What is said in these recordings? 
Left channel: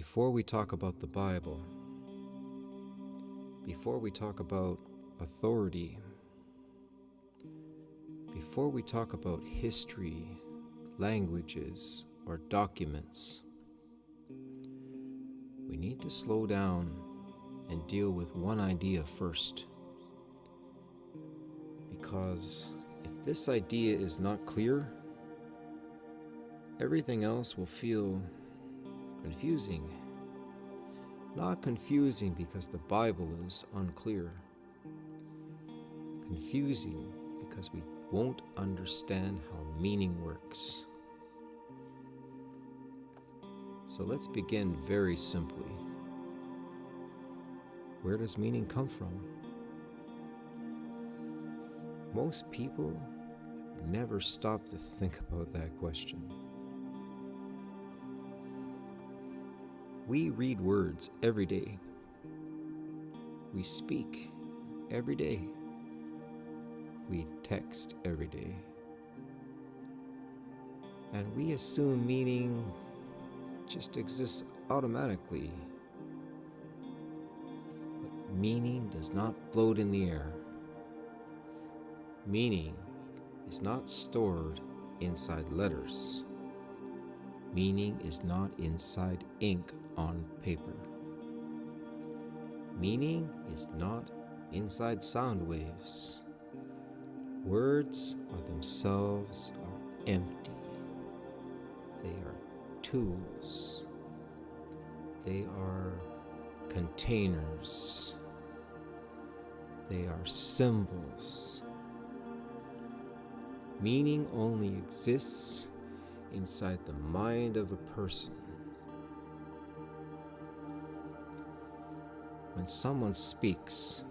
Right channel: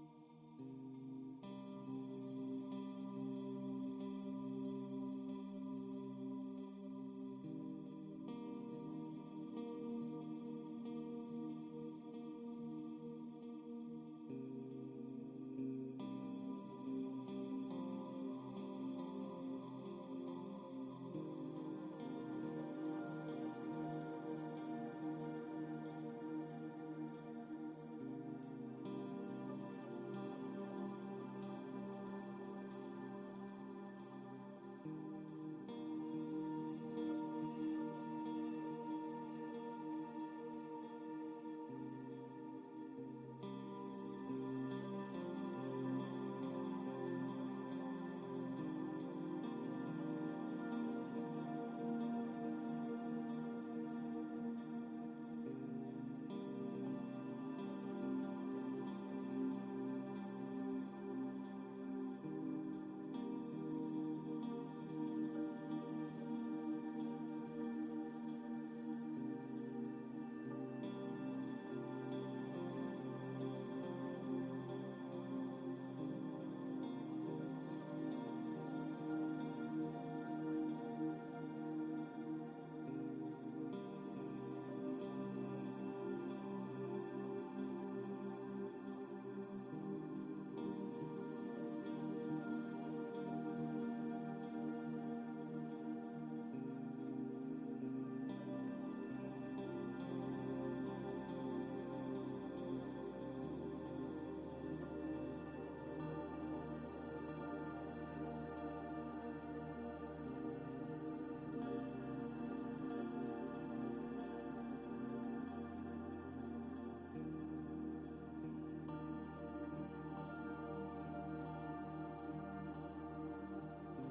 Before we talk about the Bible, before we talk about authority, before we talk about history, languages, or documents, we need to slow down and deal with one idea first. Because if this idea is not clear, everything else will feel confusing. Not confusing because the Bible is unclear. Confusing because we won't understand how meaning works. So let's begin very simply. Where does meaning come from? Most people never stop to think about that question. We read words every day. We speak every day. We text every day. And we assume meaning just exists automatically. But meaning does not float in the air. Meaning is not stored inside letters. Meaning is not inside ink on paper. Meaning is not inside sound waves. Words are themselves are empty. They are tools. They are containers. They are symbols. Meaning only exists inside the mind of a person. When someone speaks,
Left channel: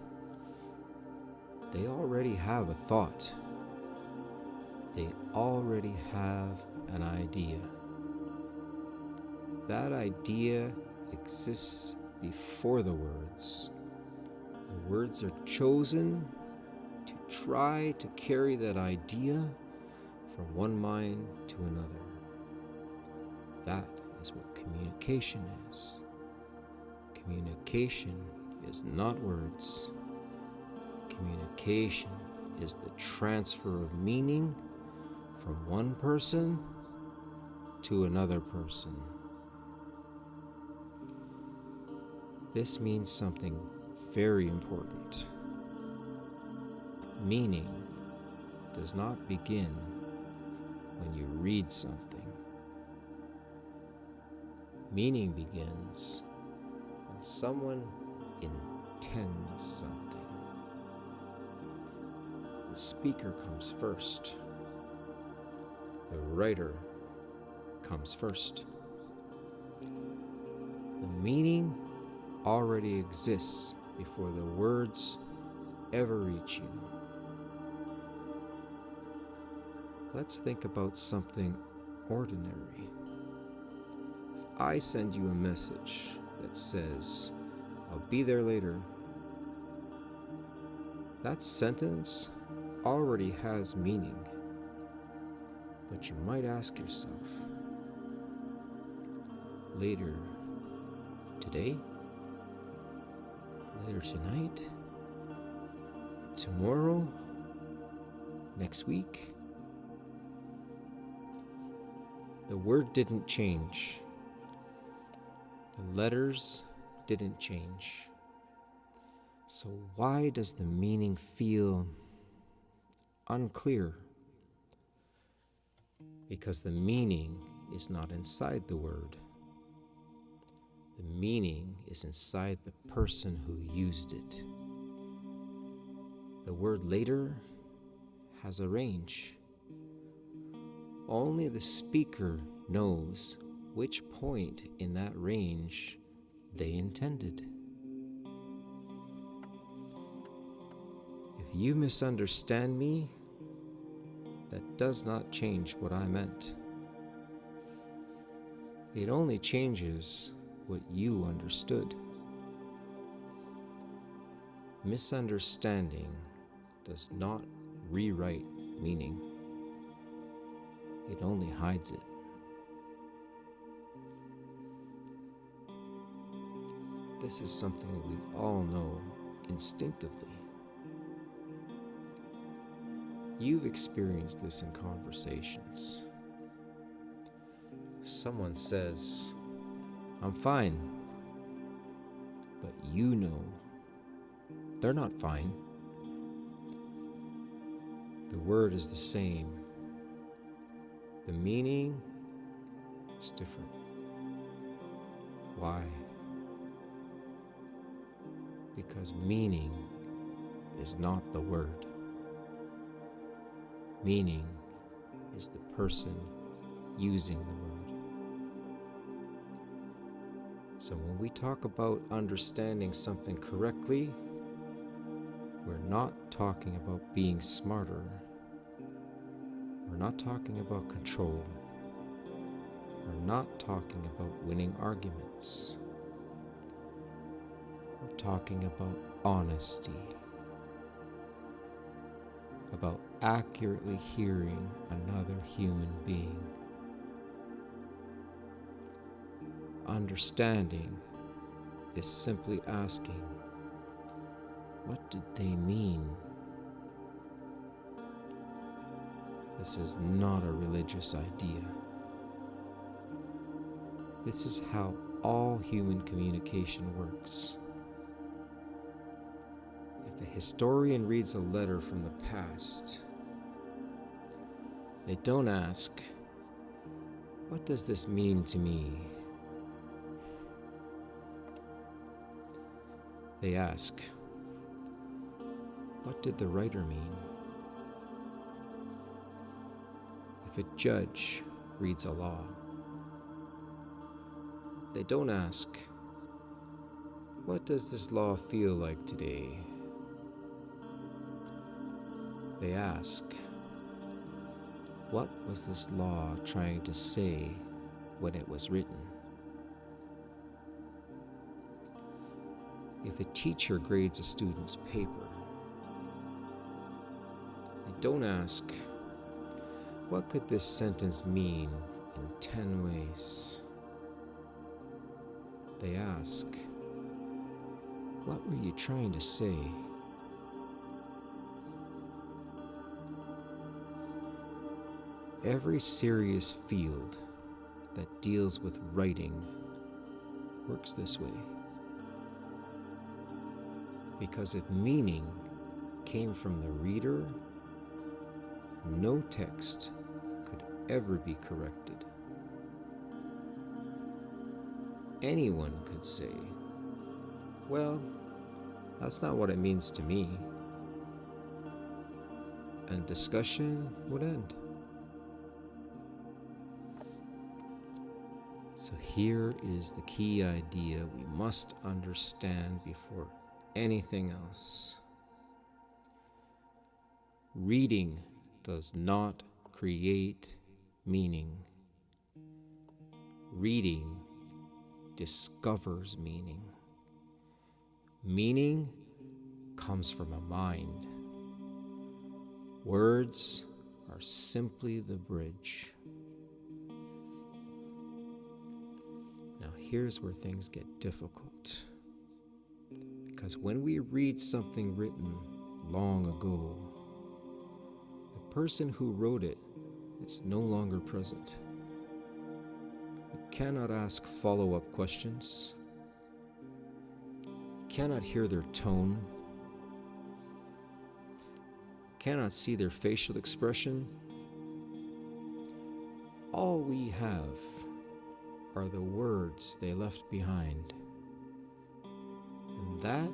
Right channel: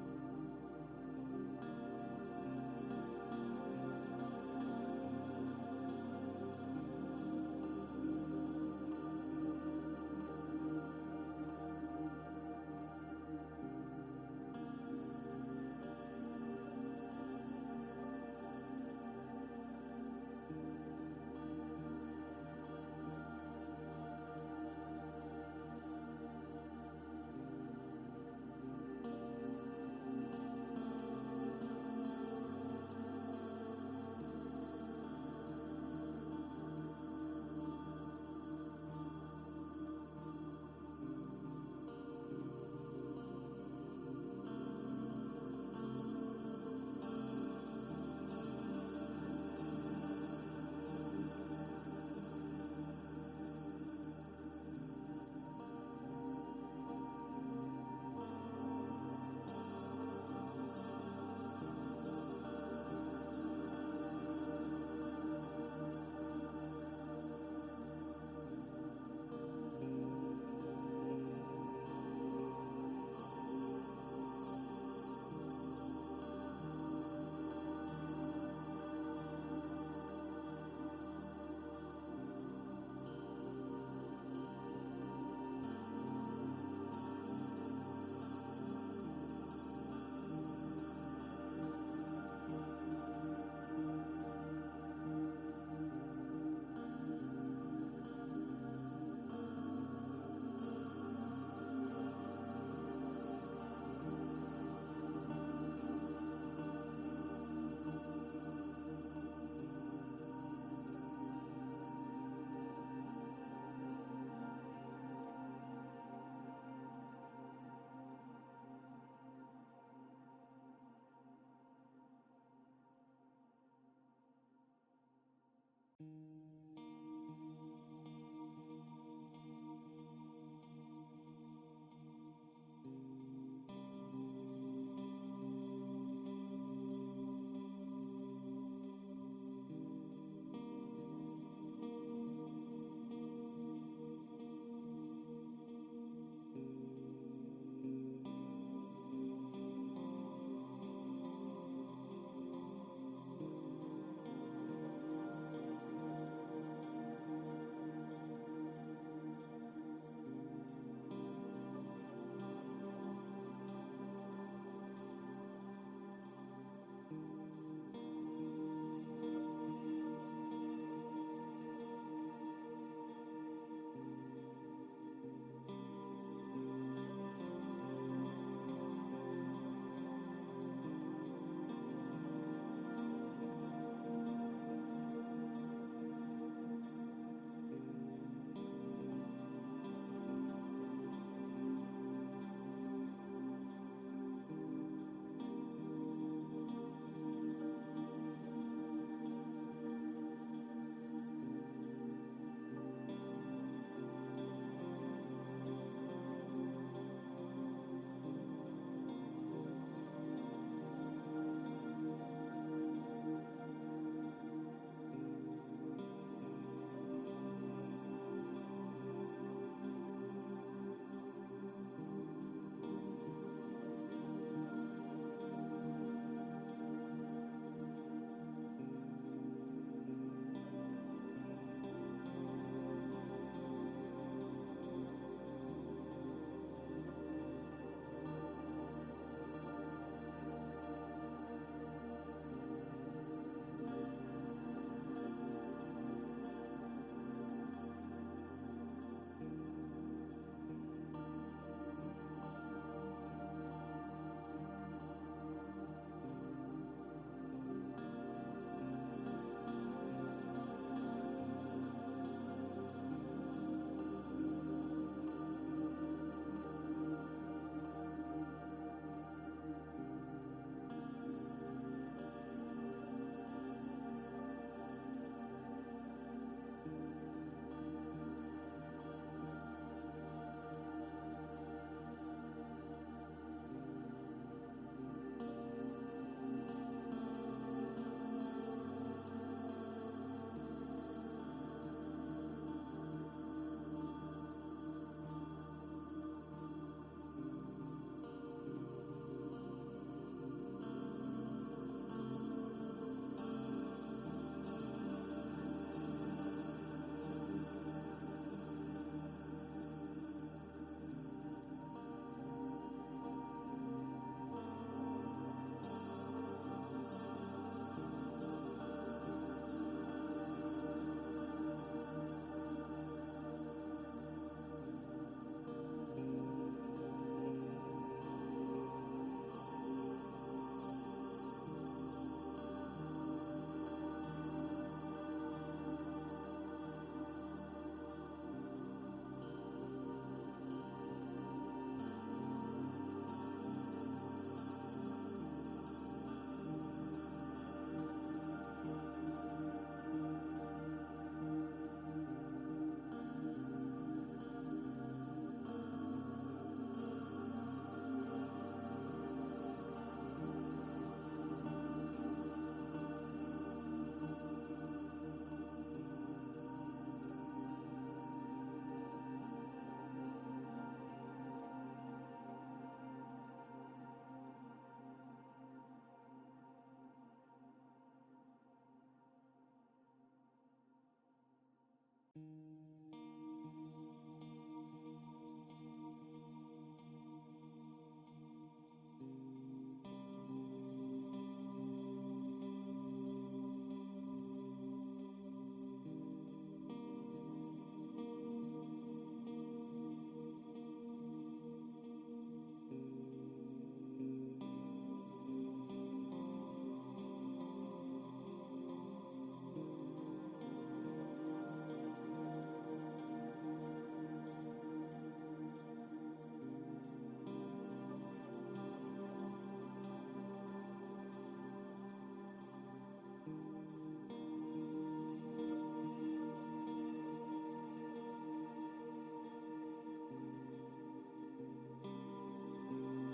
they already have a thought. They already have an idea. That idea exists before the words. The words are chosen to try to carry that idea from one mind to another. That is what communication is. Communication is not words. Communication is the transfer of meaning from one person to another person. This means something very important. Meaning does not begin when you read something. Meaning begins when someone intends something. The speaker comes first. The writer comes first. The meaning already exists before the words ever reach you. Let's think about something ordinary. If I send you a message that says, "I'll be there later," that sentence already has meaning. But you might ask yourself, later today? Later tonight? Tomorrow? Next week? The word didn't change. The letters didn't change. So why does the meaning feel unclear? Because the meaning is not inside the word. The meaning is inside the person who used it. The word later has a range. Only the speaker knows which point in that range they intended. If you misunderstand me, that does not change what I meant. It only changes what you understood. Misunderstanding does not rewrite meaning. It only hides it. this is something we all know instinctively. You've experienced this in conversations. Someone says, "I'm fine," but you know they're not fine. The word is the same. The meaning is different. Why? Because meaning is not the word. Meaning is the person using the word. So when we talk about understanding something correctly, we're not talking about being smarter. We're not talking about control. We're not talking about winning arguments. We're talking about honesty, about accurately hearing another human being. Understanding is simply asking, what did they mean? This is not a religious idea. This is how all human communication works. If a historian reads a letter from the past, they don't ask, "What does this mean to me?" They ask, "What did the writer mean?" If a judge reads a law, they don't ask, "What does this law feel like today?" They ask, "What was this law trying to say when it was written?" If a teacher grades a student's paper, they don't ask, "What could this sentence mean in 10 ways?" They ask, "What were you trying to say?" Every serious field that deals with writing works this way. Because if meaning came from the reader, no text could ever be corrected. Anyone could say, "Well, that's not what it means to me," and discussion would end. So here is the key idea we must understand before anything else. Reading does not create meaning. Reading discovers meaning. Meaning comes from a mind. Words are simply the bridge. Now here's where things get difficult. Because when we read something written long ago, the person who wrote it is no longer present. You cannot ask follow-up questions. You cannot hear their tone. You cannot see their facial expression. All we have are the words they left behind. And that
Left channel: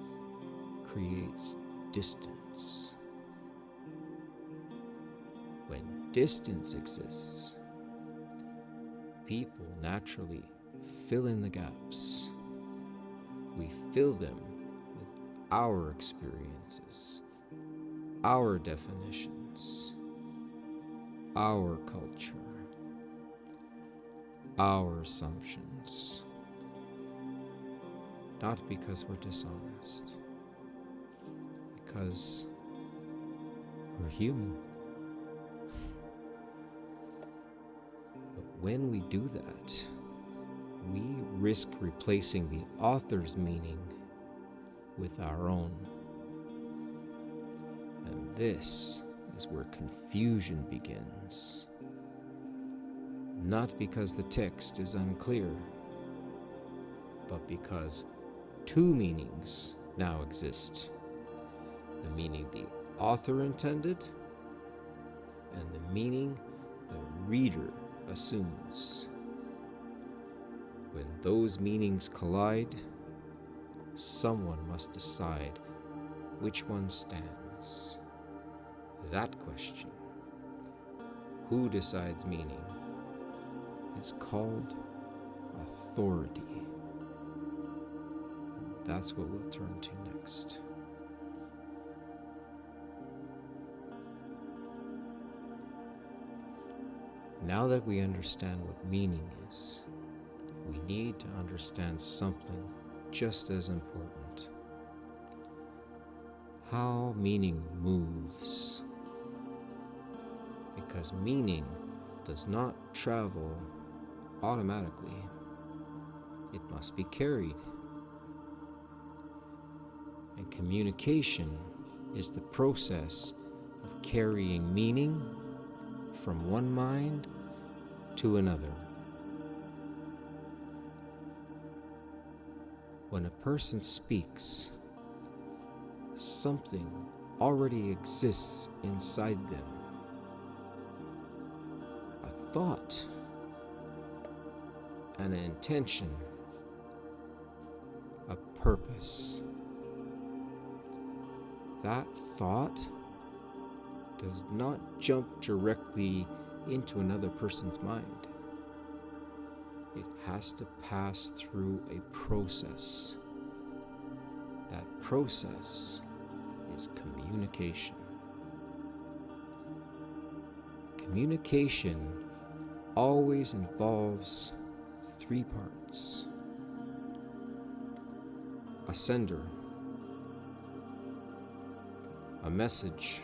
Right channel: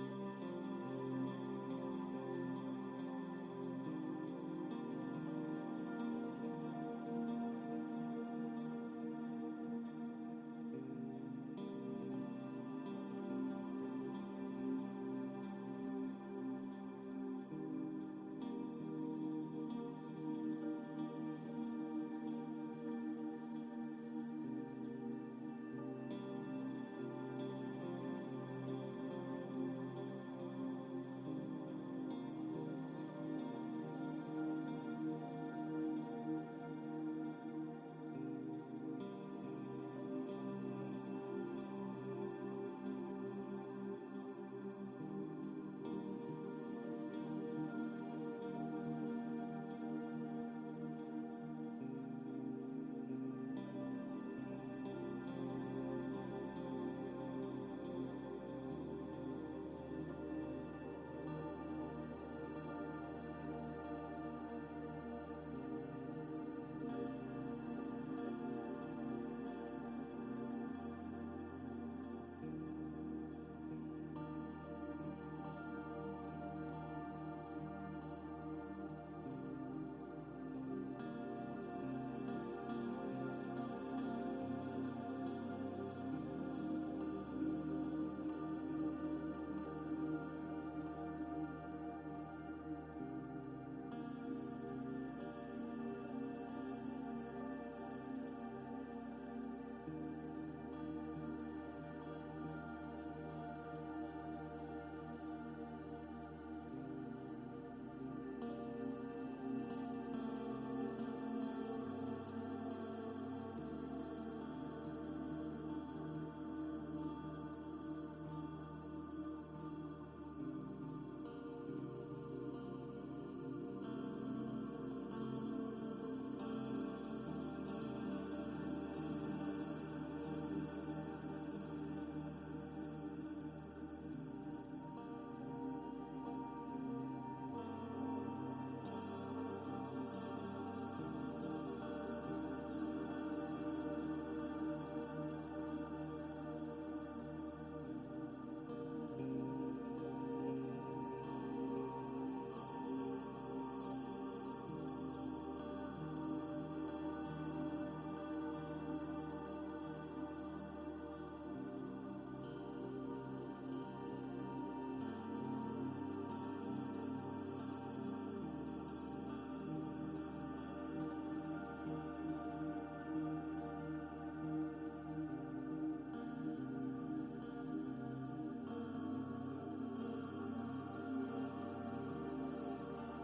creates distance. When distance exists, people naturally fill in the gaps. We fill them with our experiences, our definitions, our culture, our assumptions. Not because we're dishonest, because we're human. But when we do that, we risk replacing the author's meaning with our own. And this is where confusion begins. Not because the text is unclear, but because two meanings now exist. The meaning the author intended, and the meaning the reader assumes. When those meanings collide, someone must decide which one stands. That question, who decides meaning, is called authority. That's what we'll turn to next. Now that we understand what meaning is, we need to understand something just as important: how meaning moves. Because meaning does not travel automatically. It must be carried. And communication is the process of carrying meaning from one mind to another. When a person speaks, something already exists inside them. A thought, an intention, a purpose. That thought does not jump directly into another person's mind. It has to pass through a process. That process is communication. Communication always involves three parts: a sender, a message,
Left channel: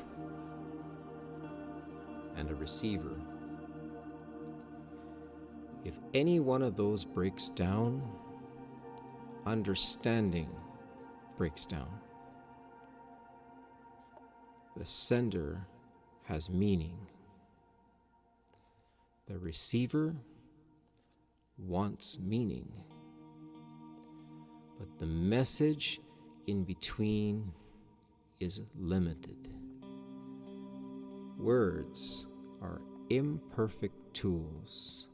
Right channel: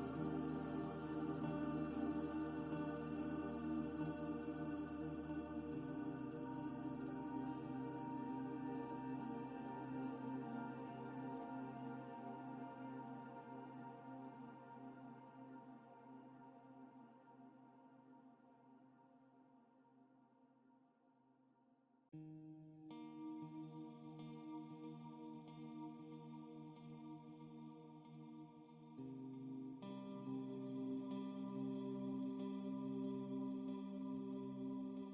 and a receiver. If any one of those breaks down, understanding breaks down. The sender has meaning. The receiver wants meaning. But the message in between is limited. Words are imperfect tools.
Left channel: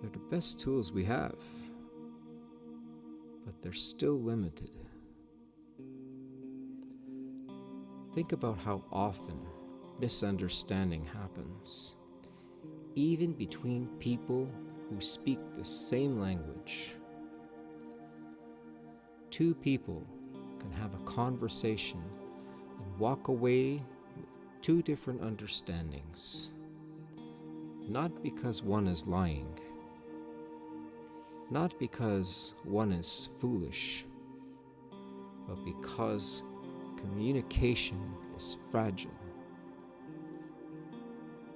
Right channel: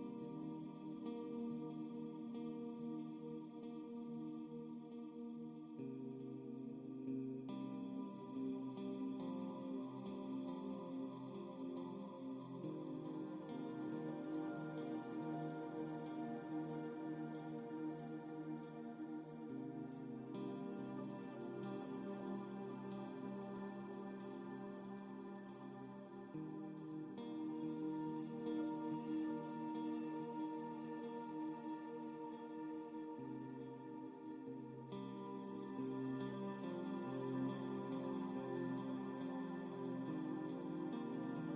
They're the best tools we have, but they're still limited. Think about how often misunderstanding happens, even between people who speak the same language. Two people can have a conversation and walk away with two different understandings, not because one is lying, not because one is foolish, but because communication is fragile.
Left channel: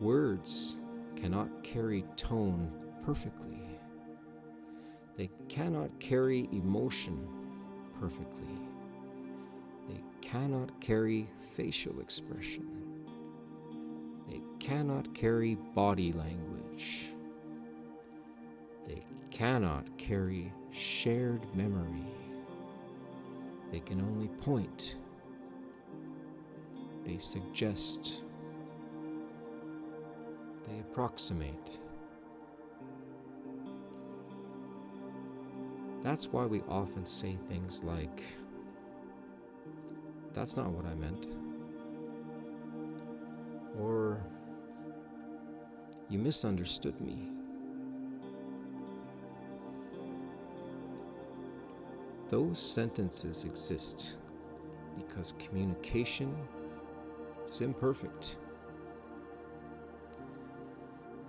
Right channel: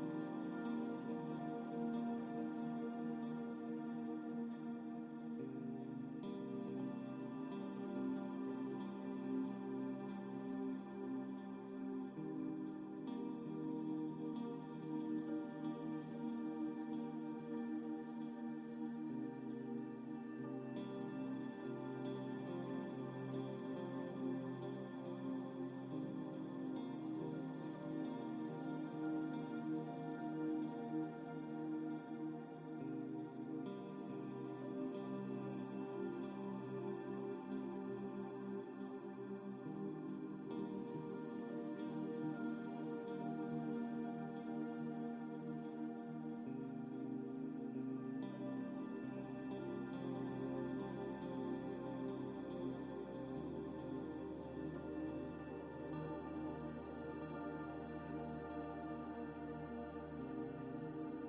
Words cannot carry tone perfectly. They cannot carry emotion perfectly. They cannot carry facial expression. They cannot carry body language. They cannot carry shared memory. They can only point. They suggest. They approximate. That's why we often say things like, "That's not what I meant," or "You misunderstood me." Those sentences exist because communication is imperfect.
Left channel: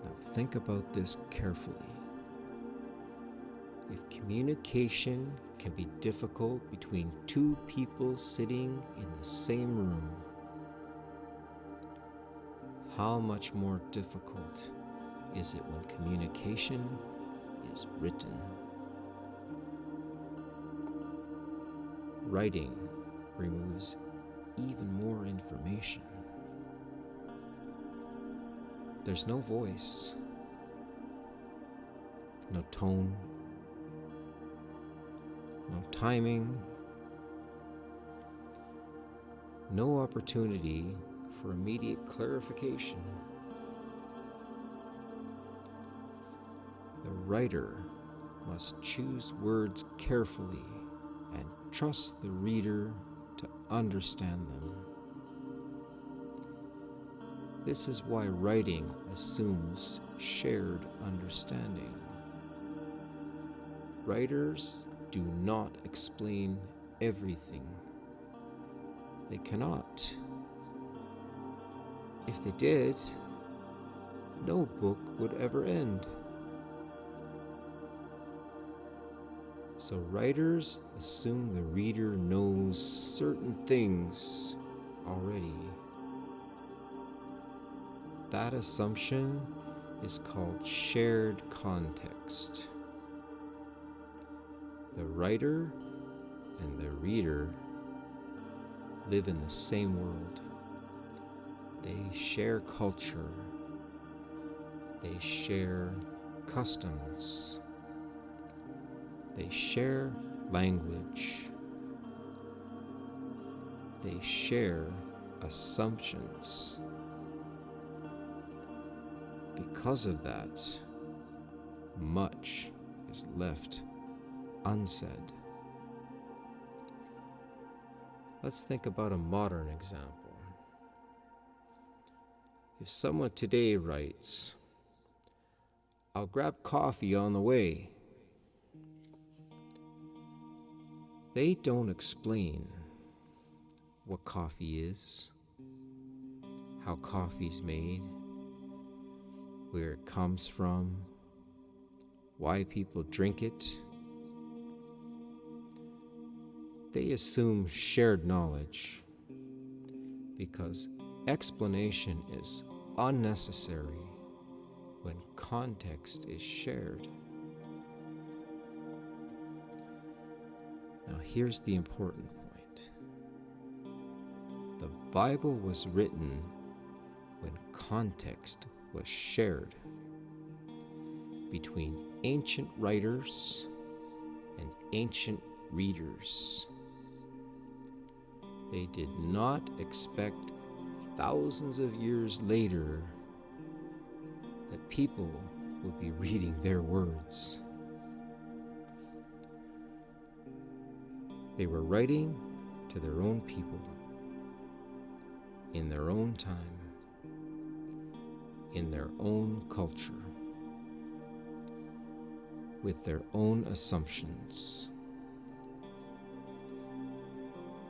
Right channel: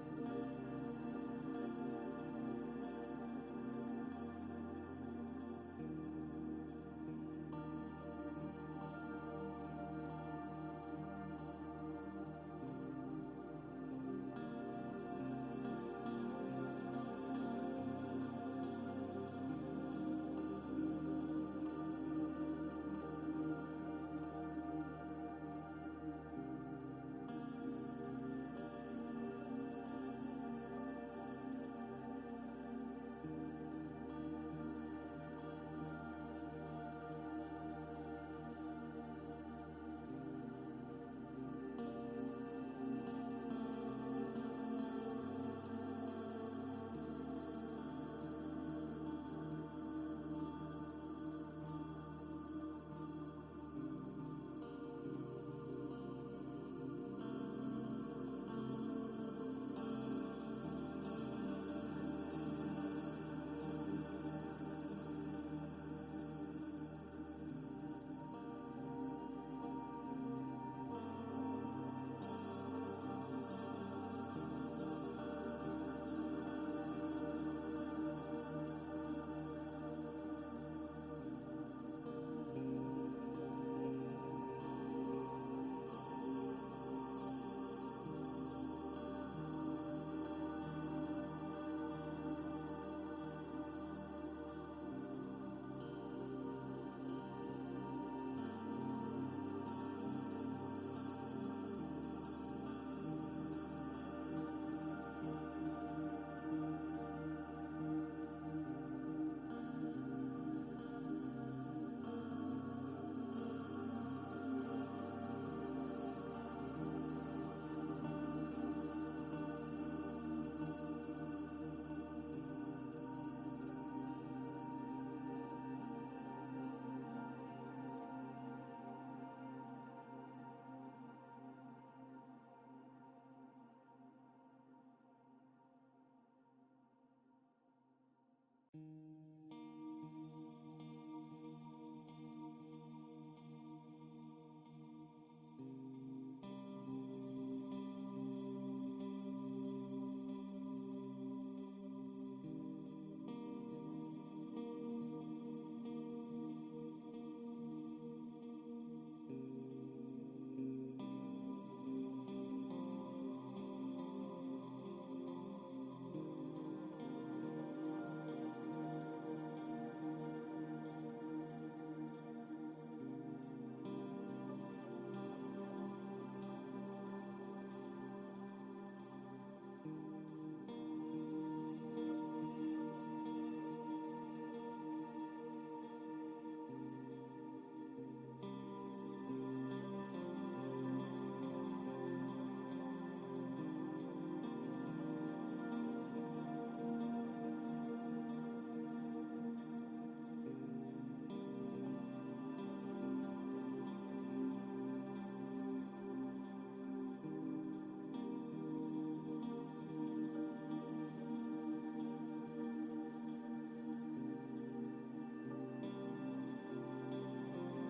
Now think about this carefully. If communication can be difficult between two people sitting in the same room, how much more difficult is it when communication is written? writing removes even more information. There's no voice, no tone, no timing, no opportunity for immediate clarification. The writer must choose words carefully and trust the reader to understand them. This is why writing assumes shared understanding. Writers do not explain everything. They cannot. If they did, no book would ever end. So writers assume the reader knows certain things already. That assumption is called shared context. The writer and the reader live in the same world. They share culture. They share customs. They share language. They share assumptions. Because of that, much is left unsaid. Let's think about a modern example. If someone today writes, "I'll grab coffee on the way," they don't explain what coffee is, how coffee's made, where it comes from, why people drink it. They assume shared knowledge because explanation is unnecessary when context is shared. Now here's the important point. The Bible was written when context was shared between ancient writers and ancient readers. They did not expect thousands of years later that people would be reading their words. They were writing to their own people, in their own time, in their own culture, with their own assumptions.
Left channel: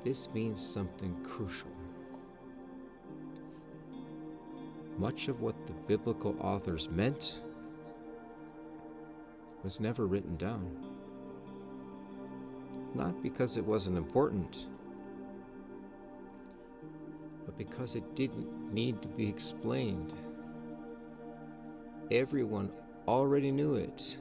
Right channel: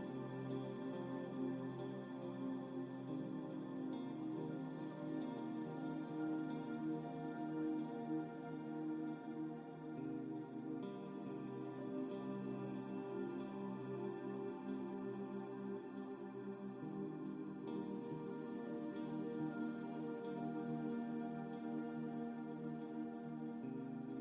This means something crucial. Much of what the biblical authors meant was never written down. Not because it wasn't important, but because it didn't need to be explained. Everyone already knew it.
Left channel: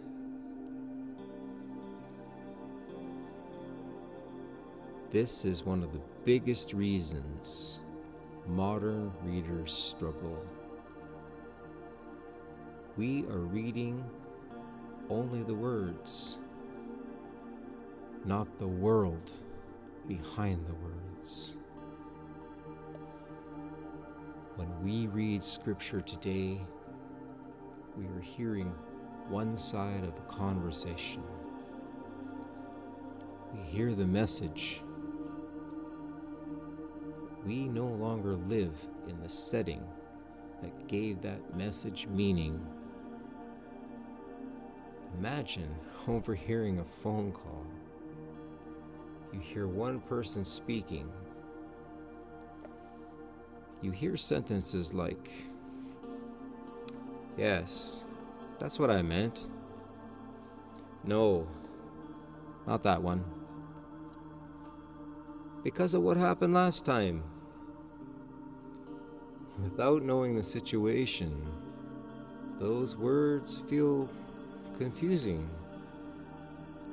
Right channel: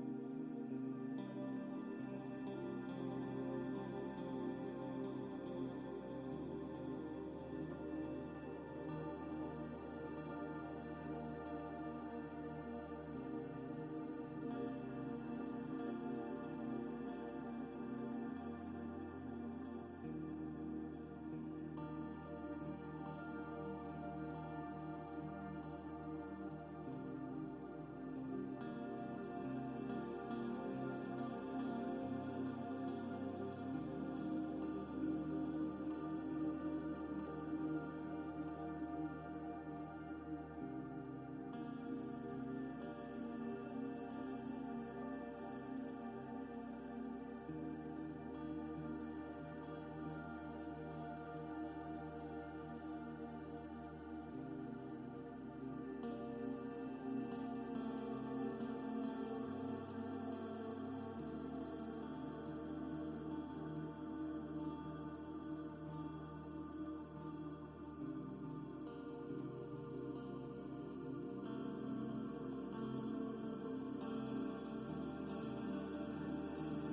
This is one of the biggest reasons modern readers struggle. We are reading only the words, not the world behind the words. When we read scripture today, we are hearing one side of a conversation. We hear the message. We no longer live in the setting that gave that message meaning. Imagine overhearing a phone call. You hear one person speaking. You hear sentences like, "Yes, that's what I meant." "No, not that one. Because of what happened last time." Without knowing the situation, those words feel confusing.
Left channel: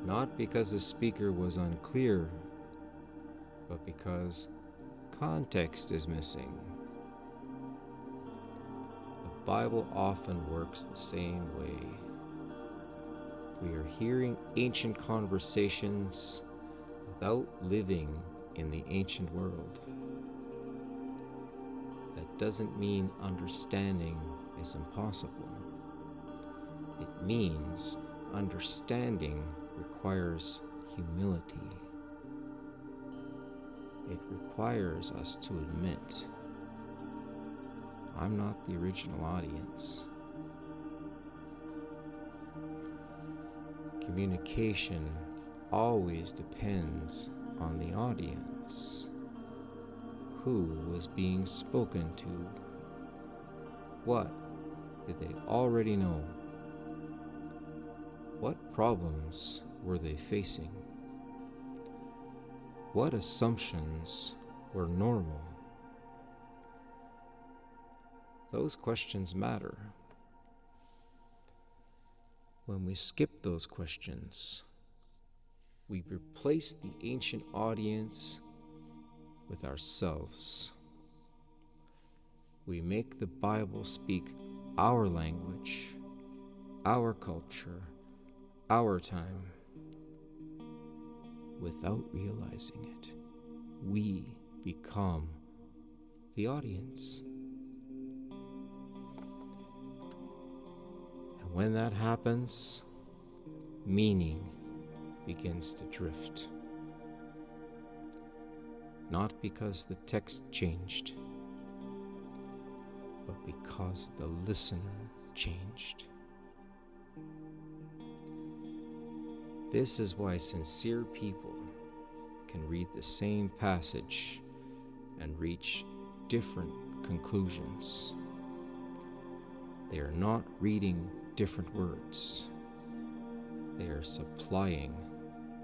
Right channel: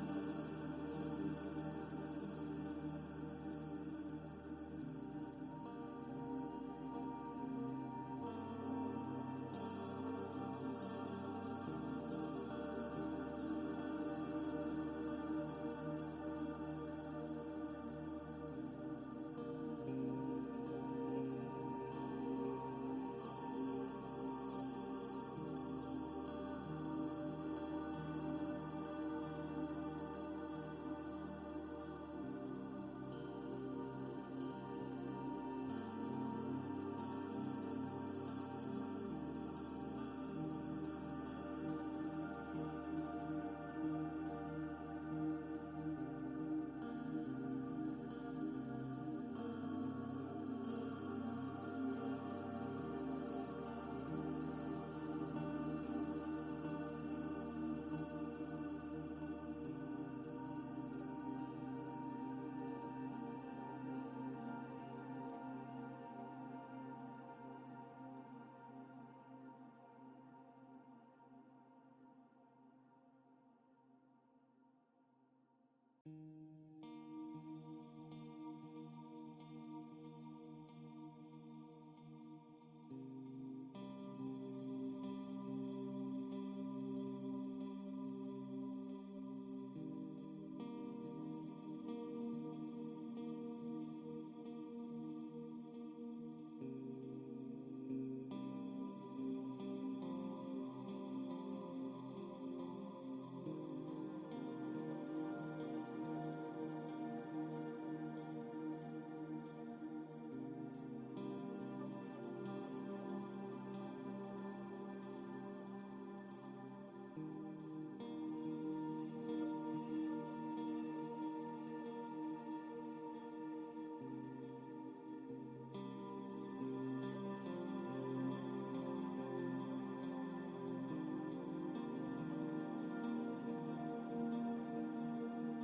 Not because the speaker was unclear, because context is missing. The Bible often works the same way. We are hearing ancient conversations without living in the ancient world. That doesn't mean understanding is impossible. It means understanding requires humility. It requires us to admit, I'm not the original audience. Communication always depends on the audience. Who was being spoken to? What did they already know? What problems were they facing? What assumptions were normal? Those questions matter. When we skip those questions, we replace the ancient audience with ourselves. We make the Bible speak our language, our culture, our time. Without realizing it, we become the audience. And when that happens, meaning begins to drift. Not because the text changed, but because the listener changed. This is why sincere people can read the same passage and reach different conclusions. They are not reading different words. They are supplying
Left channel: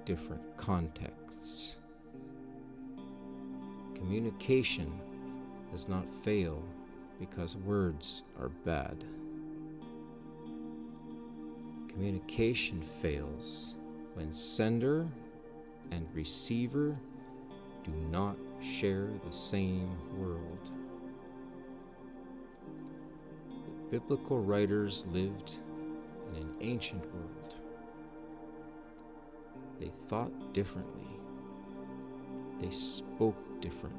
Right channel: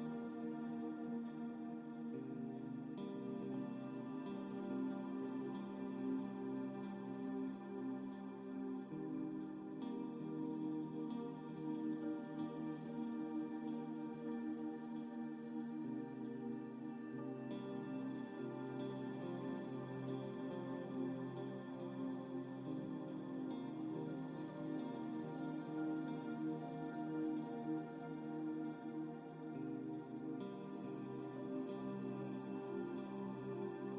different contexts. Communication does not fail because words are bad. Communication fails when sender and receiver do not share the same world. The biblical writers lived in an ancient world. They thought differently. They spoke differently.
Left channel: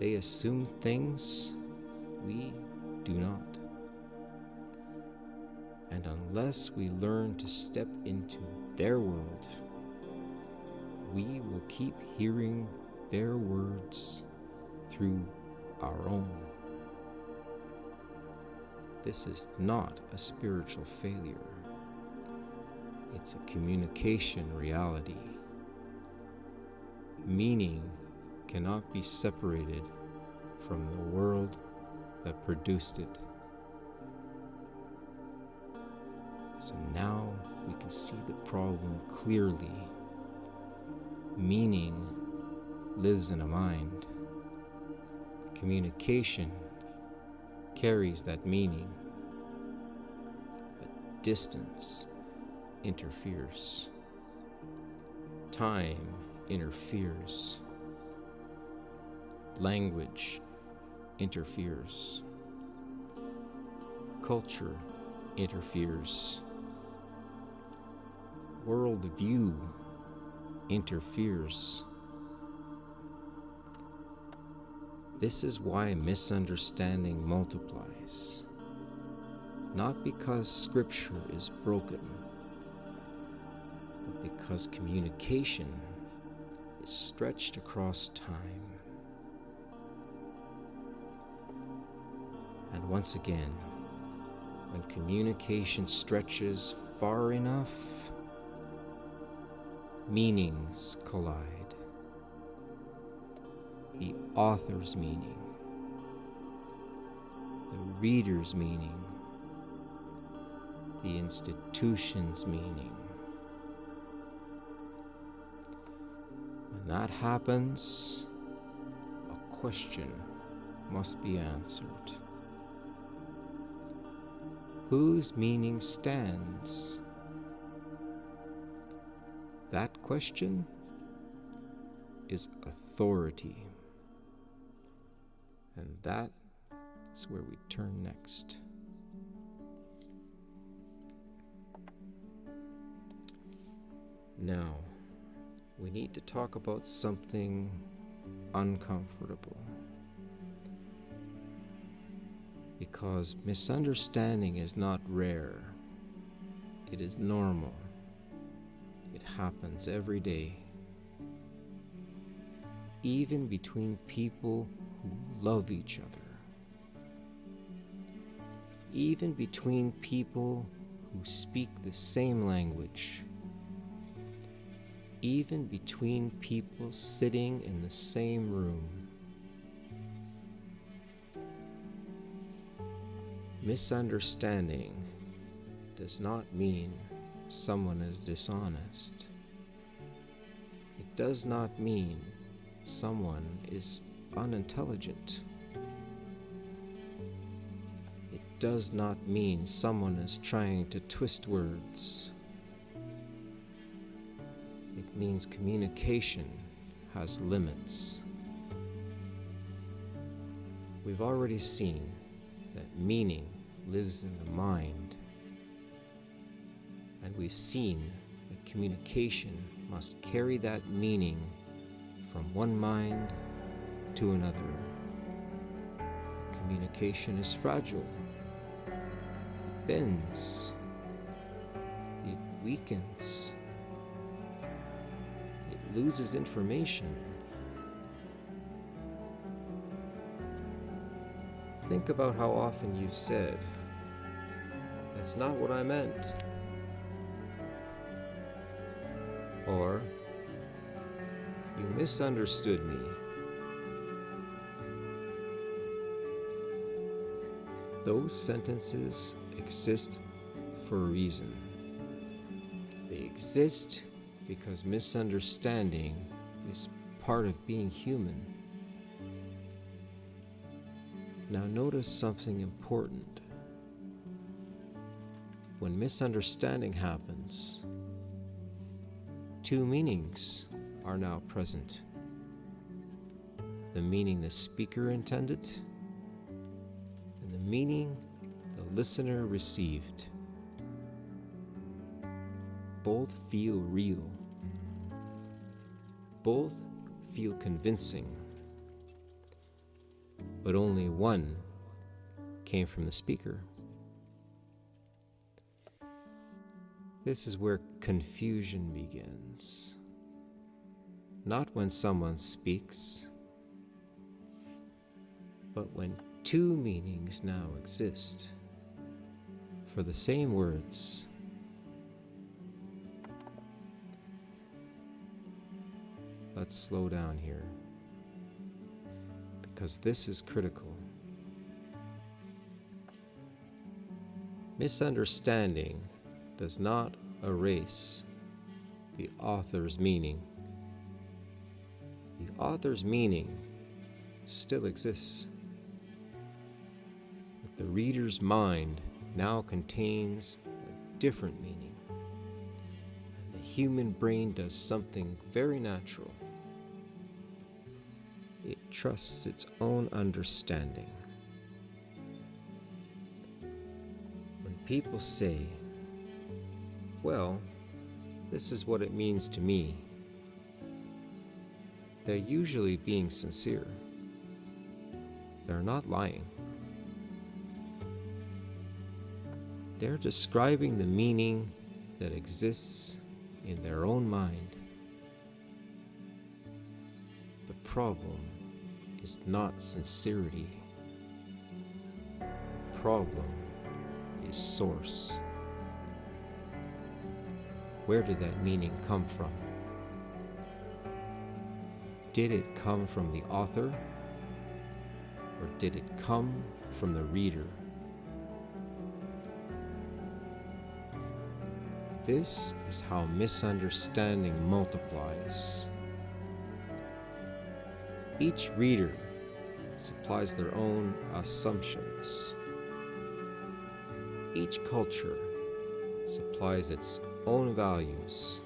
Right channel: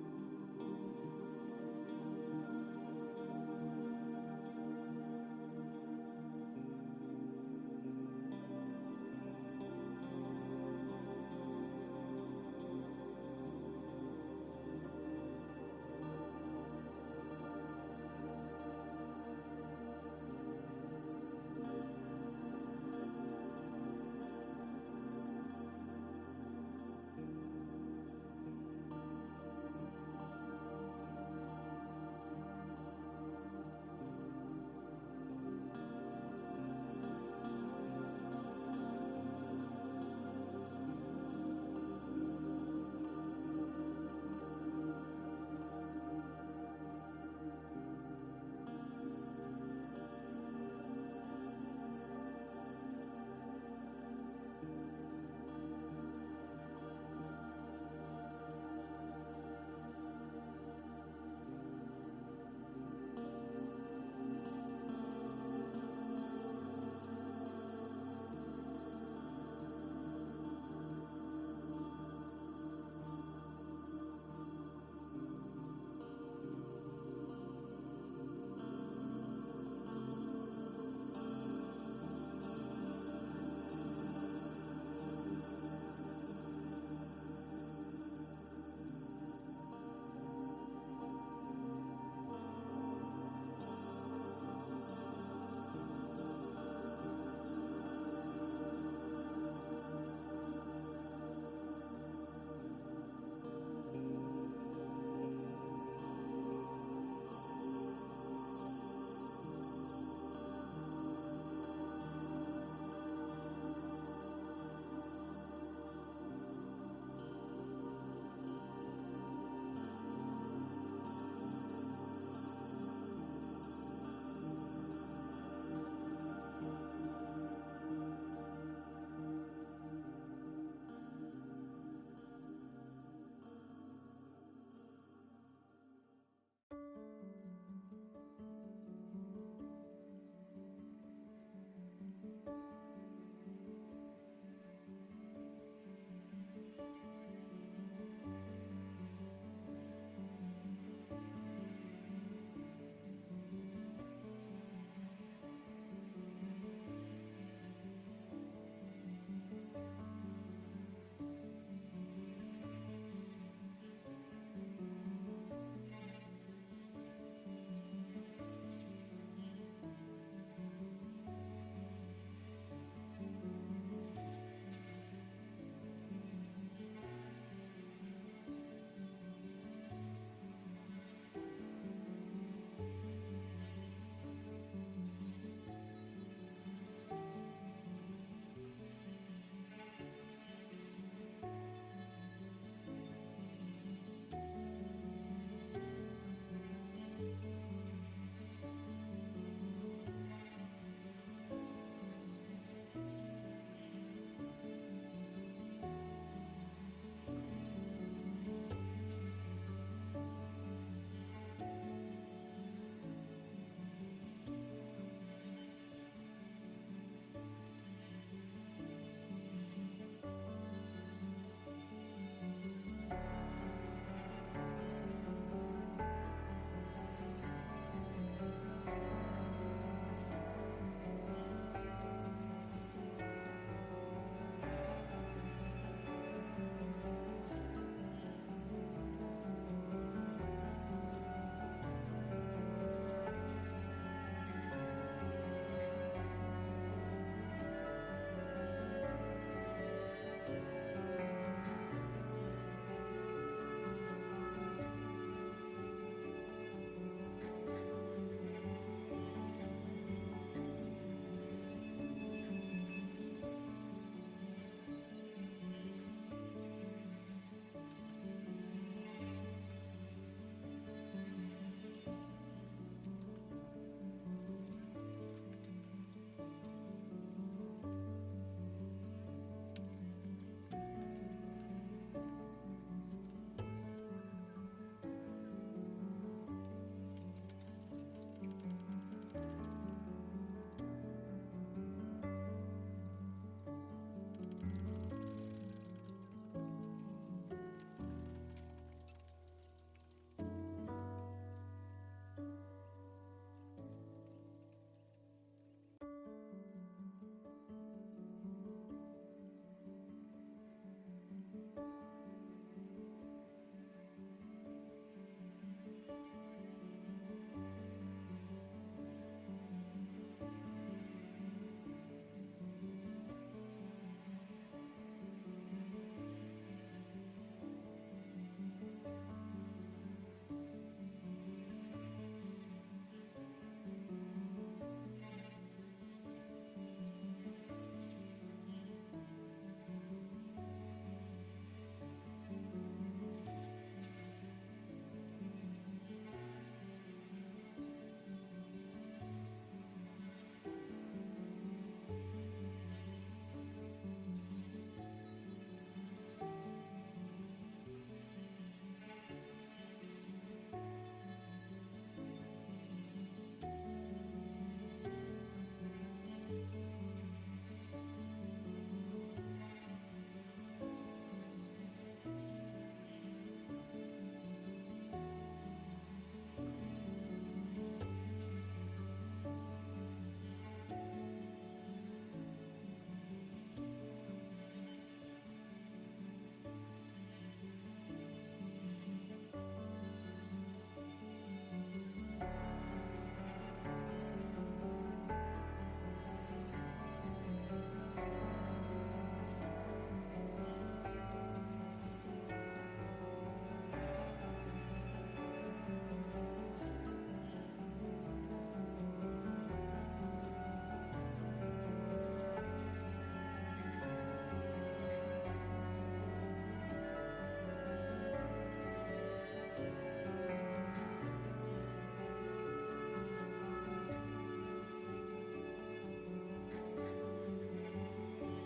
They assumed things we do not. And unless we learn to step into their world, we will keep hearing their words through our own. This is not a spiritual failure. It's a communication reality. Meaning cannot be separated from the world that produced it. So now we can see the problem clearly. Meaning lives in a mind. Communication carries that meaning. But distance interferes. Time interferes. Language interferes. Culture interferes. Worldview interferes. This is why misunderstanding multiplies. Not because Scripture is broken, but because communication is stretched across time. And once again, when communication stretches far enough, meanings collide. The author's meaning, the reader's meaning, the institution's meaning. When that happens, a question must be answered. Whose meaning stands? That question is authority. And that is where we turn next. Now, we need to talk about something uncomfortable. Because misunderstanding is not rare. It is normal. It happens every day. Even between people who love each other. Even between people who speak the same language. Even between people sitting in the same room. Misunderstanding does not mean someone is dishonest. It does not mean someone is unintelligent. It does not mean someone is trying to twist words. It means communication has limits. We've already seen that meaning lives in the mind, and we've seen that communication must carry that meaning from one mind to another. Communication is fragile. It bends. It weakens. It loses information. Think about how often you've said, "That's not what I meant." Or, "You misunderstood me." Those sentences exist for a reason. They exist because misunderstanding is part of being human. Now notice something important. When misunderstanding happens, two meanings are now present. The meaning the speaker intended, and the meaning the listener received. Both feel real. Both feel convincing. But only one came from the speaker. This is where confusion begins. Not when someone speaks, but when two meanings now exist for the same words. Let's slow down here, because this is critical. Misunderstanding does not erase the author's meaning. The author's meaning still exists, but the reader's mind now contains a different meaning. The human brain does something very natural. It trusts its own understanding. When people say, "Well, this is what it means to me," they're usually being sincere. They're not lying. They're describing the meaning that exists in their own mind. The problem is not sincerity. The problem is source. Where did that meaning come from? Did it come from the author, or did it come from the reader? This is how misunderstanding multiplies. Each reader supplies their own assumptions. Each culture supplies its own values.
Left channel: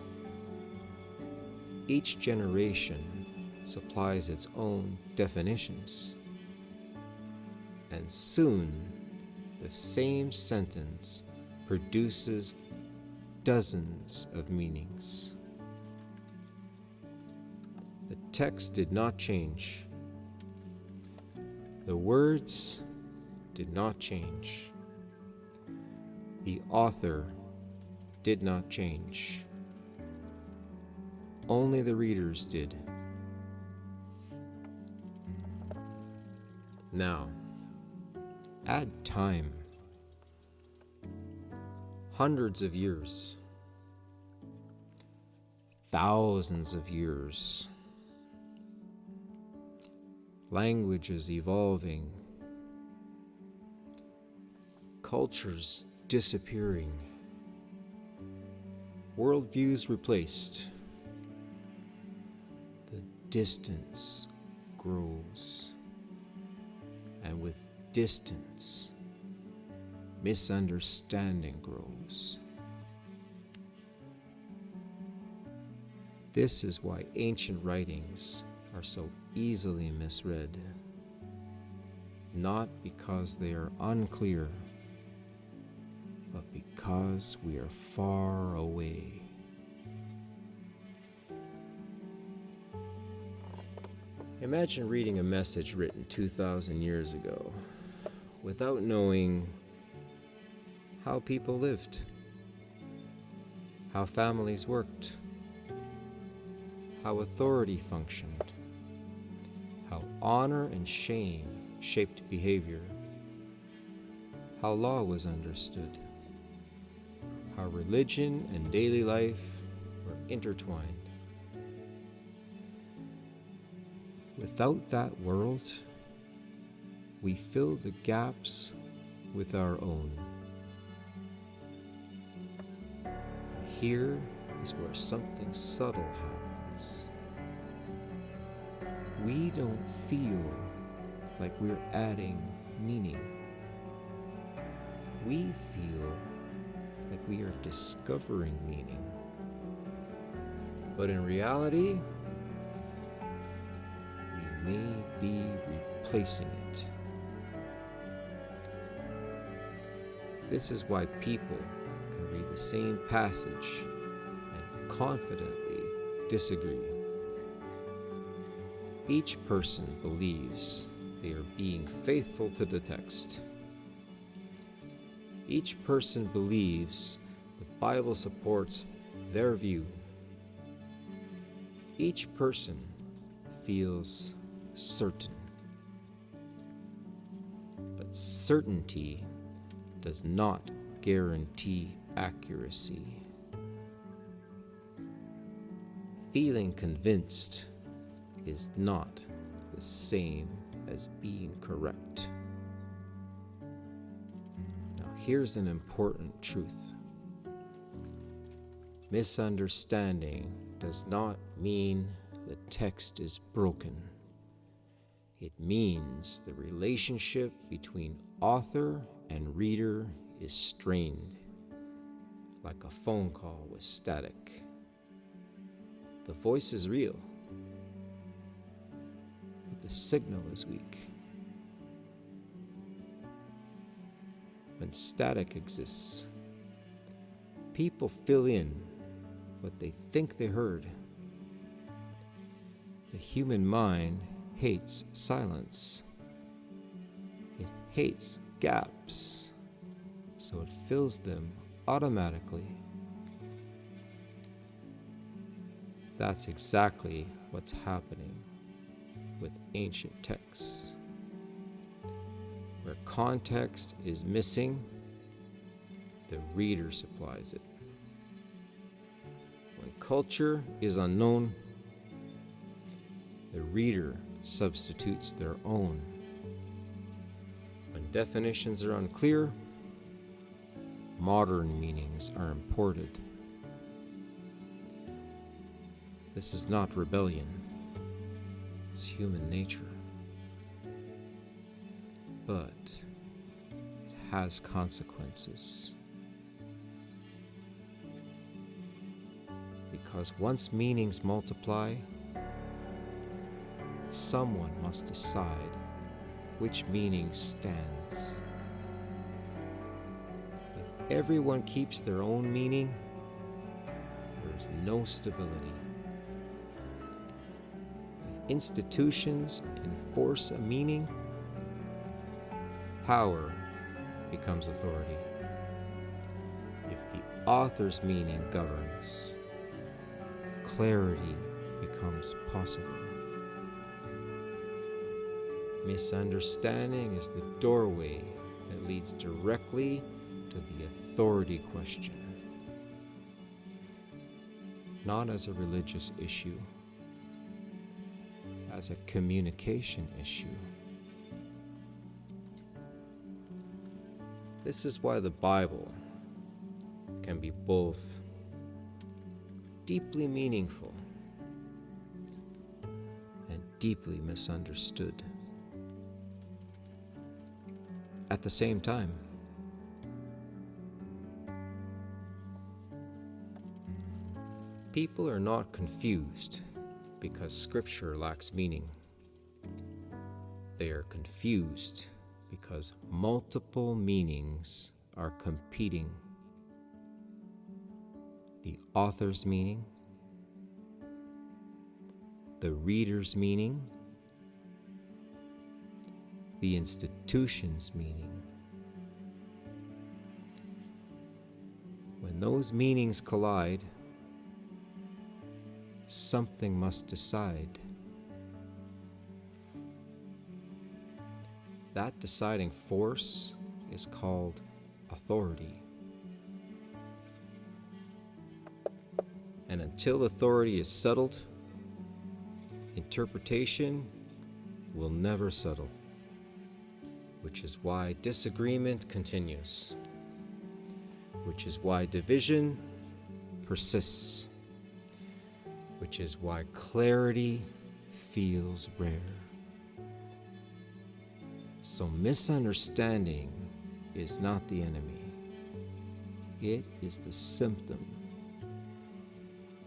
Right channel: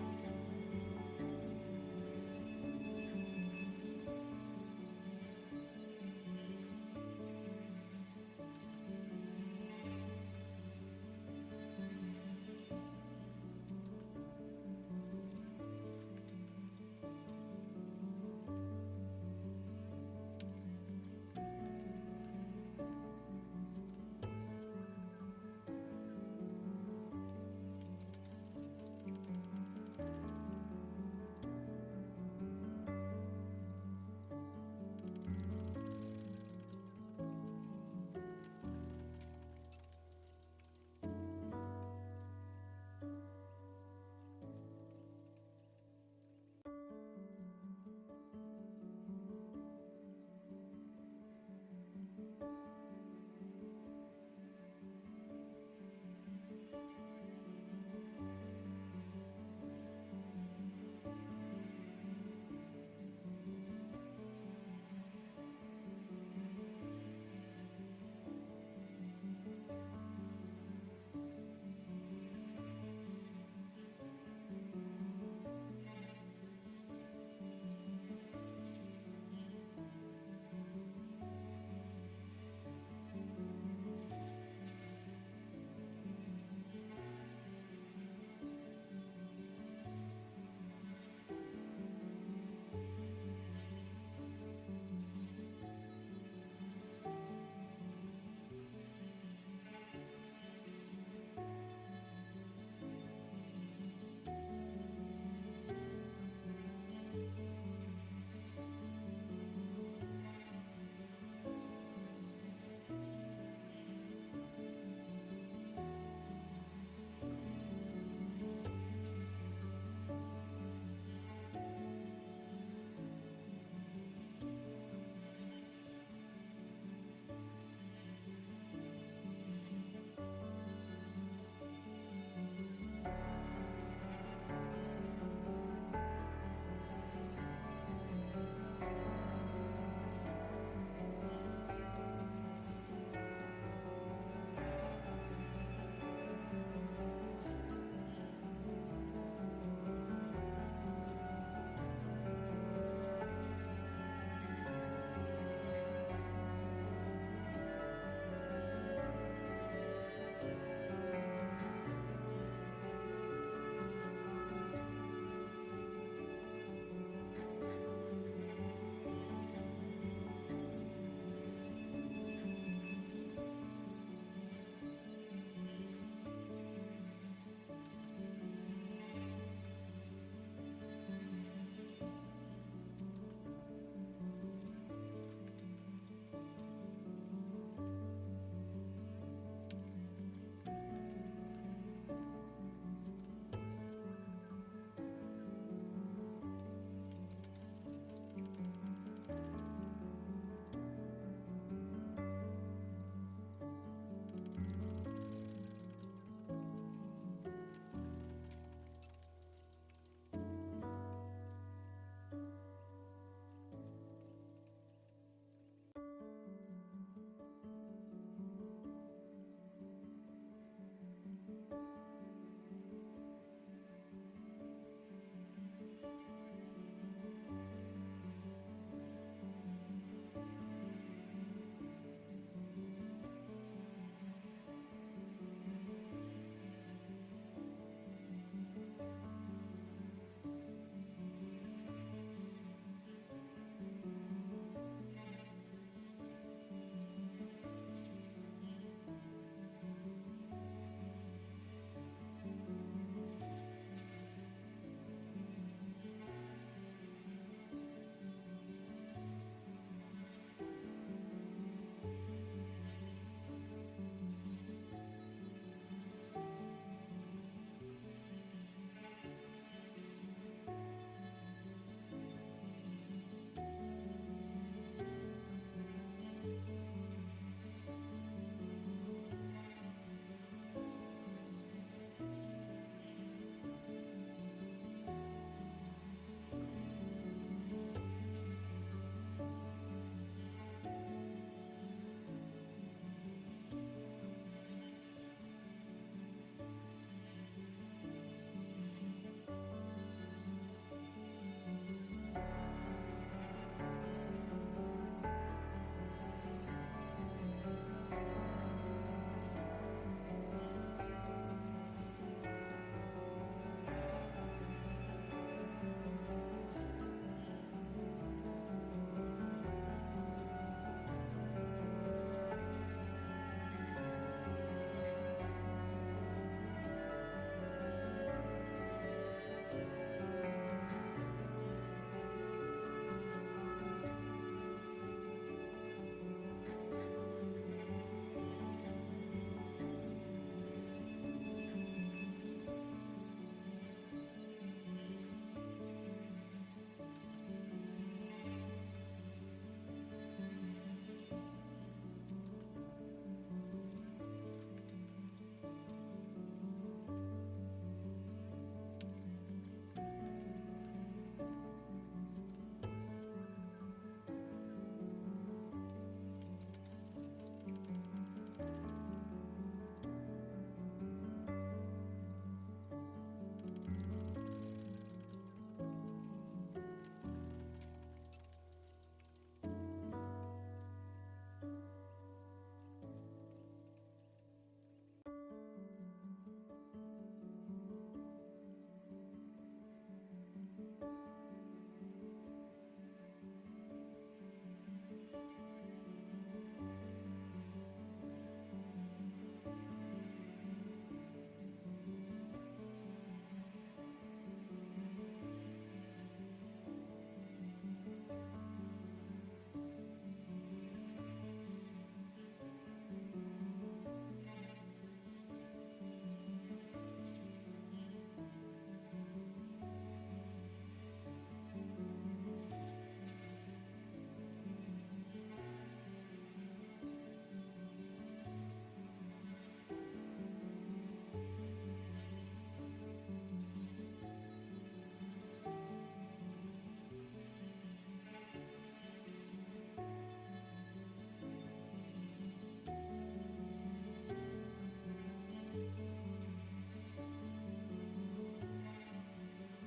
Each generation supplies its own definitions. And soon, the same sentence produces dozens of meanings. The text did not change. The words did not change. The author did not change. Only the readers did. Now, add time. Hundreds of years. Thousands of years. Languages evolving. Cultures disappearing. Worldviews replaced. The distance grows. And with distance, misunderstanding grows. This is why ancient writings are so easily misread. Not because they are unclear, but because we are far away. Imagine reading a message written 2,000 years ago without knowing how people lived, how families worked, how authority functioned, how honor and shame shaped behavior, how law was understood, how religion and daily life were intertwined. Without that world, we fill the gaps with our own. Here is where something subtle happens. We don't feel like we're adding meaning. We feel like we are discovering meaning. But in reality, we may be replacing it. This is why people can read the same passage and confidently disagree. Each person believes they are being faithful to the text. Each person believes the Bible supports their view. Each person feels certain. But certainty does not guarantee accuracy. Feeling convinced is not the same as being correct. Now, here's an important truth. Misunderstanding does not mean the text is broken. It means the relationship between author and reader is strained, like a phone call with static. The voice is real, but the signal is weak. When static exists, people fill in what they think they heard. The human mind hates silence. It hates gaps, so it fills them automatically. That's exactly what's happening with ancient texts. Where context is missing, the reader supplies it. When culture is unknown, the reader substitutes their own. When definitions are unclear, modern meanings are imported. This is not rebellion, it's human nature. But it has consequences. Because once meanings multiply, someone must decide which meaning stands. If everyone keeps their own meaning, there is no stability. If institutions enforce a meaning, power becomes authority. If the author's meaning governs, clarity becomes possible. Misunderstanding is the doorway that leads directly to the authority question, not as a religious issue, as a communication issue. This is why the Bible can be both deeply meaningful and deeply misunderstood at the same time. People are not confused because Scripture lacks meaning. They are confused because multiple meanings are competing. The author's meaning, the reader's meaning, the institution's meaning. When those meanings collide, something must decide. That deciding force is called authority. And until authority is settled, interpretation will never settle, which is why disagreement continues, which is why division persists, which is why clarity feels rare. So misunderstanding is not the enemy. It is the symptom.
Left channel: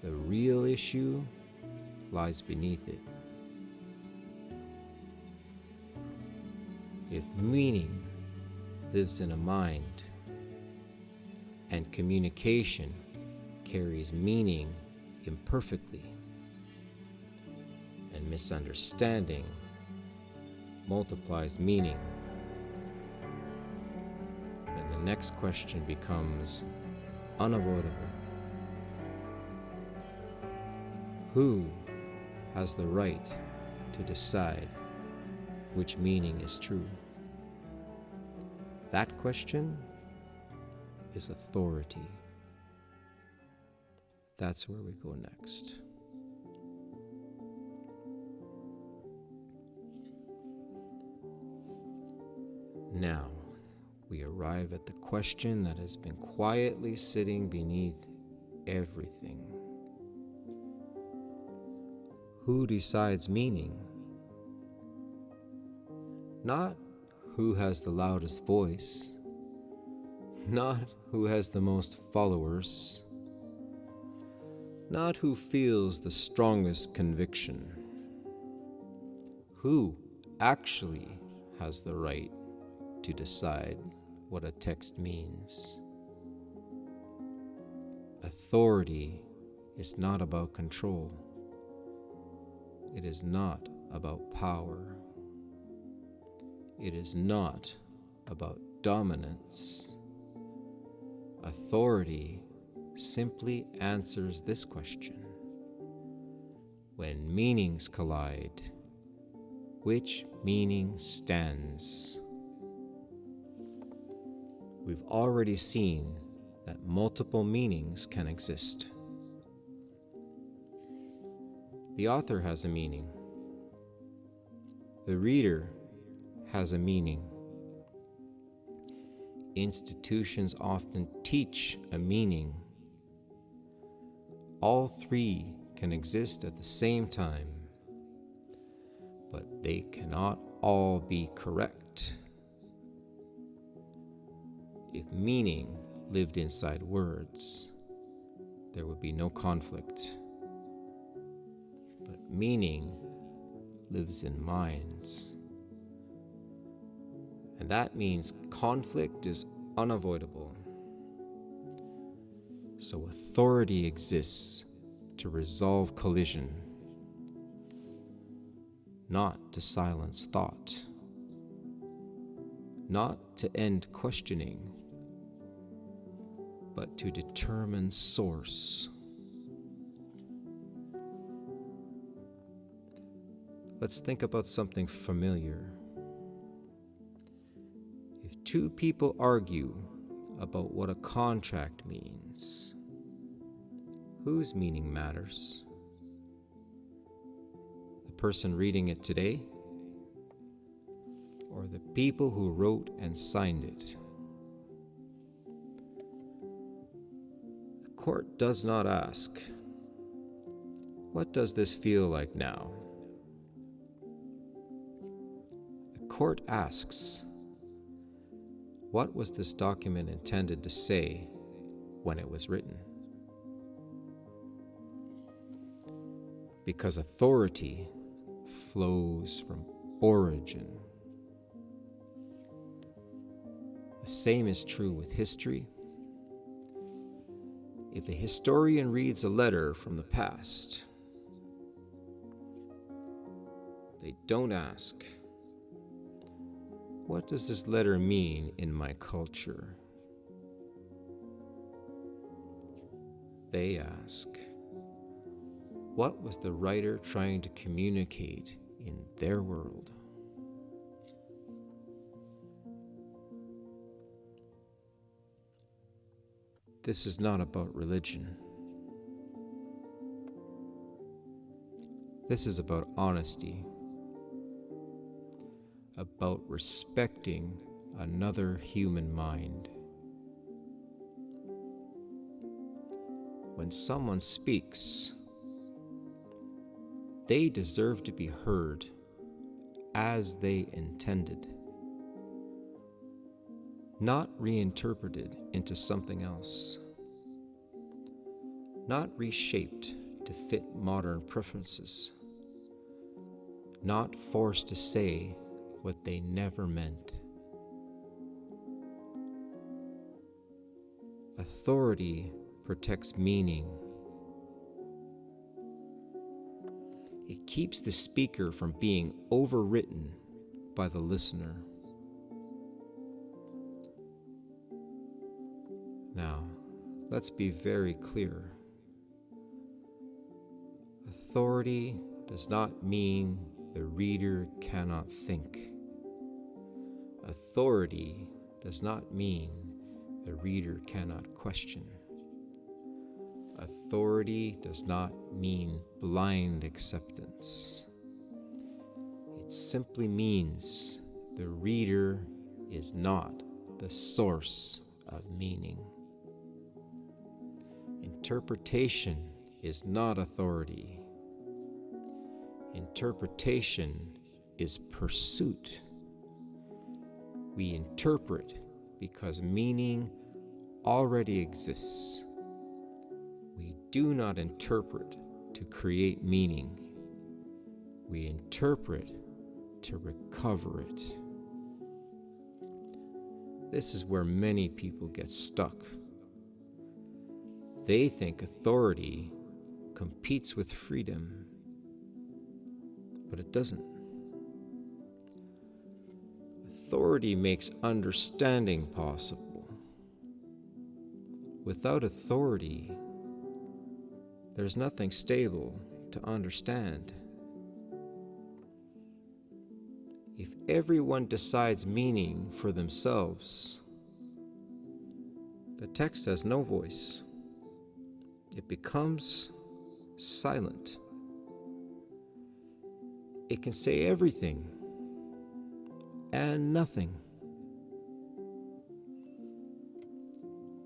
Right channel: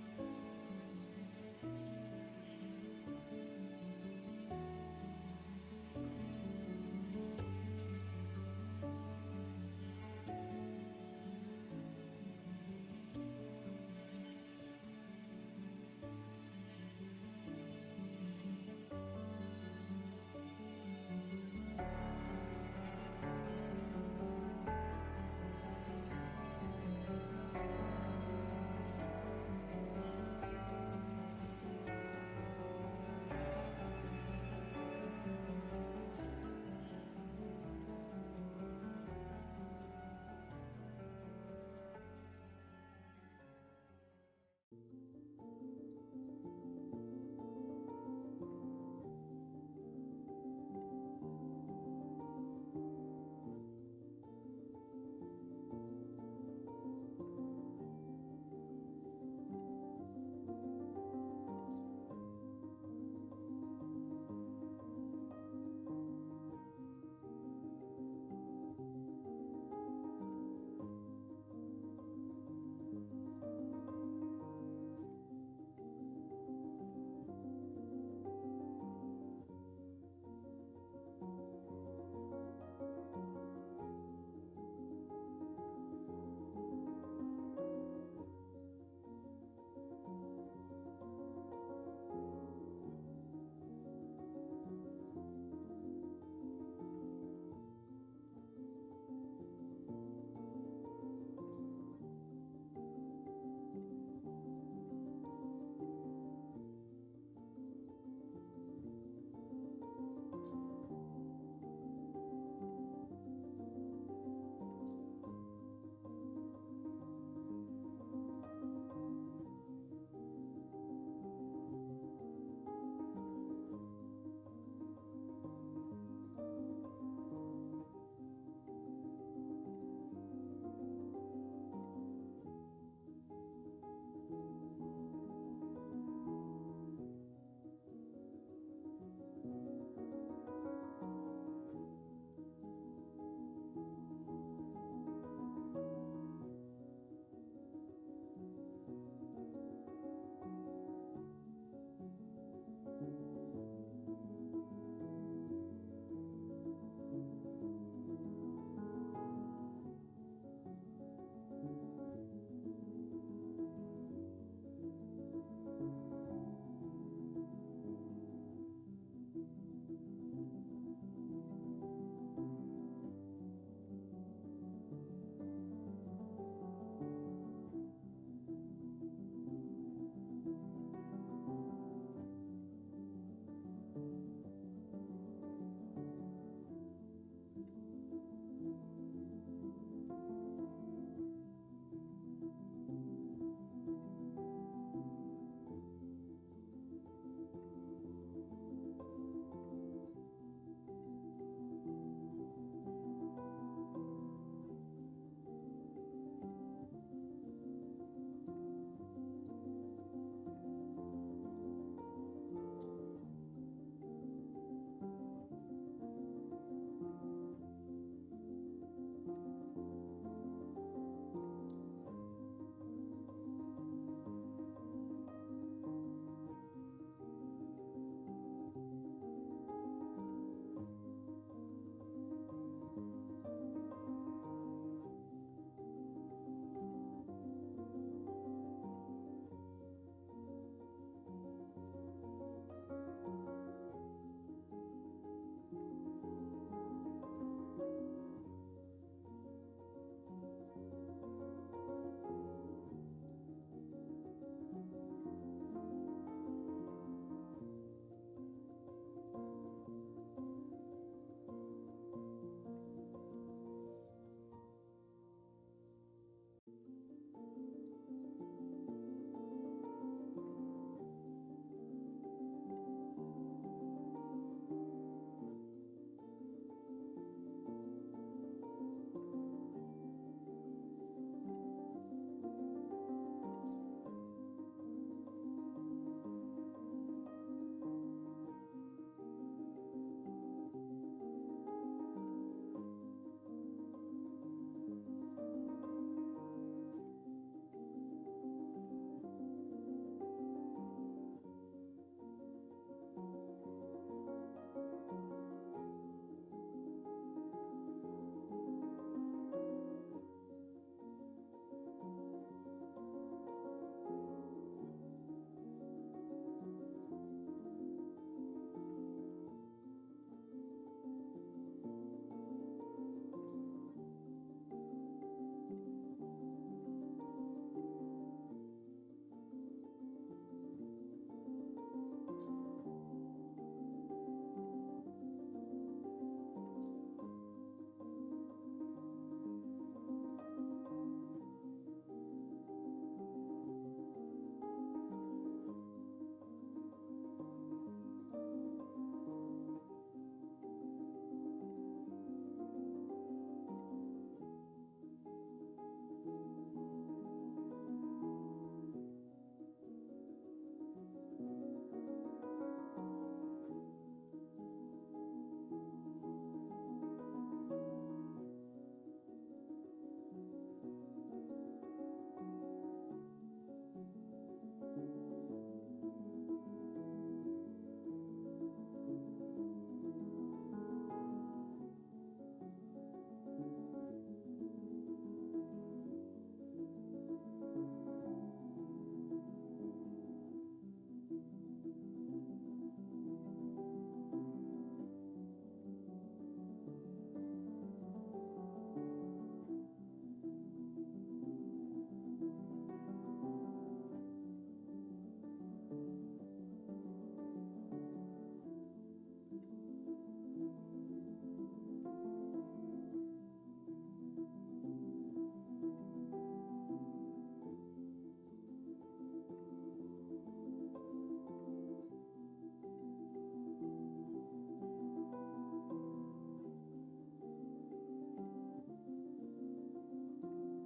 The real issue lies beneath it. If meaning lives in a mind, and communication carries meaning imperfectly, and misunderstanding multiplies meaning, then the next question becomes unavoidable. Who has the right to decide which meaning is true? That question is authority. That's where we go next. Now, we arrive at the question that has been quietly sitting beneath everything. Who decides meaning? Not who has the loudest voice, not who has the most followers, not who feels the strongest conviction. Who actually has the right to decide what a text means? Authority is not about control. It is not about power. It is not about dominance. Authority simply answers this question. When meanings collide, which meaning stands? We've already seen that multiple meanings can exist. The author has a meaning. The reader has a meaning. Institutions often teach a meaning. All three can exist at the same time, but they cannot all be correct. If meaning lived inside words, there would be no conflict. But meaning lives in minds. And that means conflict is unavoidable. So authority exists to resolve collision, not to silence thought, not to end questioning, but to determine source. Let's think about something familiar. If two people argue about what a contract means, whose meaning matters? The person reading it today, or the people who wrote and signed it? The court does not ask, "What does this feel like now?" The court asks, "What was this document intended to say when it was written?" Because authority flows from origin. The same is true with history. If a historian reads a letter from the past, they don't ask, "What does this letter mean in my culture?" They ask, "What was the writer trying to communicate in their world?" This is not about religion. This is about honesty, about respecting another human mind. When someone speaks, they deserve to be heard as they intended, not reinterpreted into something else, not reshaped to fit modern preferences, not forced to say what they never meant. Authority protects meaning. It keeps the speaker from being overwritten by the listener. Now, let's be very clear. Authority does not mean the reader cannot think. Authority does not mean the reader cannot question. Authority does not mean blind acceptance. It simply means the reader is not the source of meaning. Interpretation is not authority. Interpretation is pursuit. We interpret because meaning already exists. We do not interpret to create meaning. We interpret to recover it. This is where many people get stuck. They think authority competes with freedom, but it doesn't. Authority makes understanding possible. Without authority, there's nothing stable to understand. If everyone decides meaning for themselves, the text has no voice. It becomes silent. It can say everything and nothing.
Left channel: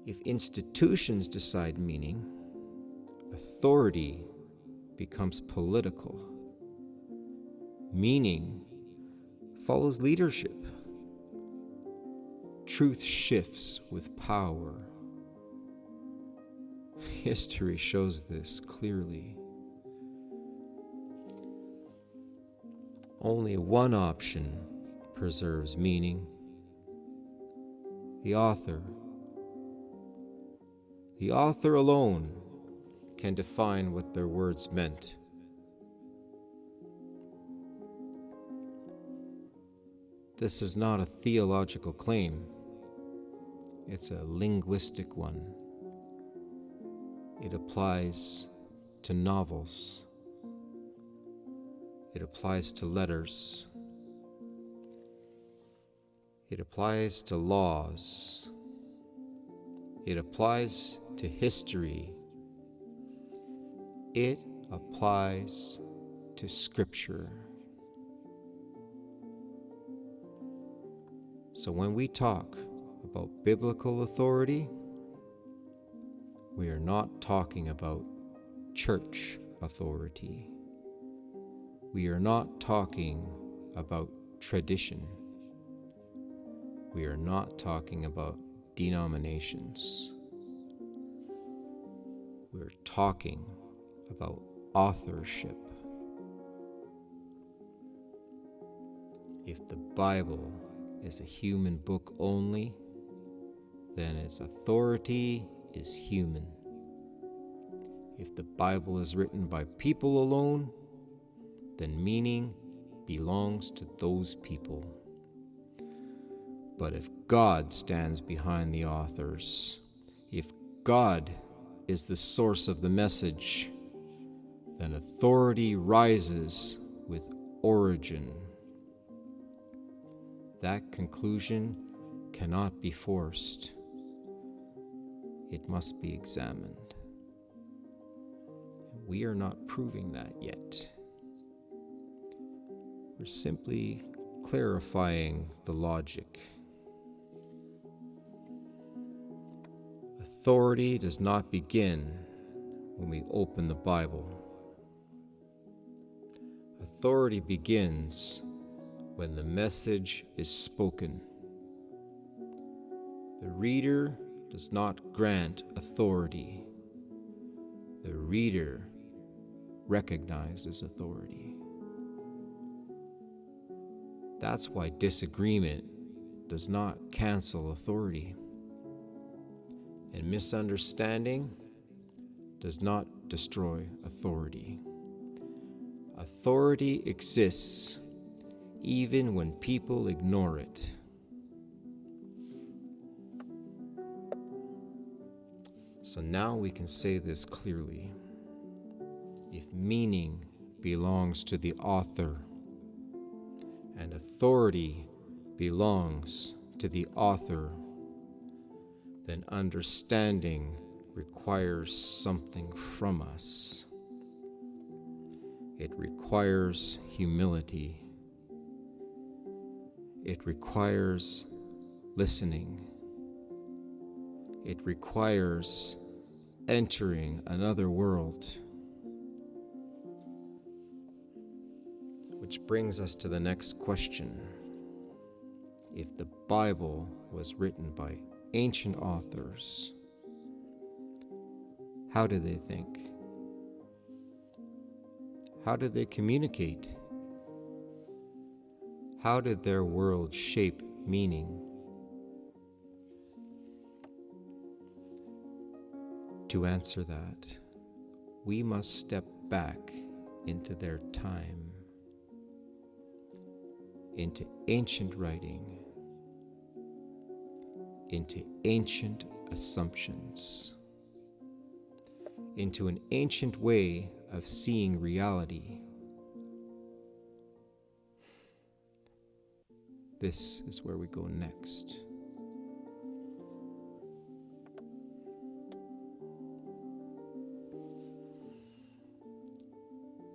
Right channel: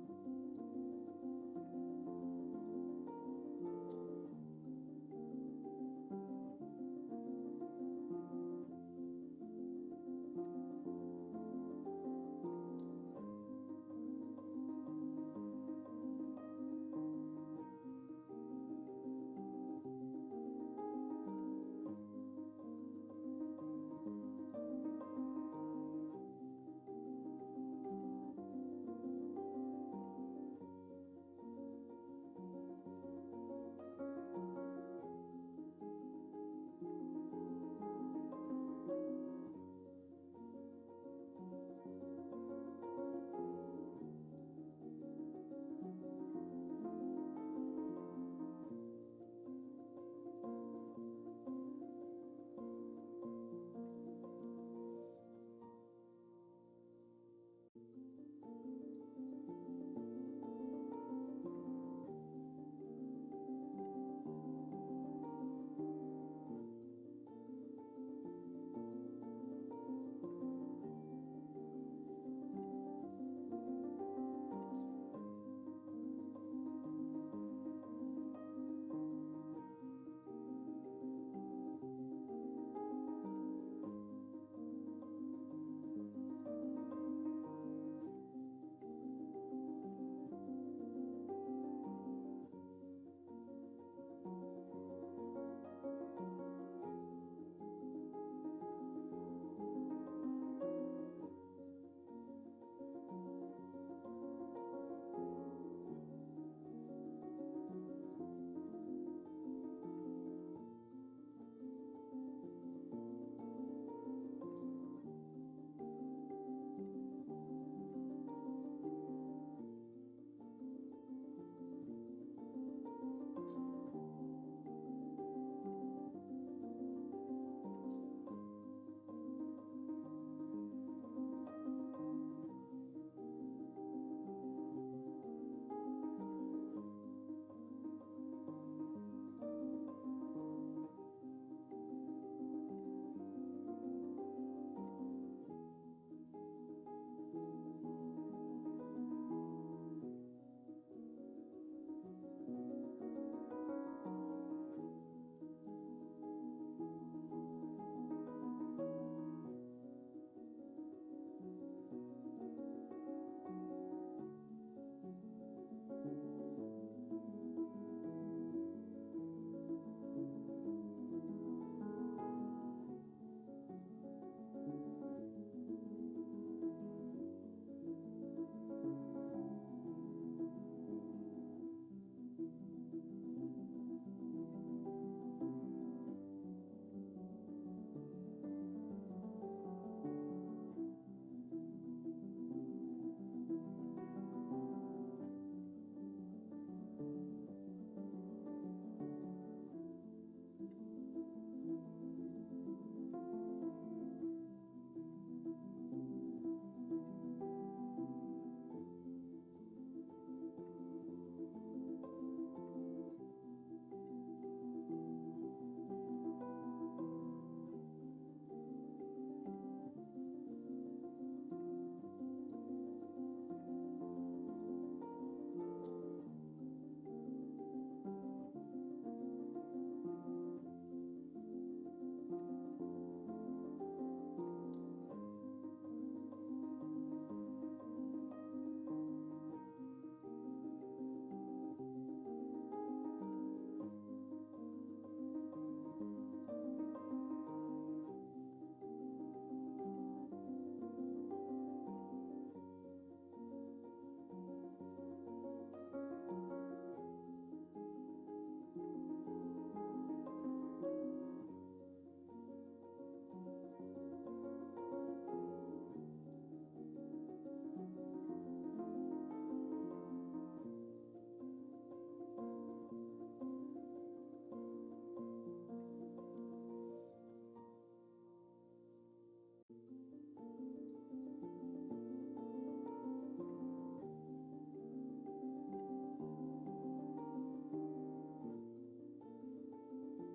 If institutions decide meaning, authority becomes political. Meaning follows leadership. Truth shifts with power. History shows this clearly. Only one option preserves meaning: the author. The author alone can define what their words meant. This is not a theological claim. It's a linguistic one. It applies to novels. It applies to letters. It applies to laws. It applies to history. It applies to Scripture. So when we talk about biblical authority, we are not talking about church authority. We are not talking about tradition. We are not talking about denominations. We're talking about authorship. If the Bible is a human book only, then its authority is human. If the Bible is written by people alone, then meaning belongs to those people. But if God stands behind the authors, if God is the source of the message, then authority rises with origin. That conclusion cannot be forced. It must be examined. We are not proving that yet. We're simply clarifying the logic. Authority does not begin when we open the Bible. Authority begins when the message is spoken. The reader does not grant authority. The reader recognizes authority. That's why disagreement does not cancel authority, and misunderstanding does not destroy authority. Authority exists even when people ignore it. So now we can say this clearly. If meaning belongs to the author and authority belongs to the author, then understanding requires something from us. It requires humility. It requires listening. It requires entering another world. Which brings us to the next question. If the Bible was written by ancient authors, how did they think? How did they communicate? How did their world shape meaning? To answer that, we must step back into their time, into ancient writing, into ancient assumptions, into an ancient way of seeing reality. This is where we go next.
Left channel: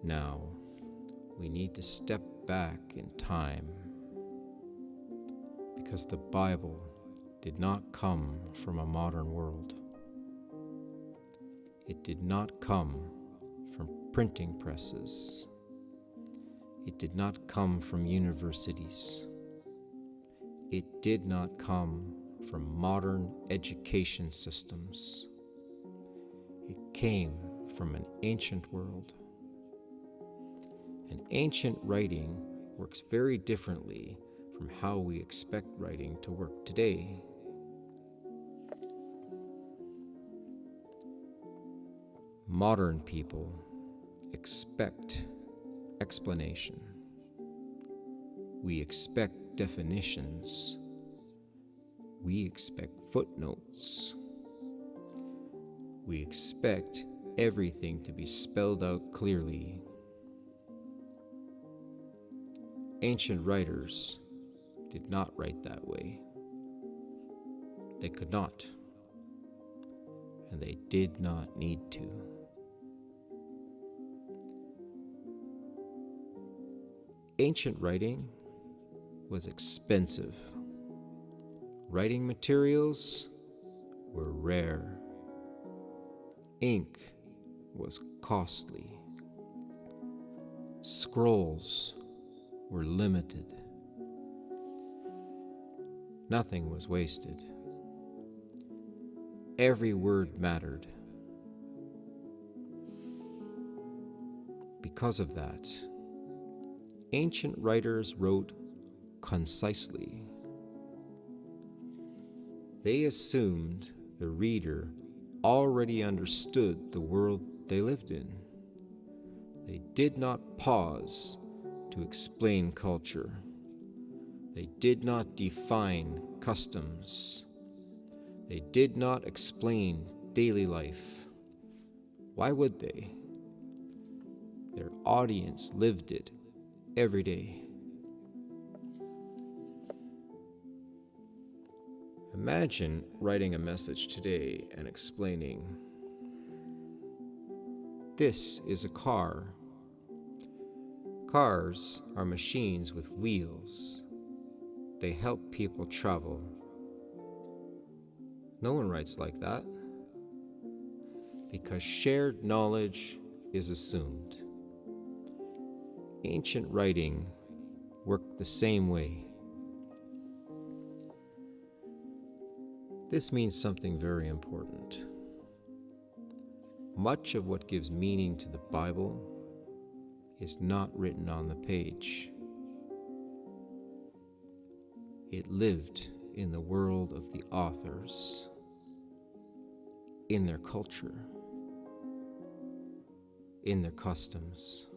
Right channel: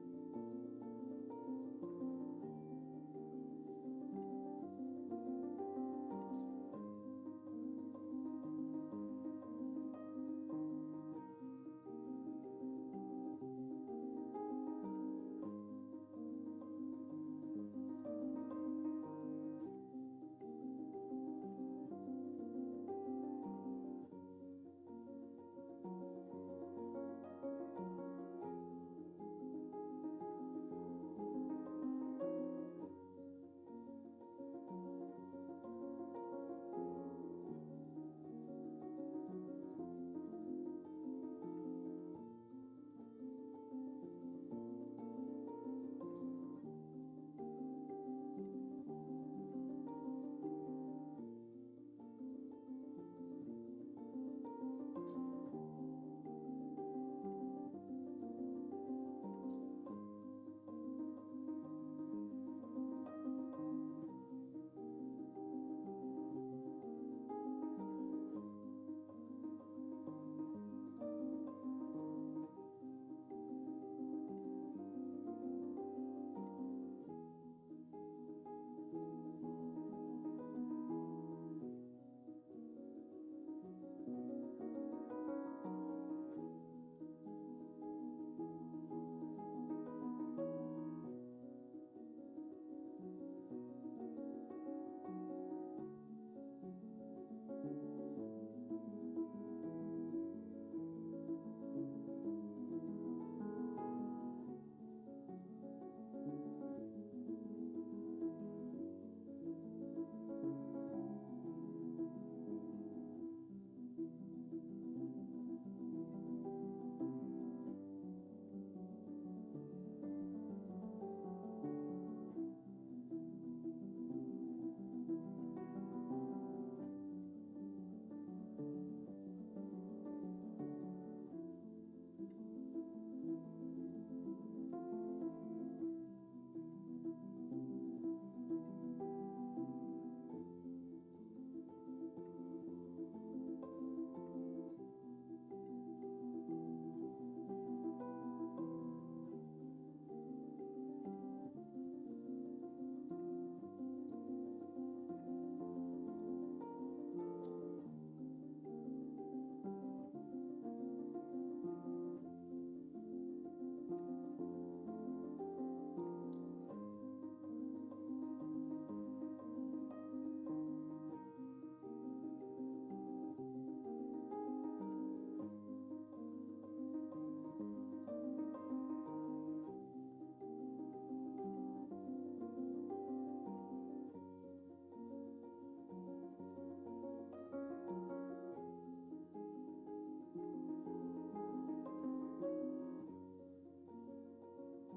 Now, we need to step back in time because the Bible did not come from a modern world. It did not come from printing presses. It did not come from universities. It did not come from modern education systems. It came from an ancient world. And ancient writing works very differently from how we expect writing to work today. Modern people expect explanation. We expect definitions. We expect footnotes. We expect everything to be spelled out clearly. Ancient writers did not write that way. They could not, and they did not need to. Ancient writing was expensive. Writing materials were rare. Ink was costly. Scrolls were limited. Nothing was wasted. Every word mattered. Because of that, ancient writers wrote concisely. They assumed the reader already understood the world they lived in. They did not pause to explain culture. They did not define customs. They did not explain daily life. Why would they? Their audience lived it every day. Imagine writing a message today and explaining, "This is a car. Cars are machines with wheels. They help people travel." No one writes like that, because shared knowledge is assumed. Ancient writing worked the same way. This means something very important. Much of what gives meaning to the Bible is not written on the page. It lived in the world of the authors, in their culture, in their customs,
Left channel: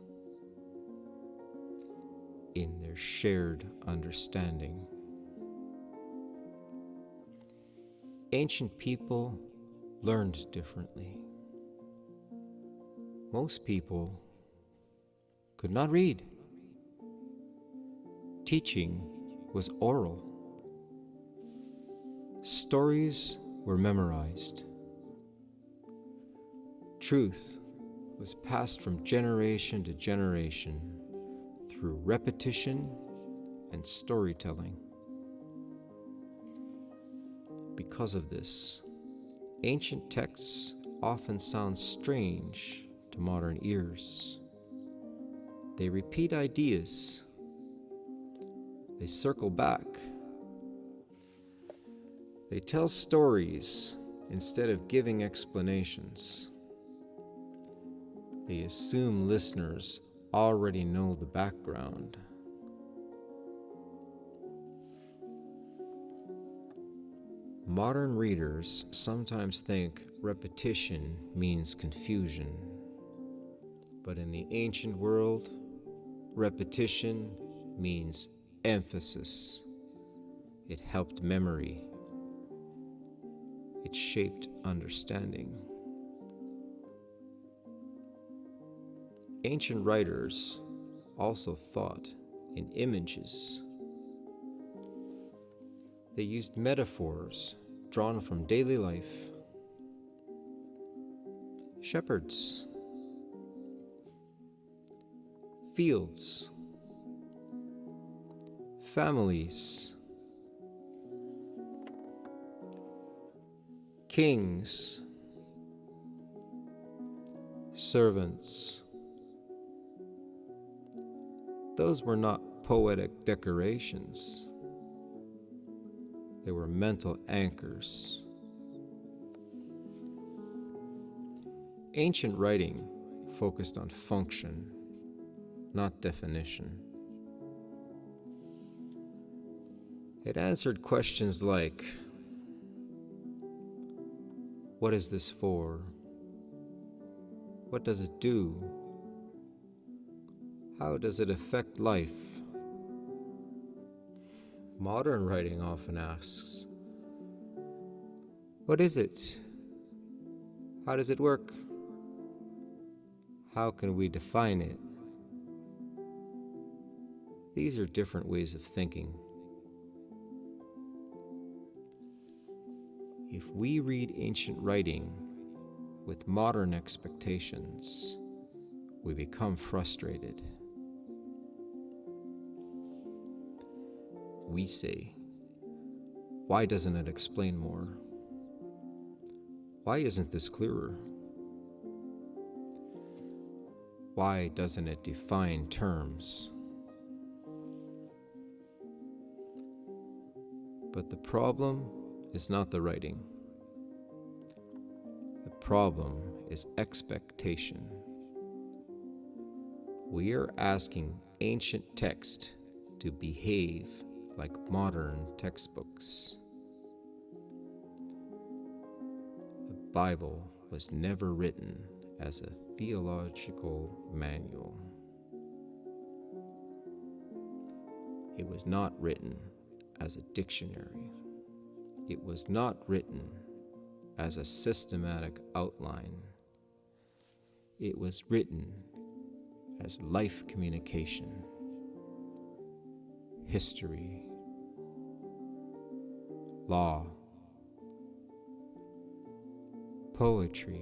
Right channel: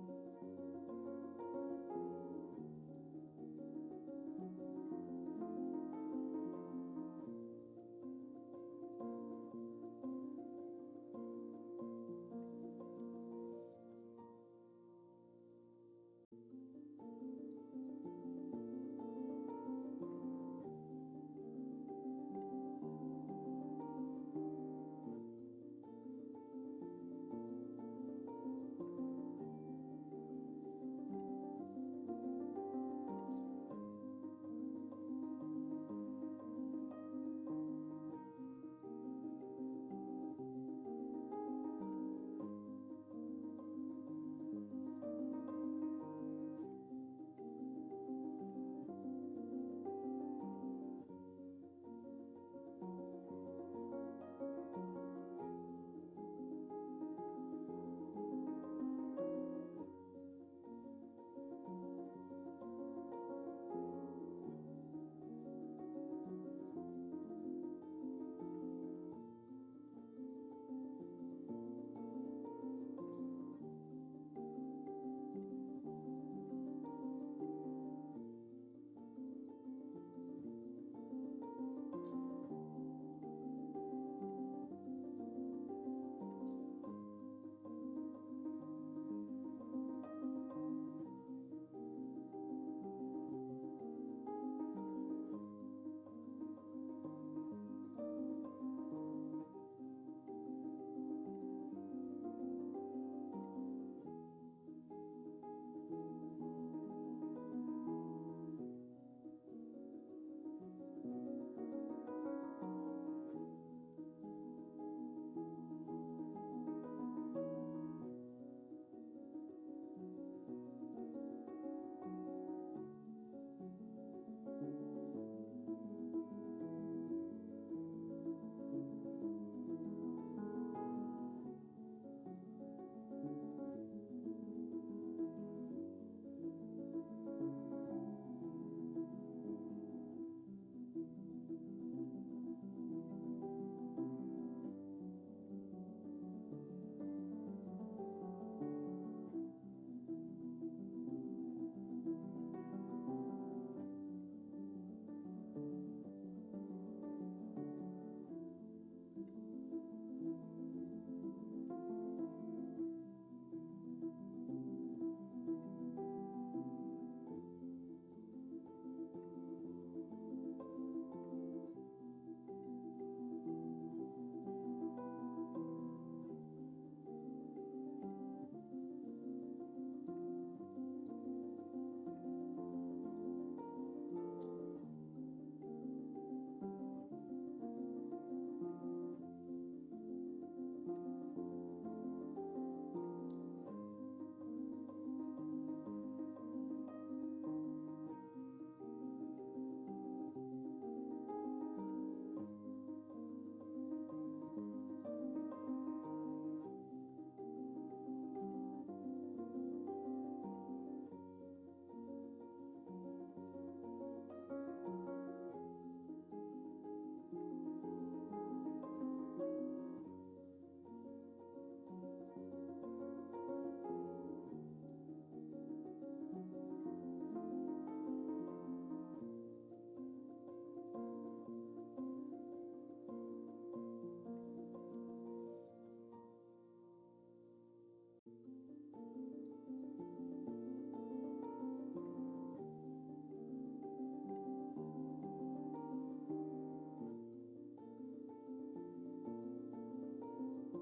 in their shared understanding. Ancient people learned differently. Most people could not read. Teaching was oral. Stories were memorized. Truth was passed from generation to generation through repetition and storytelling. Because of this, ancient texts often sound strange to modern ears. They repeat ideas. They circle back. They tell stories instead of giving explanations. They assume listeners already know the background. Modern readers sometimes think repetition means confusion, but in the ancient world, repetition means emphasis. It helped memory. It shaped understanding. Ancient writers also thought in images. They used metaphors drawn from daily life. Shepherds, fields, families, kings, servants. Those were not poetic decorations. They were mental anchors. Ancient writing focused on function, not definition. It answered questions like, what is this for? What does it do? How does it affect life? Modern writing often asks, what is it? How does it work? How can we define it? These are different ways of thinking. If we read ancient writing with modern expectations, we become frustrated. We say, why doesn't it explain more? Why isn't this clearer? Why doesn't it define terms? But the problem is not the writing. The problem is expectation. We are asking ancient text to behave like modern textbooks. The Bible was never written as a theological manual. It was not written as a dictionary. It was not written as a systematic outline. It was written as life communication, history, law, poetry,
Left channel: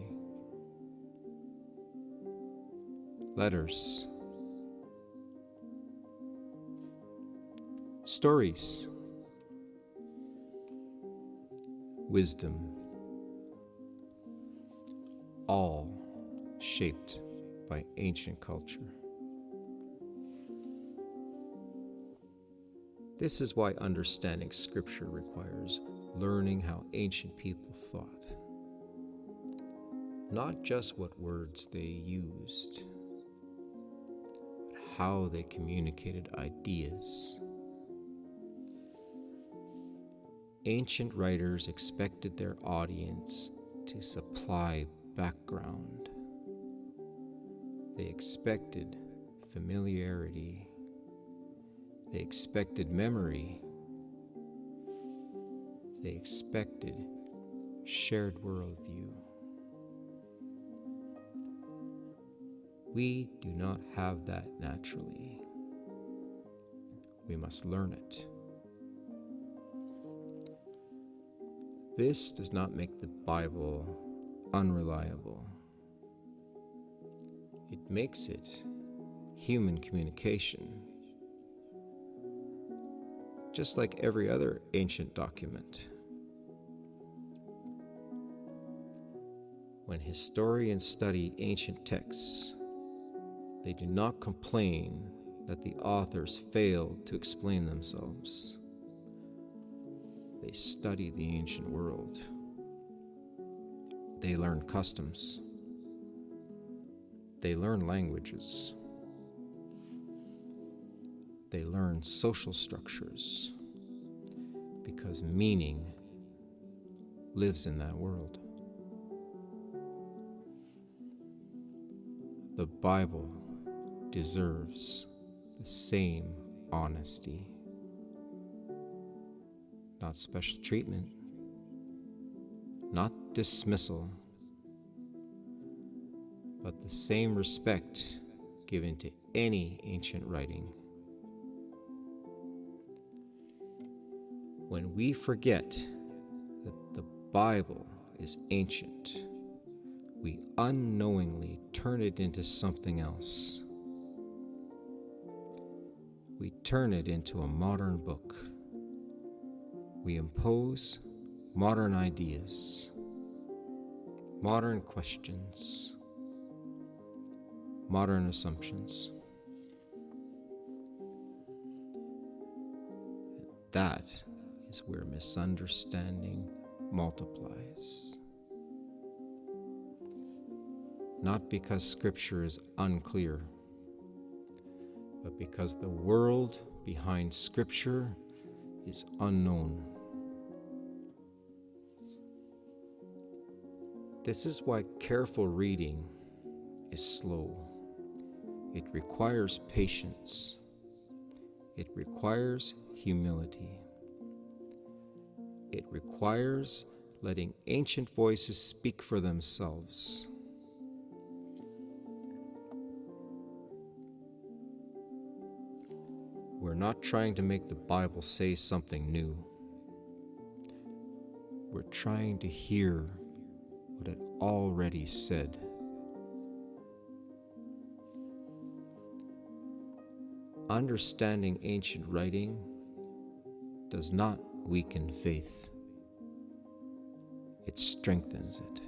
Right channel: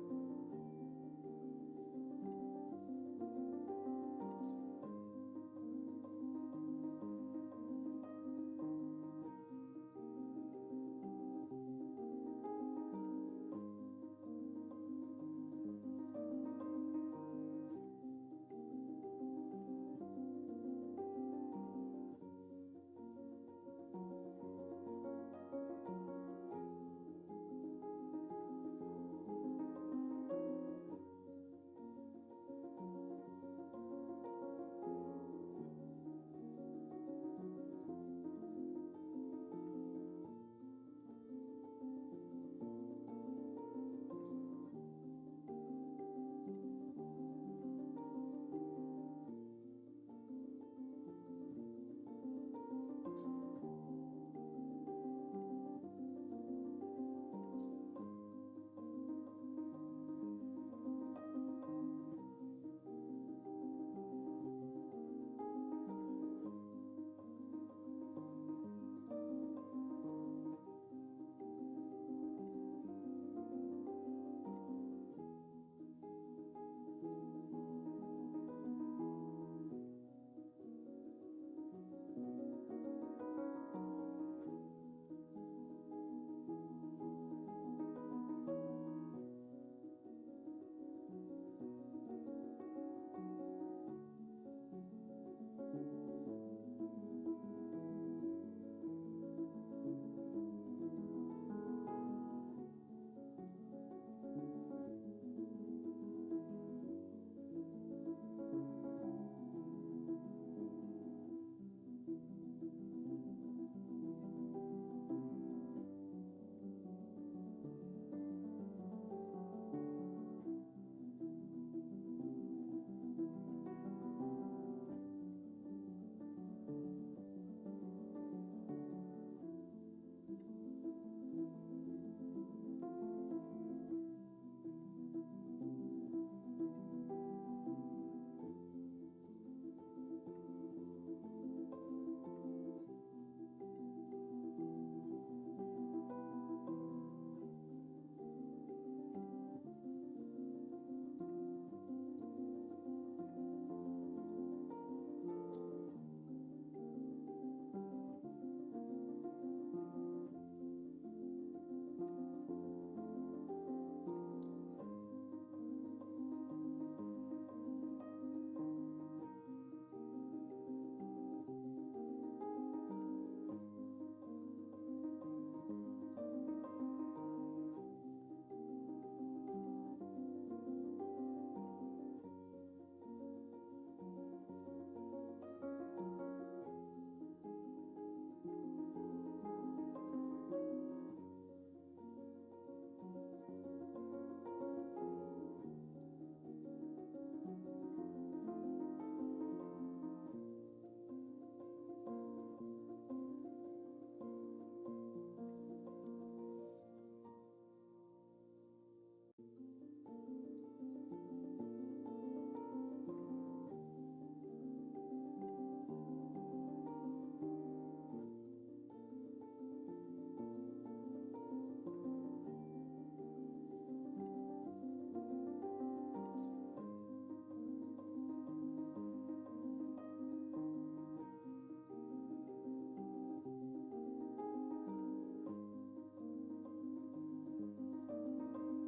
letters, stories, wisdom, all shaped by ancient culture. This is why understanding Scripture requires learning how ancient people thought. Not just what words they used, but how they communicated ideas. Ancient writers expected their audience to supply background. They expected familiarity. They expected memory. They expected shared worldview. We do not have that naturally. We must learn it. This does not make the Bible unreliable. It makes it human communication, just like every other ancient document. When historians study ancient texts, they do not complain that the authors failed to explain themselves. They study the ancient world. They learn customs. They learn languages. They learn social structures, because meaning lives in that world. The Bible deserves the same honesty, not special treatment, not dismissal, but the same respect given to any ancient writing. When we forget that the Bible is ancient, we unknowingly turn it into something else. We turn it into a modern book. We impose modern ideas, modern questions, modern assumptions. That is where misunderstanding multiplies. Not because Scripture is unclear, but because the world behind Scripture is unknown. This is why careful reading is slow. It requires patience. It requires humility. It requires letting ancient voices speak for themselves. We're not trying to make the Bible say something new. We're trying to hear what it already said. Understanding ancient writing does not weaken faith. It strengthens it.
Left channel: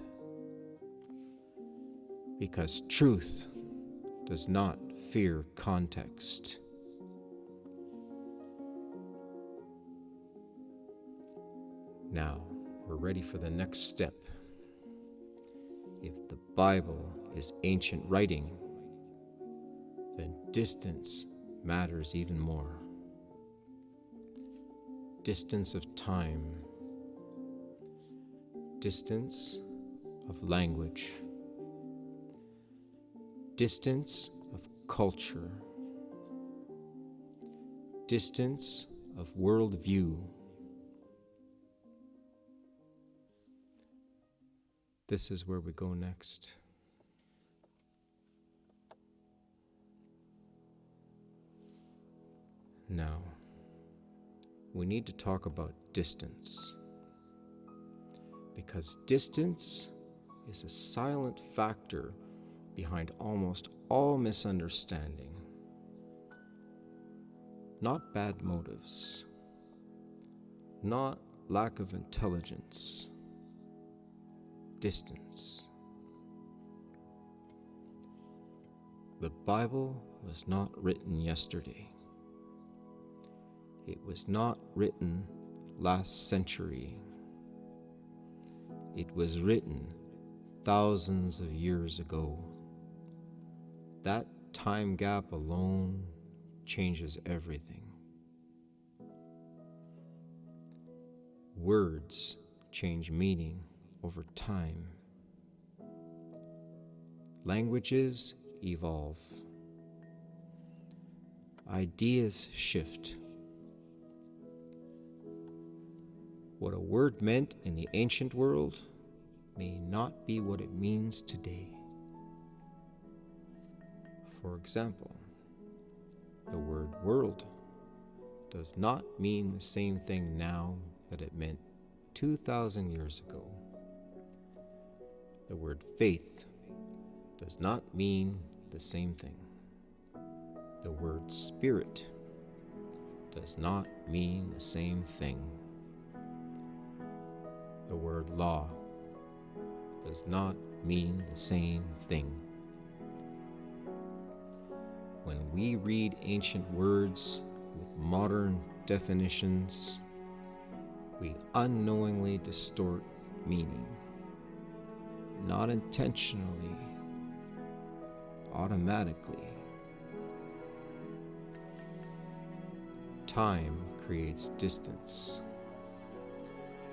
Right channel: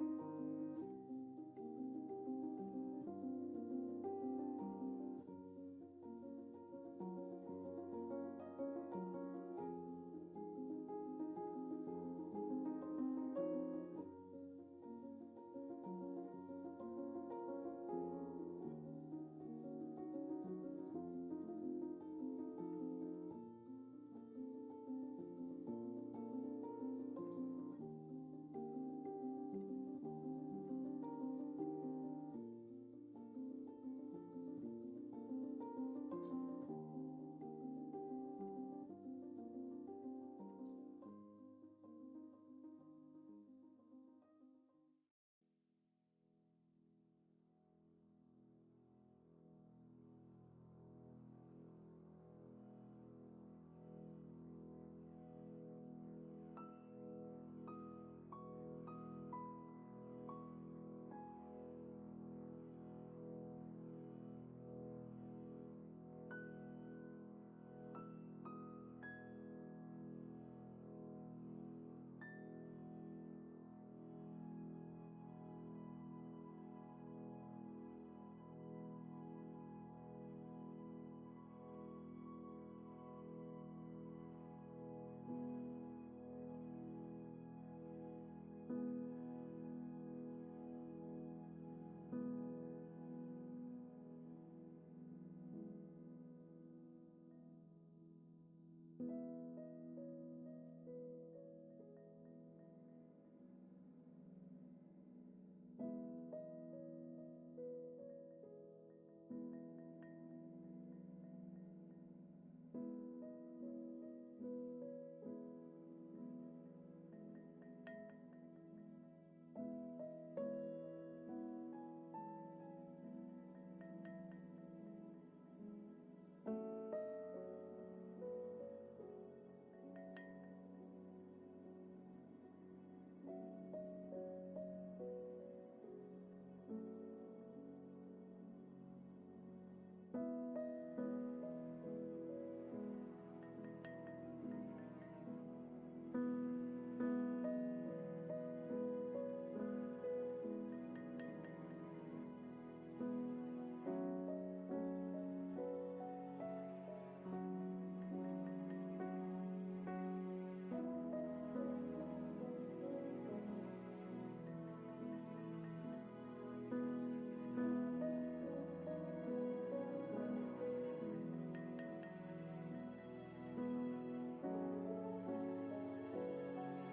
Because truth does not fear context. Now, we're ready for the next step. If the Bible is ancient writing, then distance matters even more. Distance of time, distance of language, distance of culture, distance of worldview. This is where we go next. Now, we need to talk about distance, because distance is a silent factor behind almost all misunderstanding. Not bad motives, not lack of intelligence. Distance. The Bible was not written yesterday. It was not written last century. It was written thousands of years ago. That time gap alone changes everything. Words change meaning over time. Languages evolve. Ideas shift. What a word meant in the ancient world may not be what it means today. For example, the word world does not mean the same thing now that it meant 2,000 years ago. The word faith does not mean the same thing. The word spirit does not mean the same thing. The word law does not mean the same thing. When we read ancient words with modern definitions, we unknowingly distort meaning. Not intentionally, automatically. Time creates distance,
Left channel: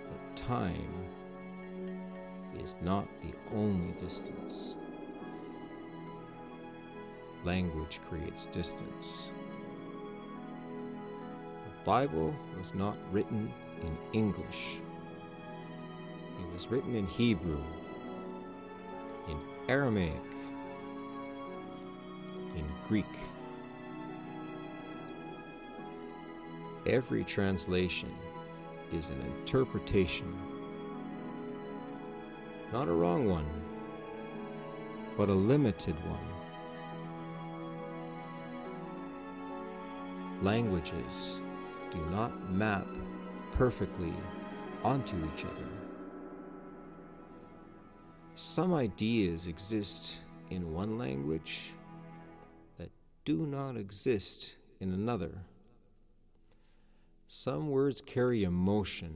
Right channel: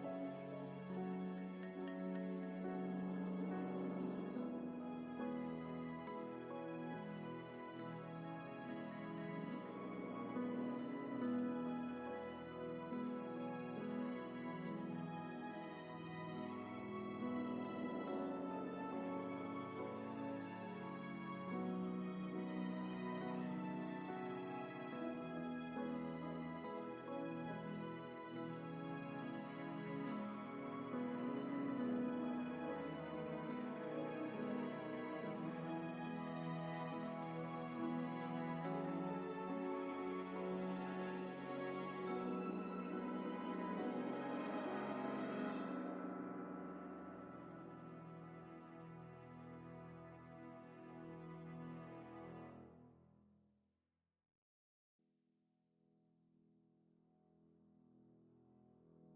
but time is not the only distance. Language creates distance. The Bible was not written in English. It was written in Hebrew, in Aramaic, in Greek. Every translation is an interpretation, not a wrong one, but a limited one. Languages do not map perfectly onto each other. Some ideas exist in one language that do not exist in another. Some words carry emotion,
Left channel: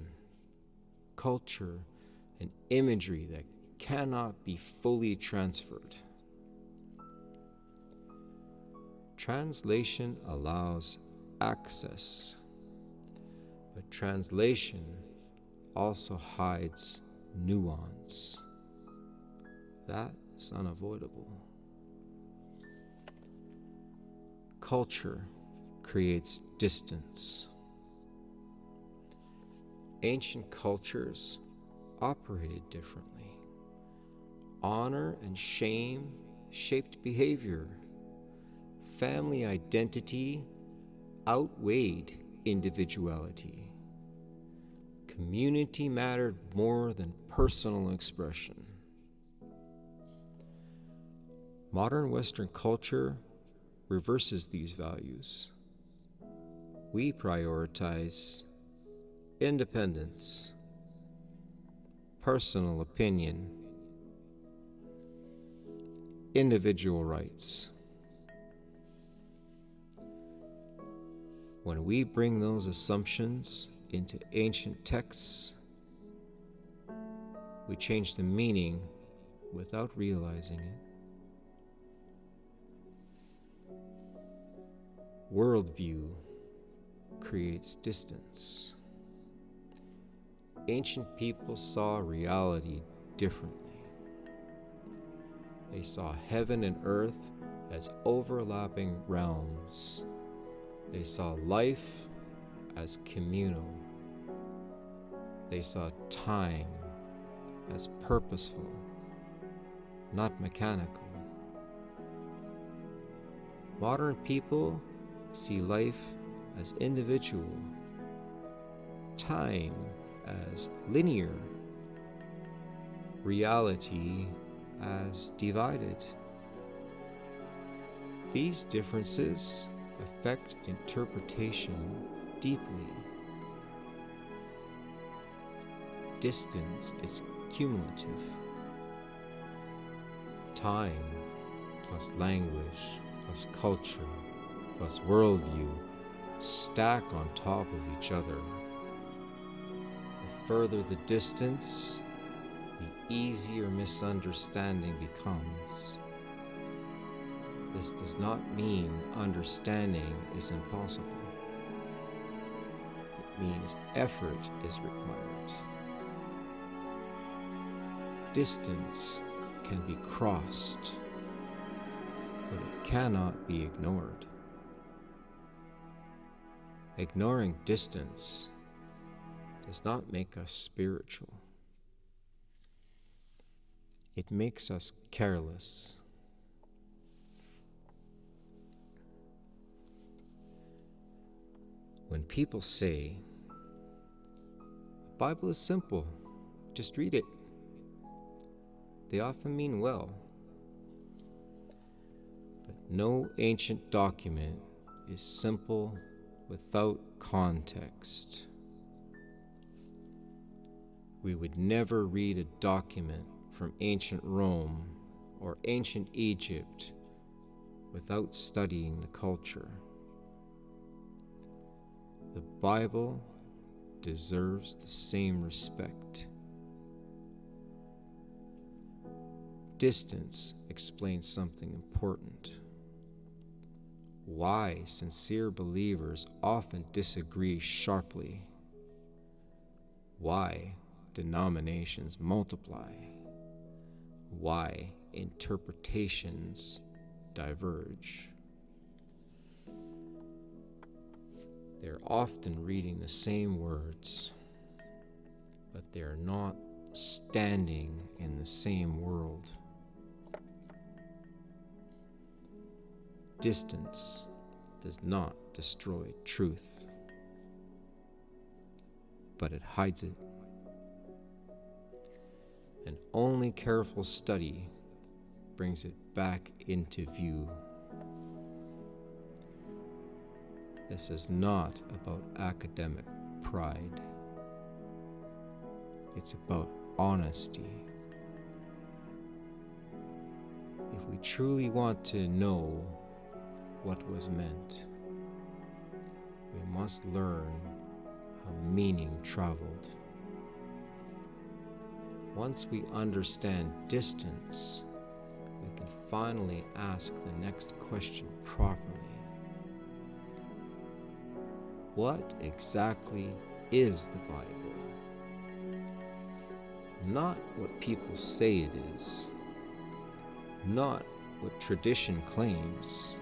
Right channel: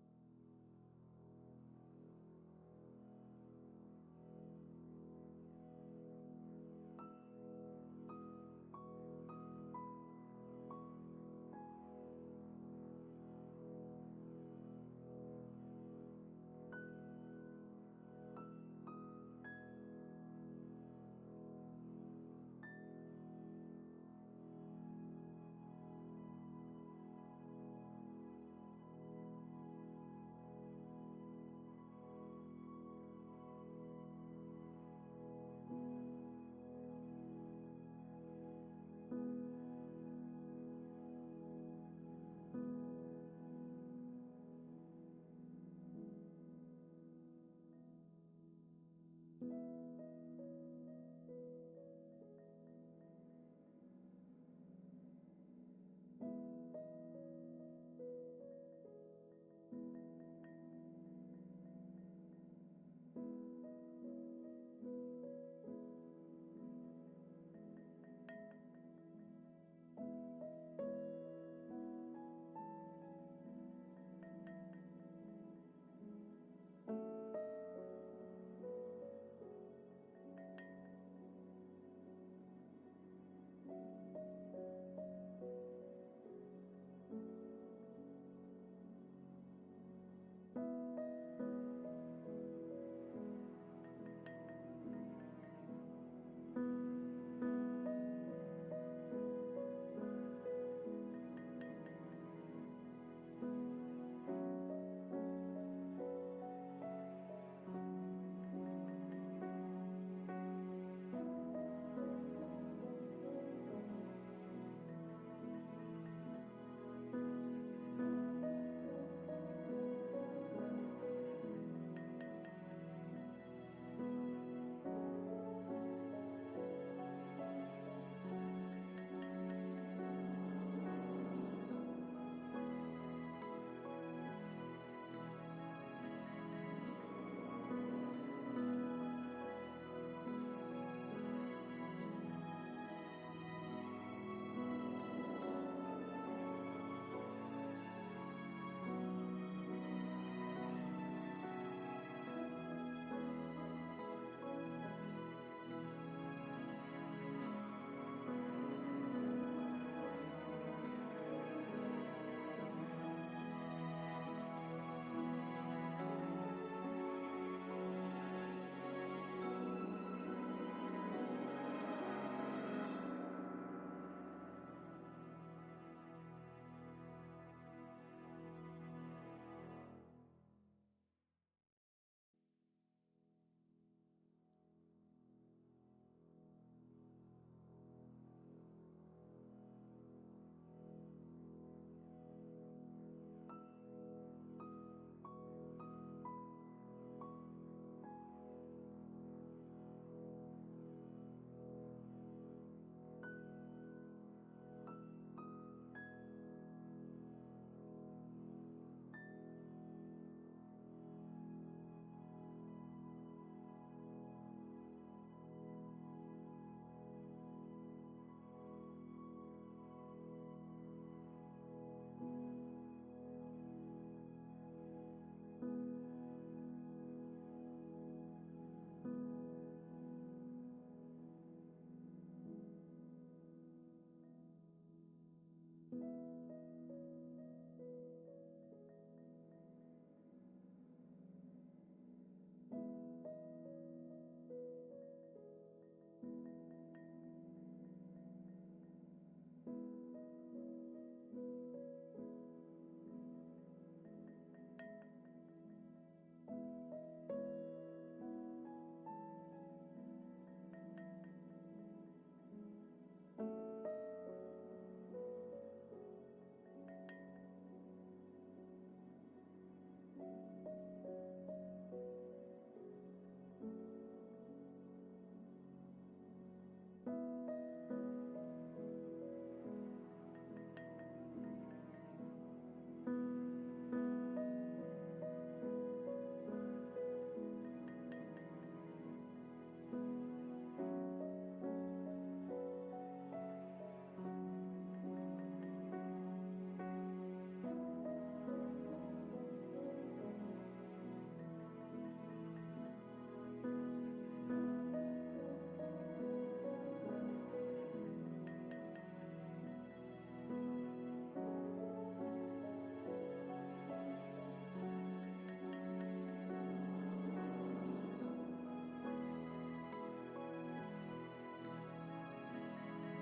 culture, and imagery that cannot be fully transferred. Translation allows access, but But translation also hides nuance. That is unavoidable. Culture creates distance. Ancient cultures operated differently. Honor and shame shaped behavior. Family identity outweighed individuality. Community mattered more than personal expression. Modern Western culture reverses these values. We prioritize independence, personal opinion, individual rights. When we bring those assumptions into ancient texts, we change the meaning without realizing it. Worldview creates distance. Ancient people saw reality differently. They saw heaven and earth as overlapping realms. They saw life as communal. They saw time as purposeful, not mechanical. Modern people see life as individual, time as linear, reality as divided. These differences affect interpretation deeply. Distance is cumulative. Time plus language plus culture plus worldview stack on top of each other. The further the distance, the easier misunderstanding becomes. This does not mean understanding is impossible. It means effort is required. Distance can be crossed, but it cannot be ignored. Ignoring distance does not make us spiritual. It makes us careless. When people say, the Bible is simple, just read it, they often mean well. But no ancient document is simple without context. We would never read a document from ancient Rome or ancient Egypt without studying the culture. The Bible deserves the same respect. Distance explains something important. Why sincere believers often disagree sharply. Why denominations multiply. Why interpretations diverge. They're often reading the same words, but they're not standing in the same world. Distance does not destroy truth, but it hides it. And only careful study brings it back into view. This is not about academic pride. It's about honesty. If we truly want to know what was meant, we must learn how meaning traveled. Once we understand distance, we can finally ask the next question properly. What exactly is the Bible. Not what people say it is, not what tradition claims,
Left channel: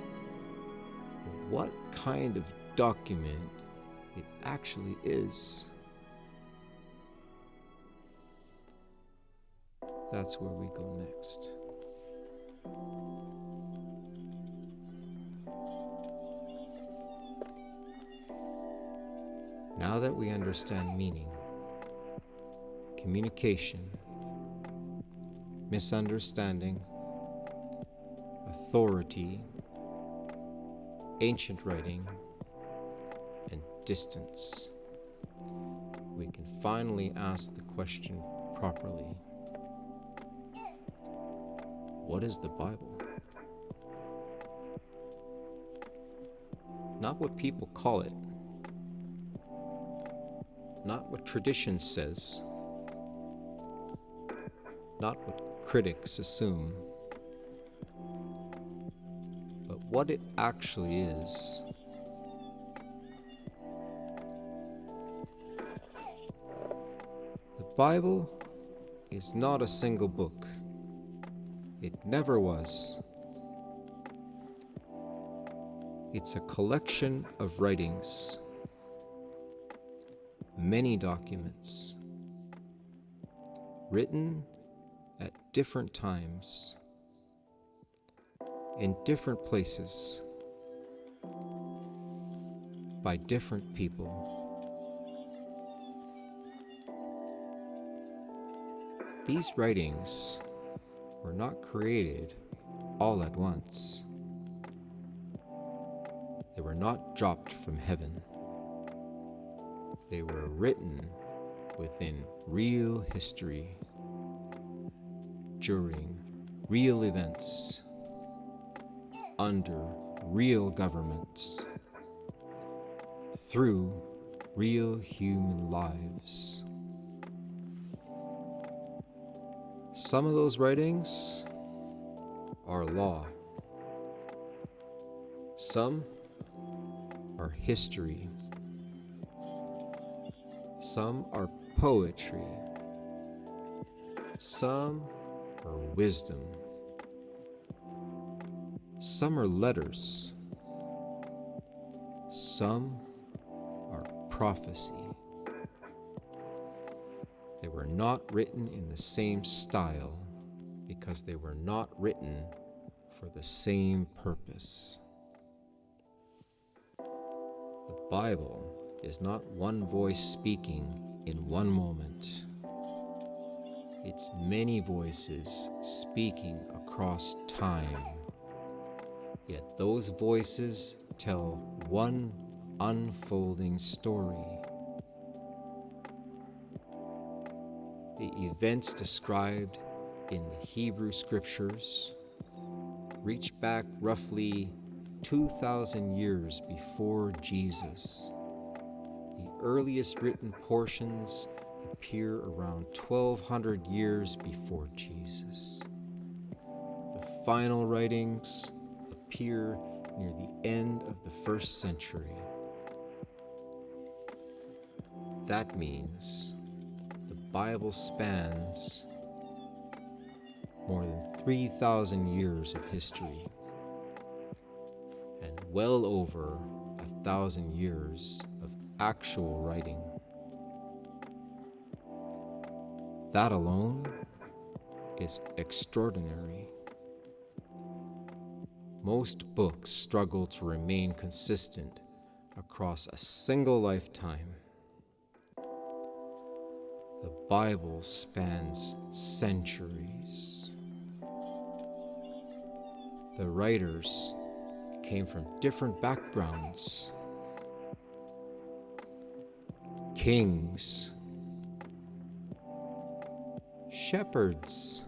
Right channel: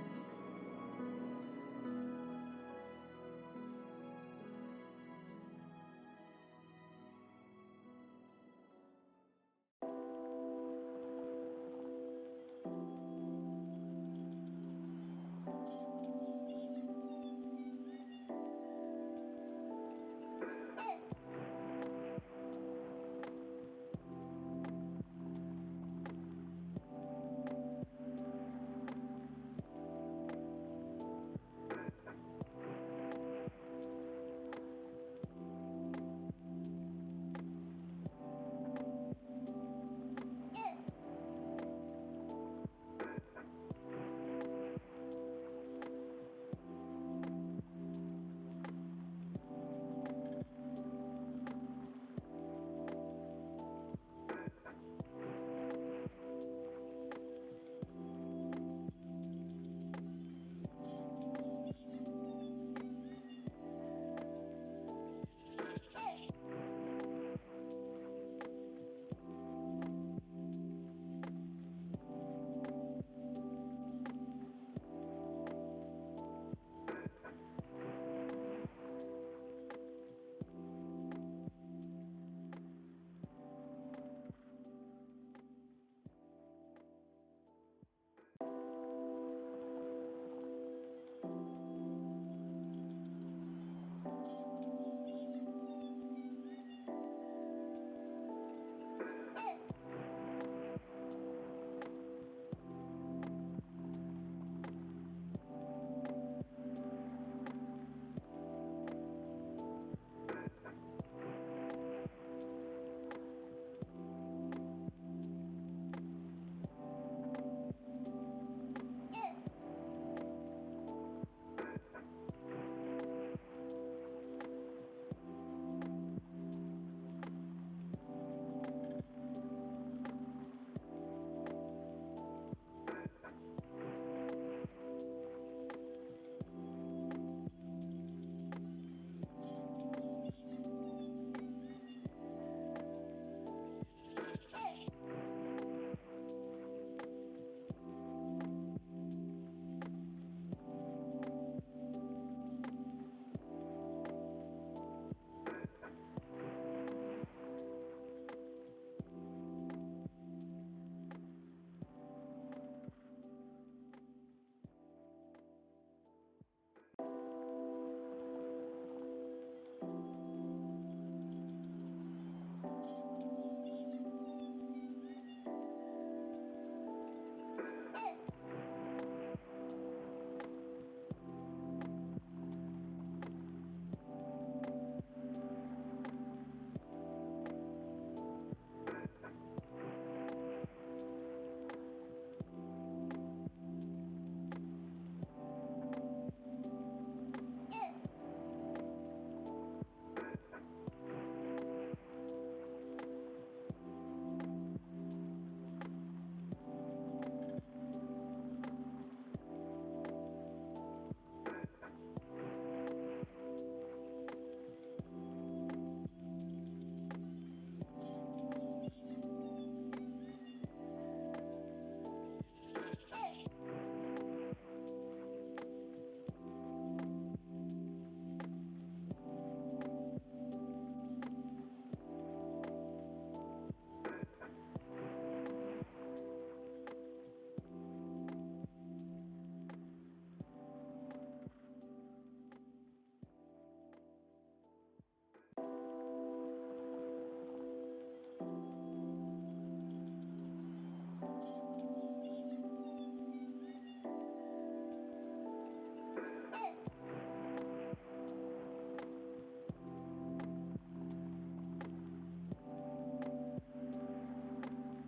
but what kind of document it actually is. That's where we go next. Now that we understand meaning, communication, misunderstanding, authority, ancient writing, and distance, we can finally ask the question properly. What is the Bible? Not what people call it, not what tradition says, not what critics assume, but what it actually is. The Bible is not a single book. It never was. It's a collection of writings, many documents, written at different times, in different places, by different people. These writings were not created all at once. They were not dropped from heaven. They were written within real history, during real events, under real governments, through real human lives. Some of those writings are law. Some are history. Some are poetry. Some are wisdom. Some are letters. Some are prophecy. They were not written in the same style because they were not written for the same purpose. The Bible is not one voice speaking in one moment. It's many voices speaking across time. Yet those voices tell one unfolding story. The events described in the Hebrew scriptures reach back roughly 2,000 years before Jesus. The earliest written portions appear around 1,200 years before Jesus. The final writings appear near the end of the 1st century. That means the Bible spans more than 3,000 years of history and well over 1,000 years of actual writing. That alone is extraordinary. Most books struggle to remain consistent across a single lifetime. The Bible spans centuries. The writers came from different backgrounds. Kings, shepherds,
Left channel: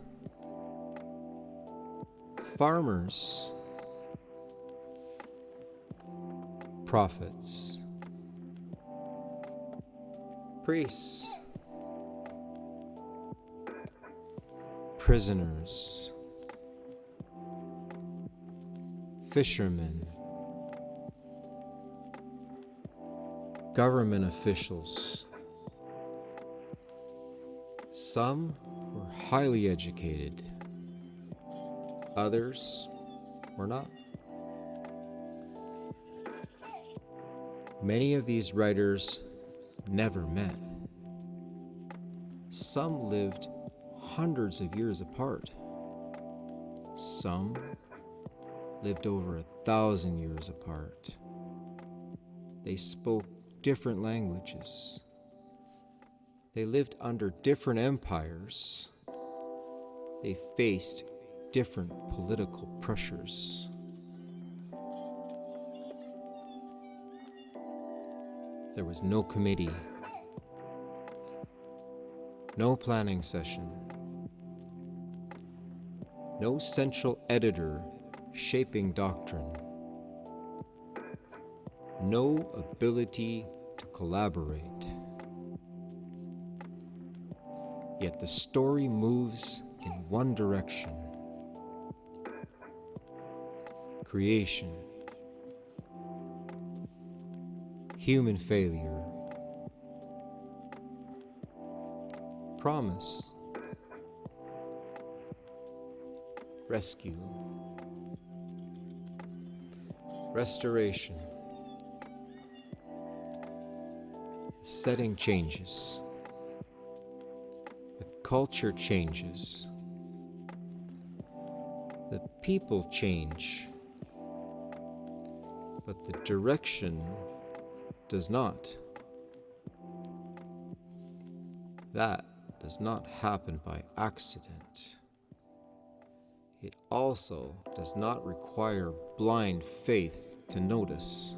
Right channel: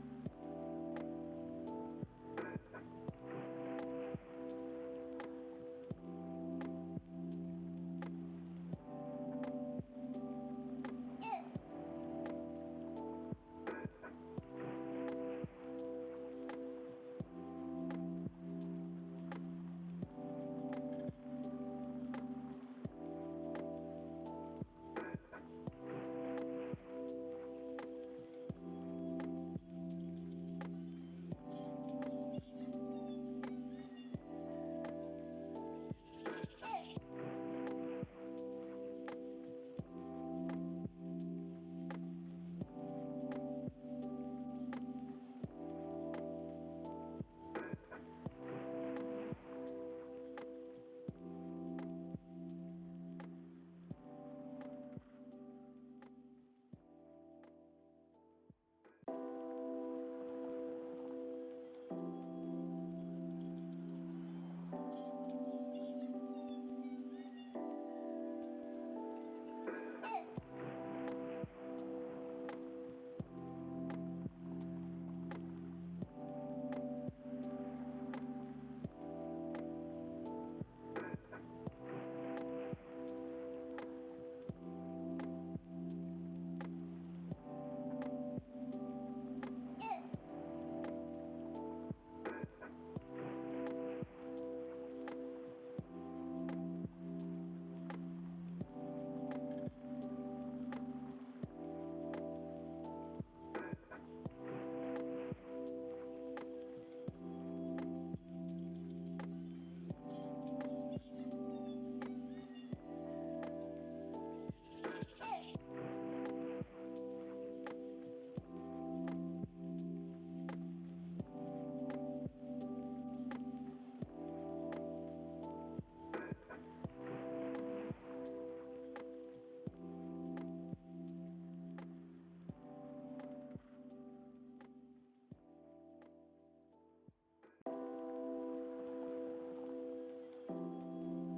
farmers, prophets, priests, prisoners, fishermen, government officials, Some were highly educated, others were not. Many of these writers never met. Some lived hundreds of years apart. Some lived over 1,000 years apart. They spoke different languages. They lived under different empires. They faced different political pressures. There was no committee, no planning session, no central editor shaping doctrine, no ability to collaborate. Yet the story moves in one direction: creation, human failure, promise, rescue, restoration. The setting changes. The culture changes. The people change. But the direction does not. That does not happen by accident. It also does not require blind faith to notice.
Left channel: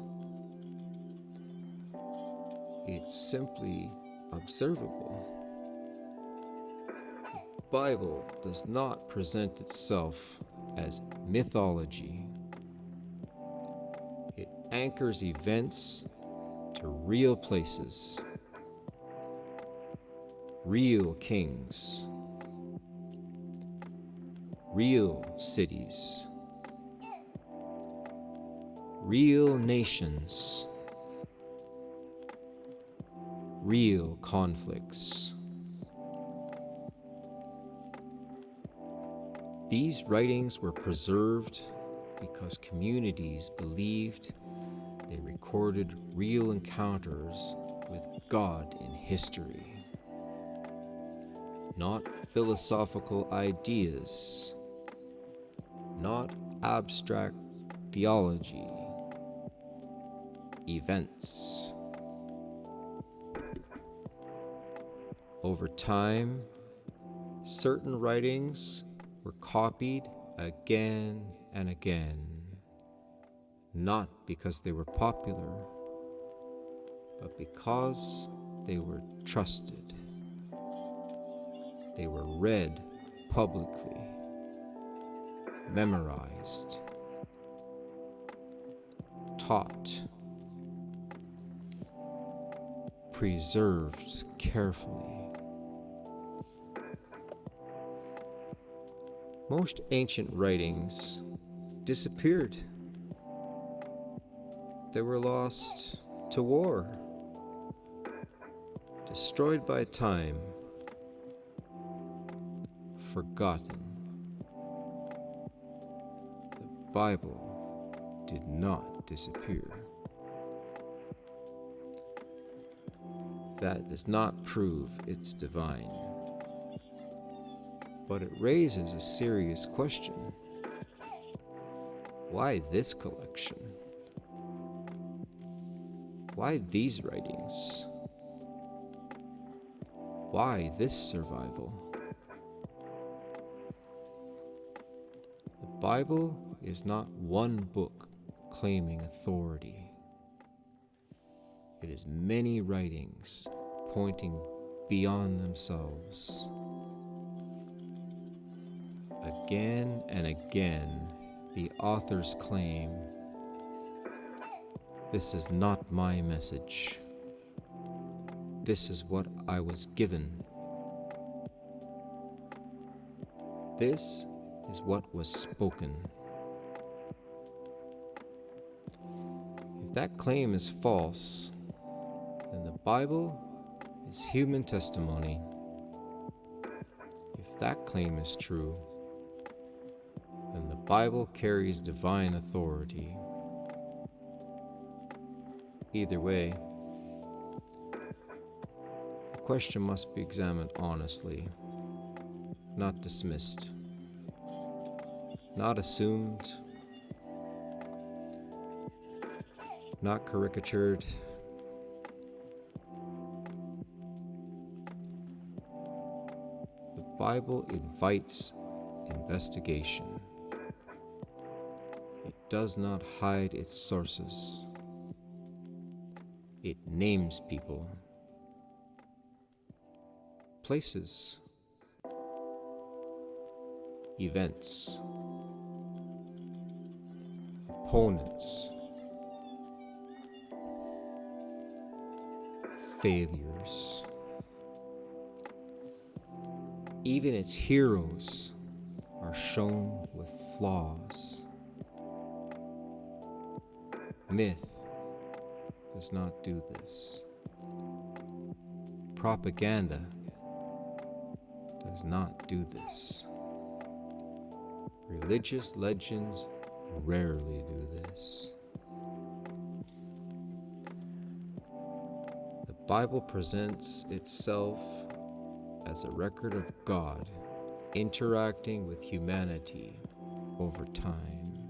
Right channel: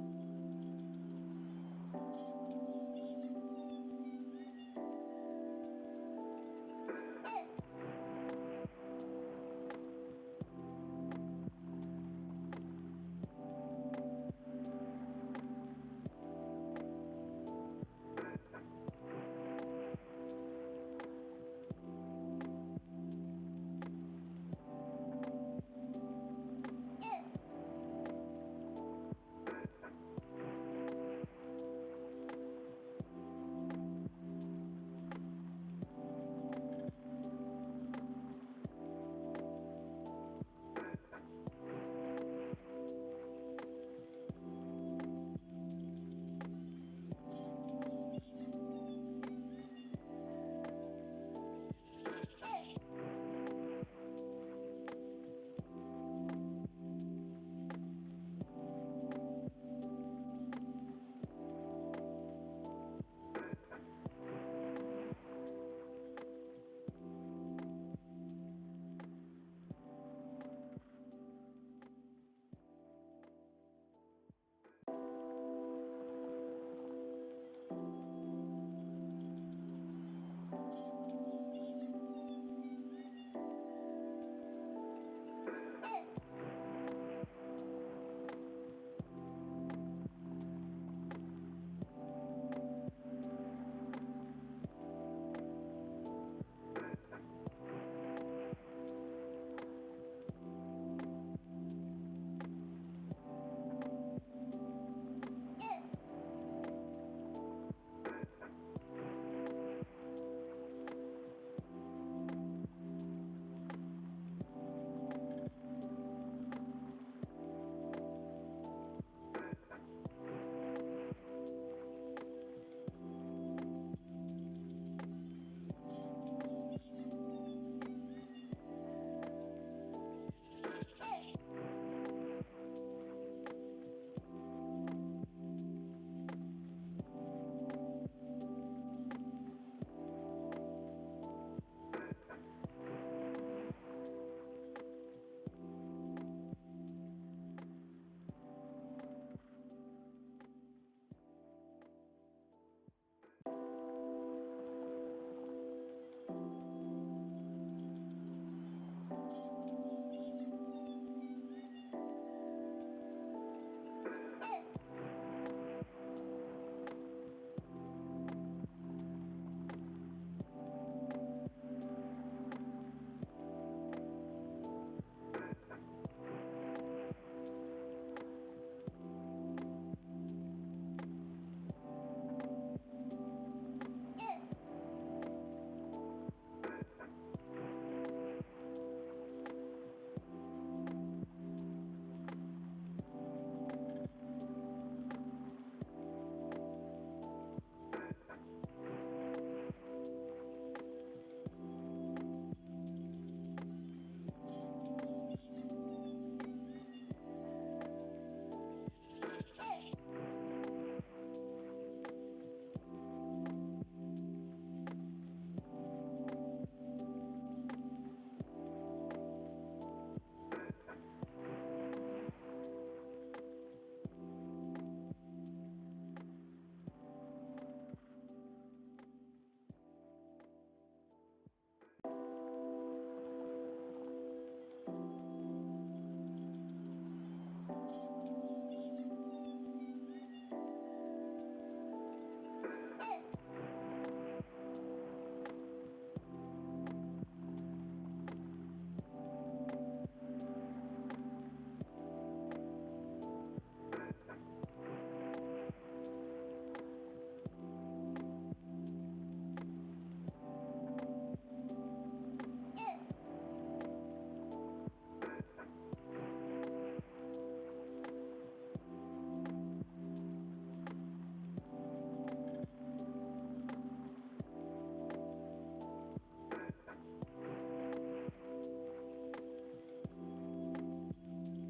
It's simply observable. The Bible does not present itself as mythology. It anchors events to real places, real kings, real cities, real nations, real conflicts. These writings were preserved because communities believed they recorded real encounters with God in history, not philosophical ideas, not abstract theology, events. Over time, certain writings were copied again and again, not because they were popular, but because they were trusted. They were read publicly, memorized, taught, preserved carefully. Most ancient writings disappeared. They were lost to war, destroyed by time, forgotten. The Bible did not disappear. That does not prove it's divine, but it raises a serious question. Why this collection? Why these writings? Why this survival? The Bible is not one book claiming authority. It is many writings pointing beyond themselves. Again and again, the authors claim, "This is not my message. This is what I was given. This is what was spoken." If that claim is false, then the Bible is human testimony, if that claim is true, then the Bible carries divine authority. Either way, the question must be examined honestly, not dismissed, not assumed, not caricatured. The Bible invites investigation. It does not hide its sources. It names people, places, events, opponents, failures. Even its heroes are shown with flaws. Myth does not do this. Propaganda does not do this. Religious legends rarely do this. The Bible presents itself as a record of God interacting with humanity over time,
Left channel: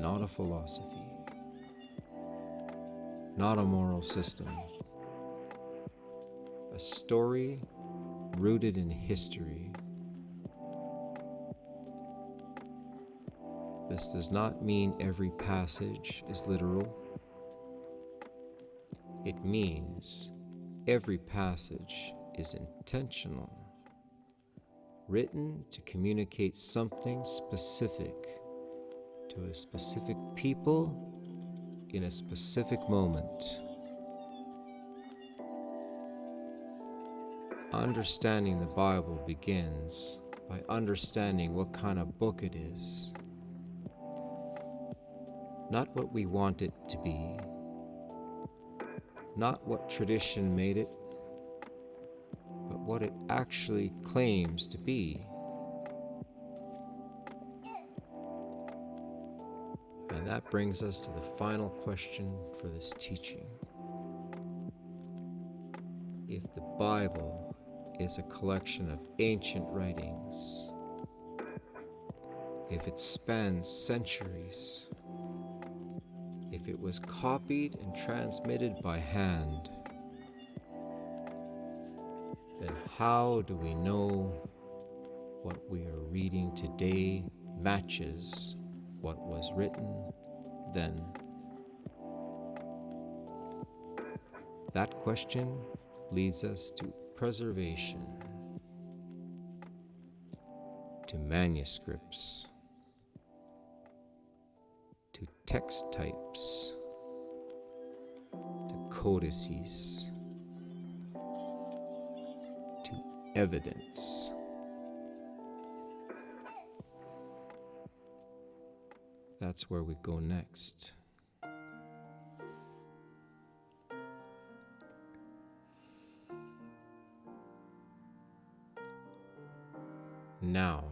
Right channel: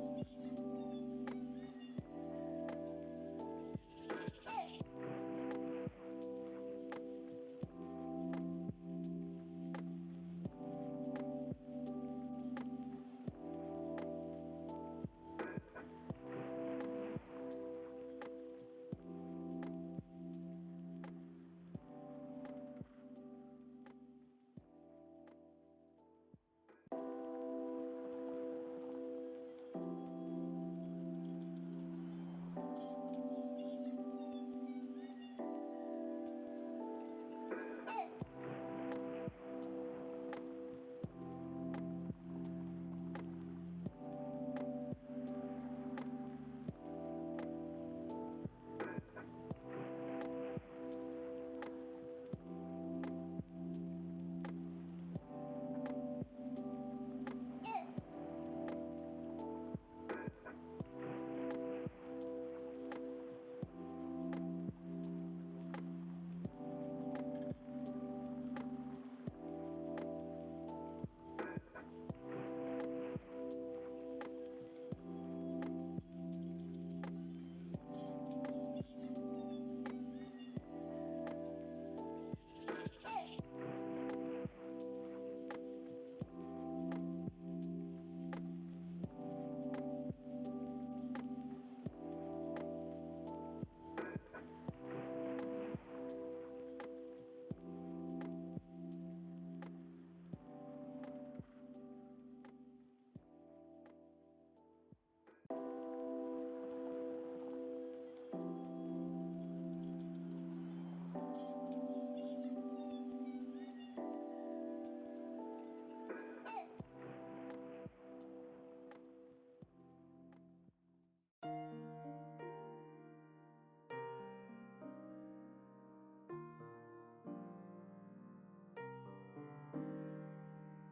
not a philosophy, not a moral system, a story rooted in history. This does not mean every passage is literal. It means every passage is intentional, written to communicate something specific to a specific people in a specific moment. Understanding the Bible begins by understanding what kind of book it is. Not what we want it to be, not what tradition made it, but what it actually claims to be. And that brings us to the final question for this teaching. If the Bible is a collection of ancient writings, if it spans centuries, if it was copied and transmitted by hand, then how do we know what we are reading today matches what was written then? That question leads us to preservation, to manuscripts, to text types, to codices, to evidence. That's where we go next. Now,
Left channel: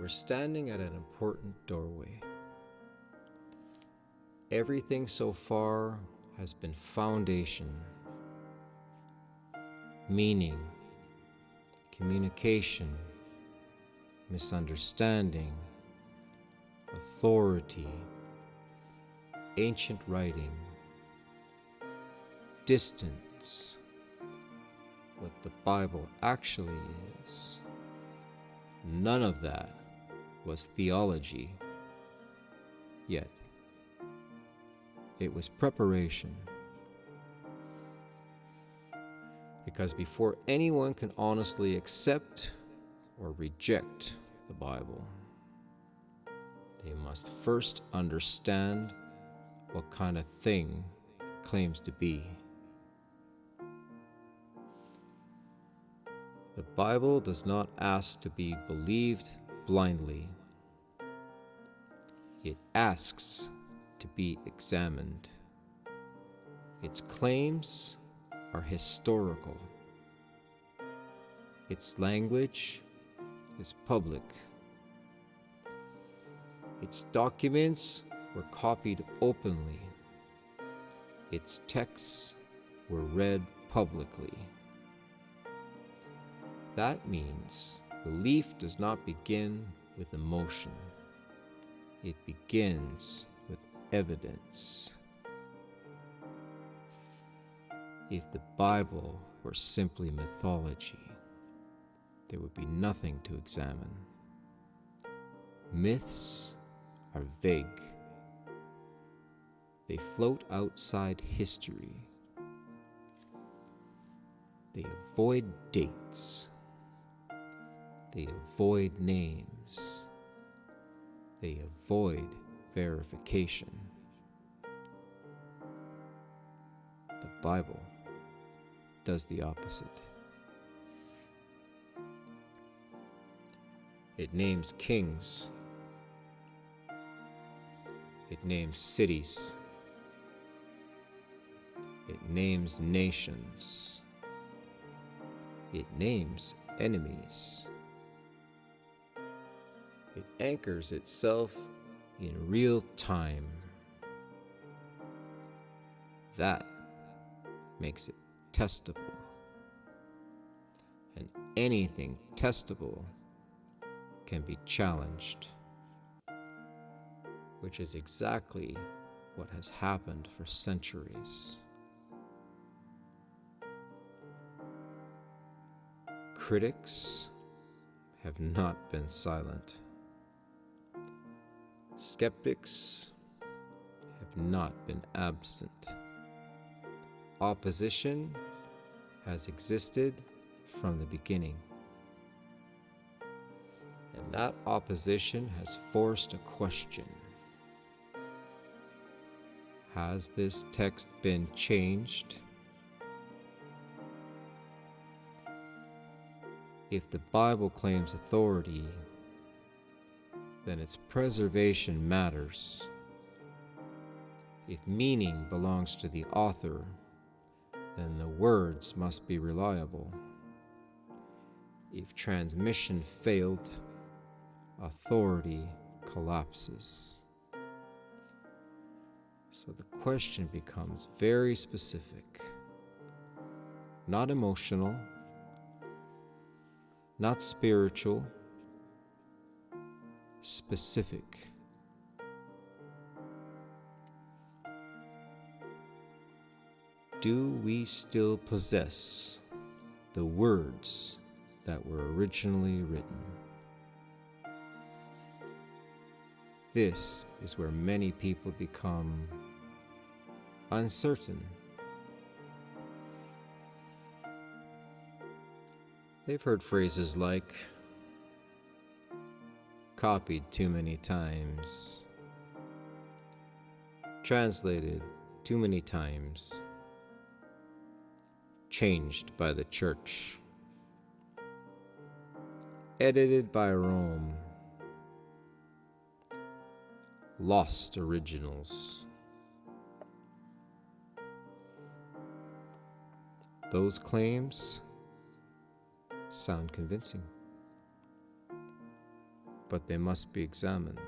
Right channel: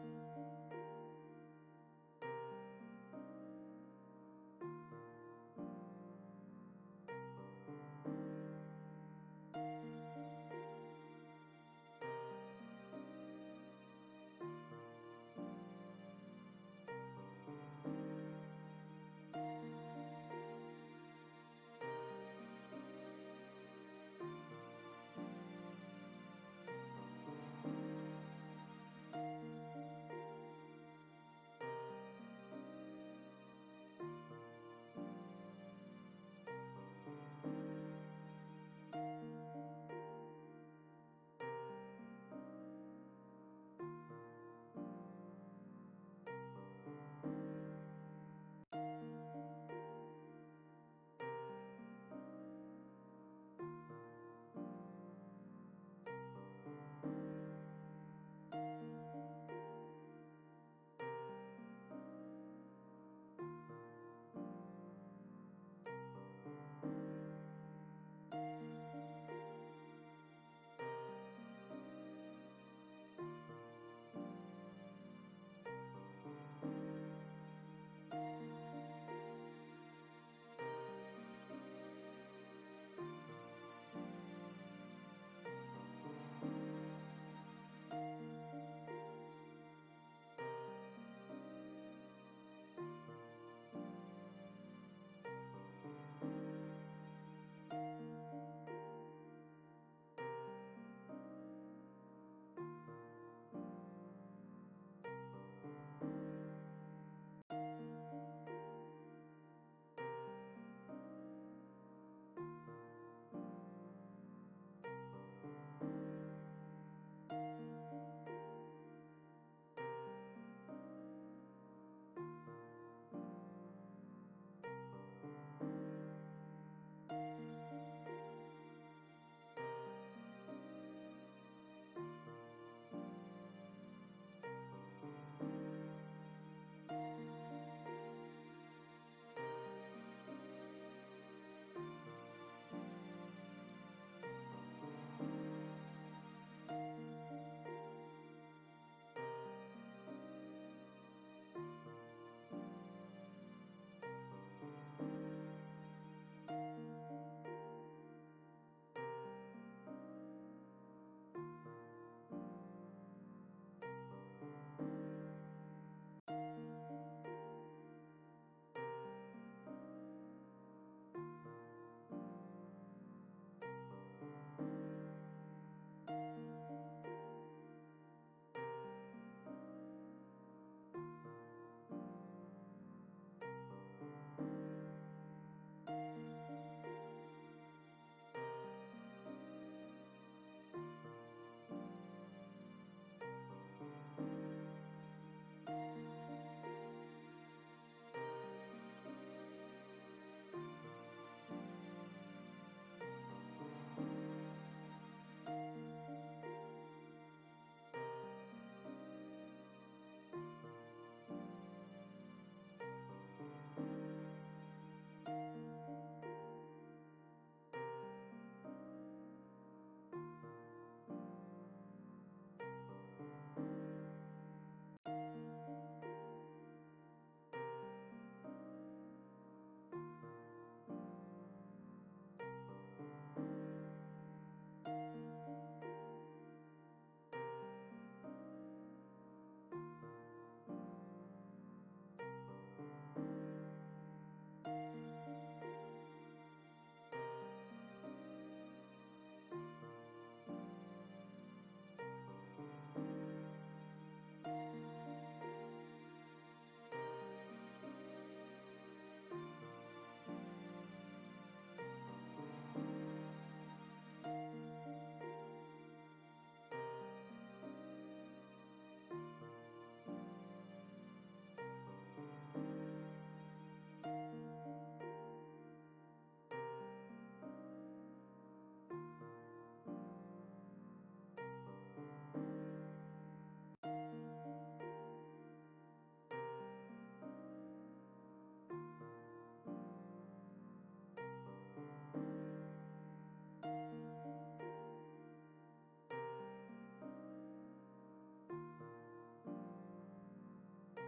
we're standing at an important doorway. Everything so far has been foundation, meaning, communication, misunderstanding, authority, ancient writing, distance, what the Bible actually is. None of that was theology, yet it was preparation. Because before anyone can honestly accept or reject the Bible, they must first understand what kind of thing it claims to be. The Bible does not ask to be believed blindly. It asks to be examined. Its claims are historical. Its language is public. Its documents were copied openly. Its texts were read publicly. That means belief does not begin with emotion. It begins with evidence. If the Bible were simply mythology, there would be nothing to examine. Myths are vague. They float outside history. They avoid dates. They avoid names. They avoid verification. The Bible does the opposite. It names kings. It names cities. It names nations. It names enemies. It anchors itself in real time. That makes it testable. And anything testable can be challenged, which is exactly what has happened for centuries. Critics have not been silent. Skeptics have not been absent. Opposition has existed from the beginning. And that opposition has forced a question. Has this text been changed? If the Bible claims authority, then its preservation matters. If meaning belongs to the author, then the words must be reliable. If transmission failed, authority collapses. So the question becomes very specific, not emotional, not spiritual, specific. Do we still possess the words that were originally written? This is where many people become uncertain. They've heard phrases like, copied too many times, translated too many times, changed by the church, edited by Rome, lost originals. Those claims sound convincing, but they must be examined,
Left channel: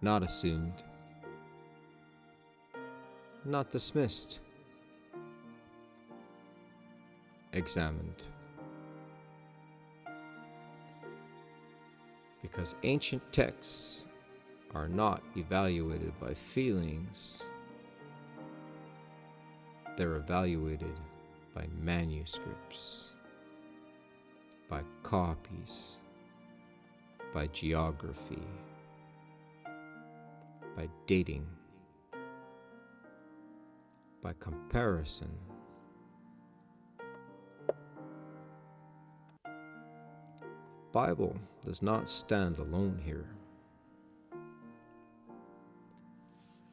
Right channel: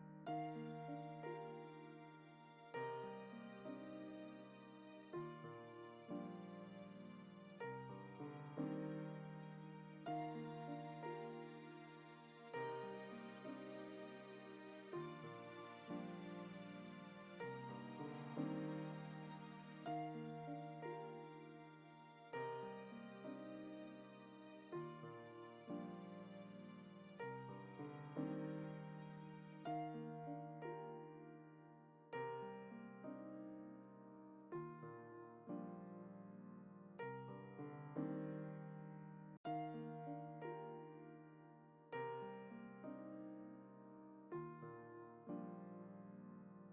not assumed, not dismissed, examined. Because ancient texts are not evaluated by feelings, they're evaluated by manuscripts, by copies, by geography, by dating, by comparison. The Bible does not stand alone here.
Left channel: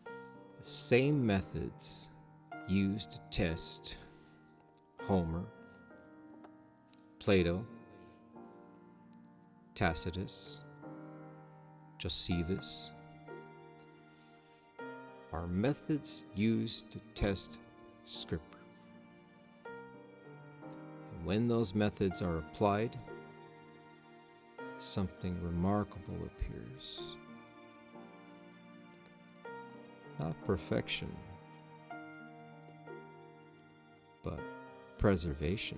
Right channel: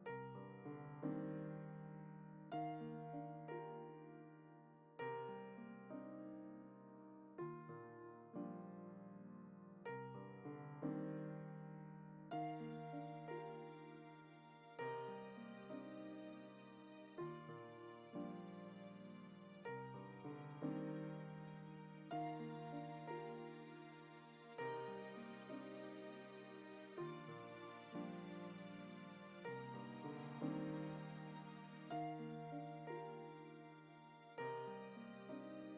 The same methods used to test Homer, Plato, Tacitus, Josephus are methods used to test Scripture. And when those methods are applied, something remarkable appears. Not perfection, but preservation.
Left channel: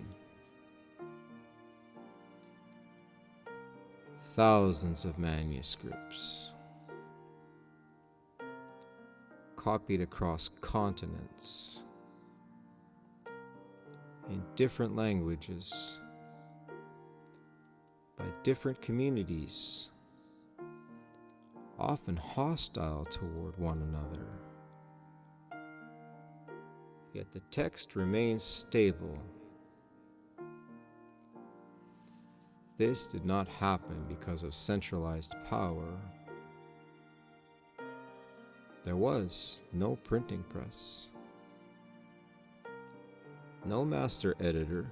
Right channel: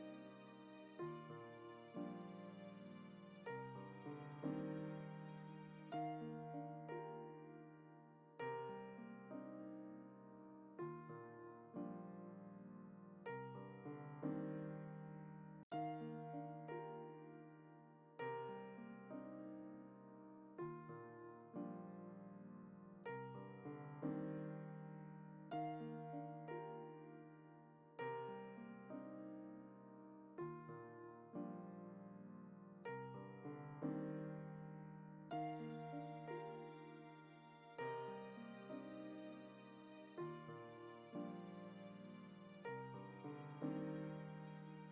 Thousands of manuscripts, copied across continents, in different languages, by different communities, often hostile toward one another. Yet the text remains stable. This did not happen because of centralized power. There was no printing press, no master editor,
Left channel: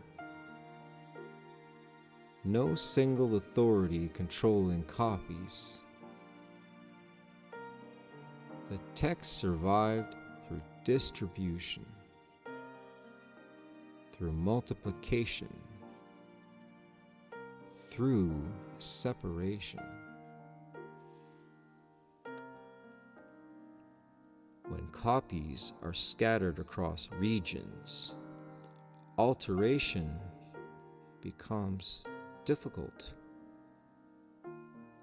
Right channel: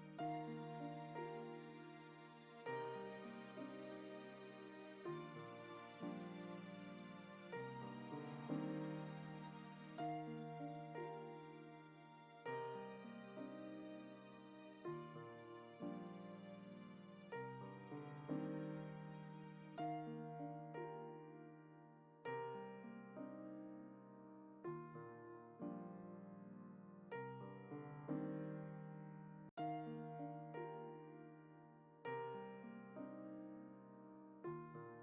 no single authority controlling copies. The text survived through distribution, through multiplication, through separation. When copies are scattered across regions, alteration becomes difficult.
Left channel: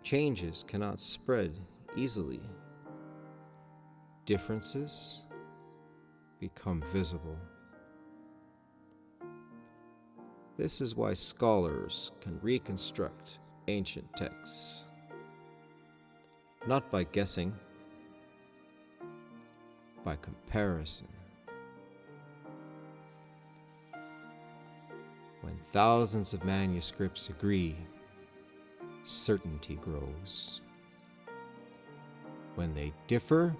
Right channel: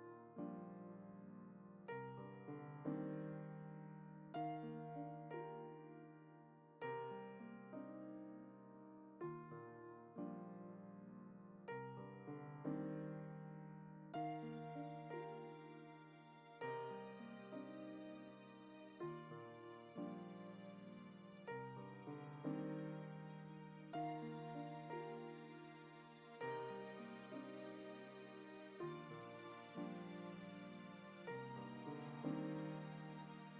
Changes cannot spread easily. Differences become visible. This is why scholars can reconstruct ancient texts, not by guessing, by comparison. When thousands of manuscripts agree, certainty grows. When they differ,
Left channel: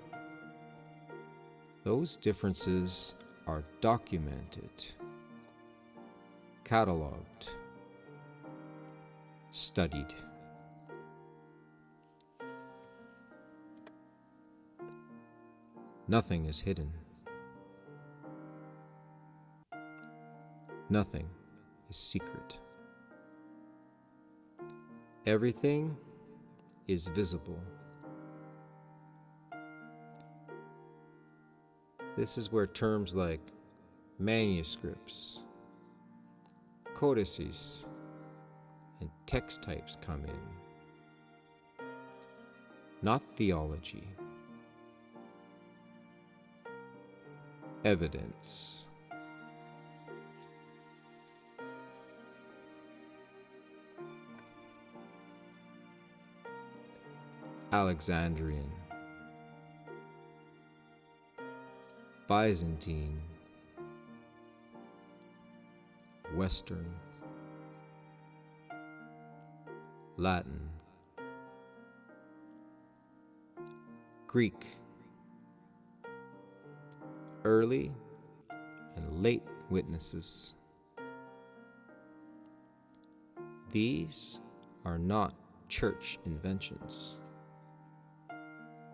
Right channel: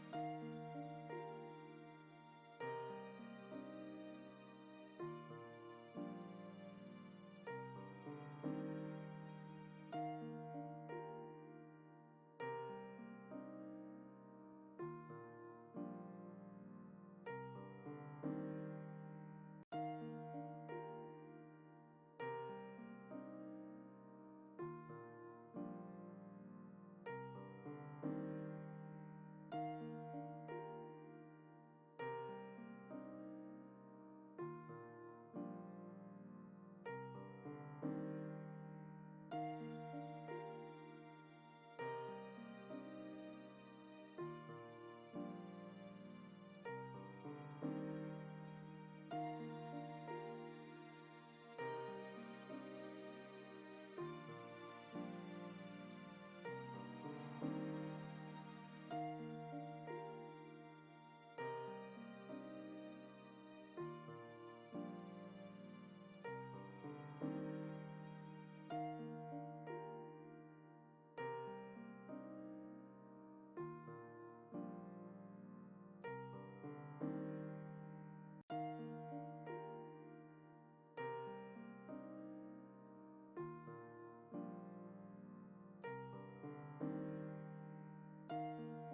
those differences are documented, cataloged, studied. Nothing is hidden. Nothing is secret. Everything is visible. This is where terms like manuscripts, codices, and text types come in. Not theology. Evidence. Alexandrian, Byzantine, Western, Latin, Greek, early and late witnesses. These are not church inventions.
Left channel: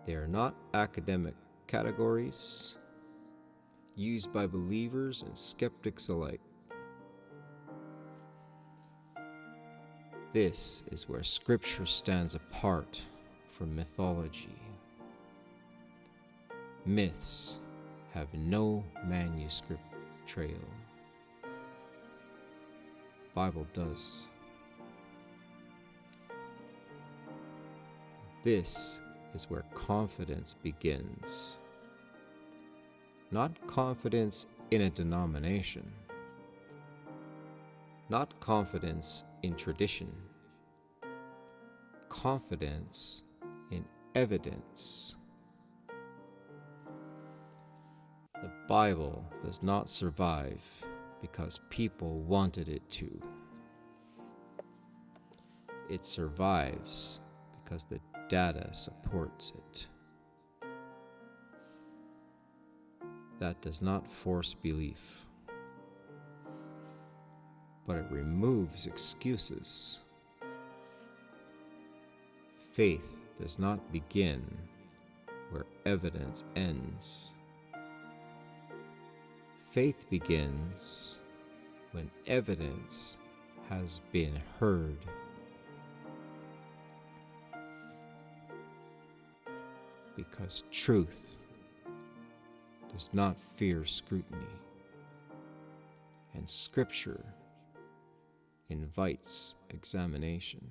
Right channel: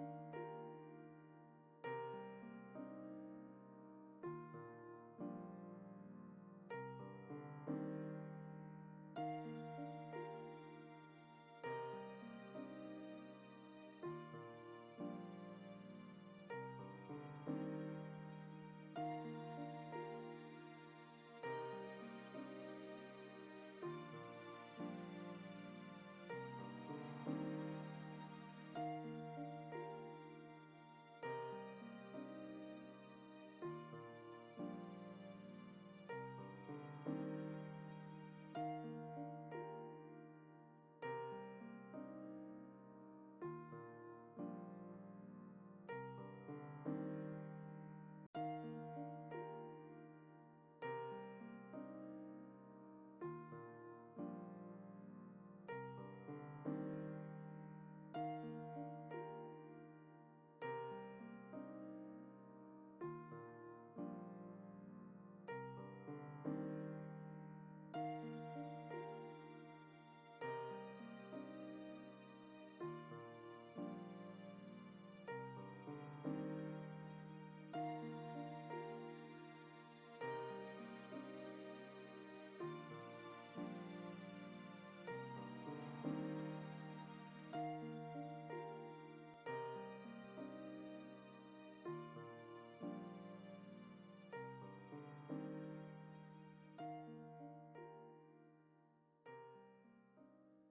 They are not academic categories used by believers and skeptics alike. This is where Scripture stands apart from mythology. Myths have no manuscript trail. Bible does. This is where confidence begins. Not confidence in a denomination, not confidence in tradition, confidence in evidence. The Bible does not survive because people wanted it to. It survives because the data supports it. That does not force belief, but it removes excuses. Faith does not begin where evidence ends. Faith begins when evidence has been heard. Because truth does not fear scrutiny, and Scripture invites examination.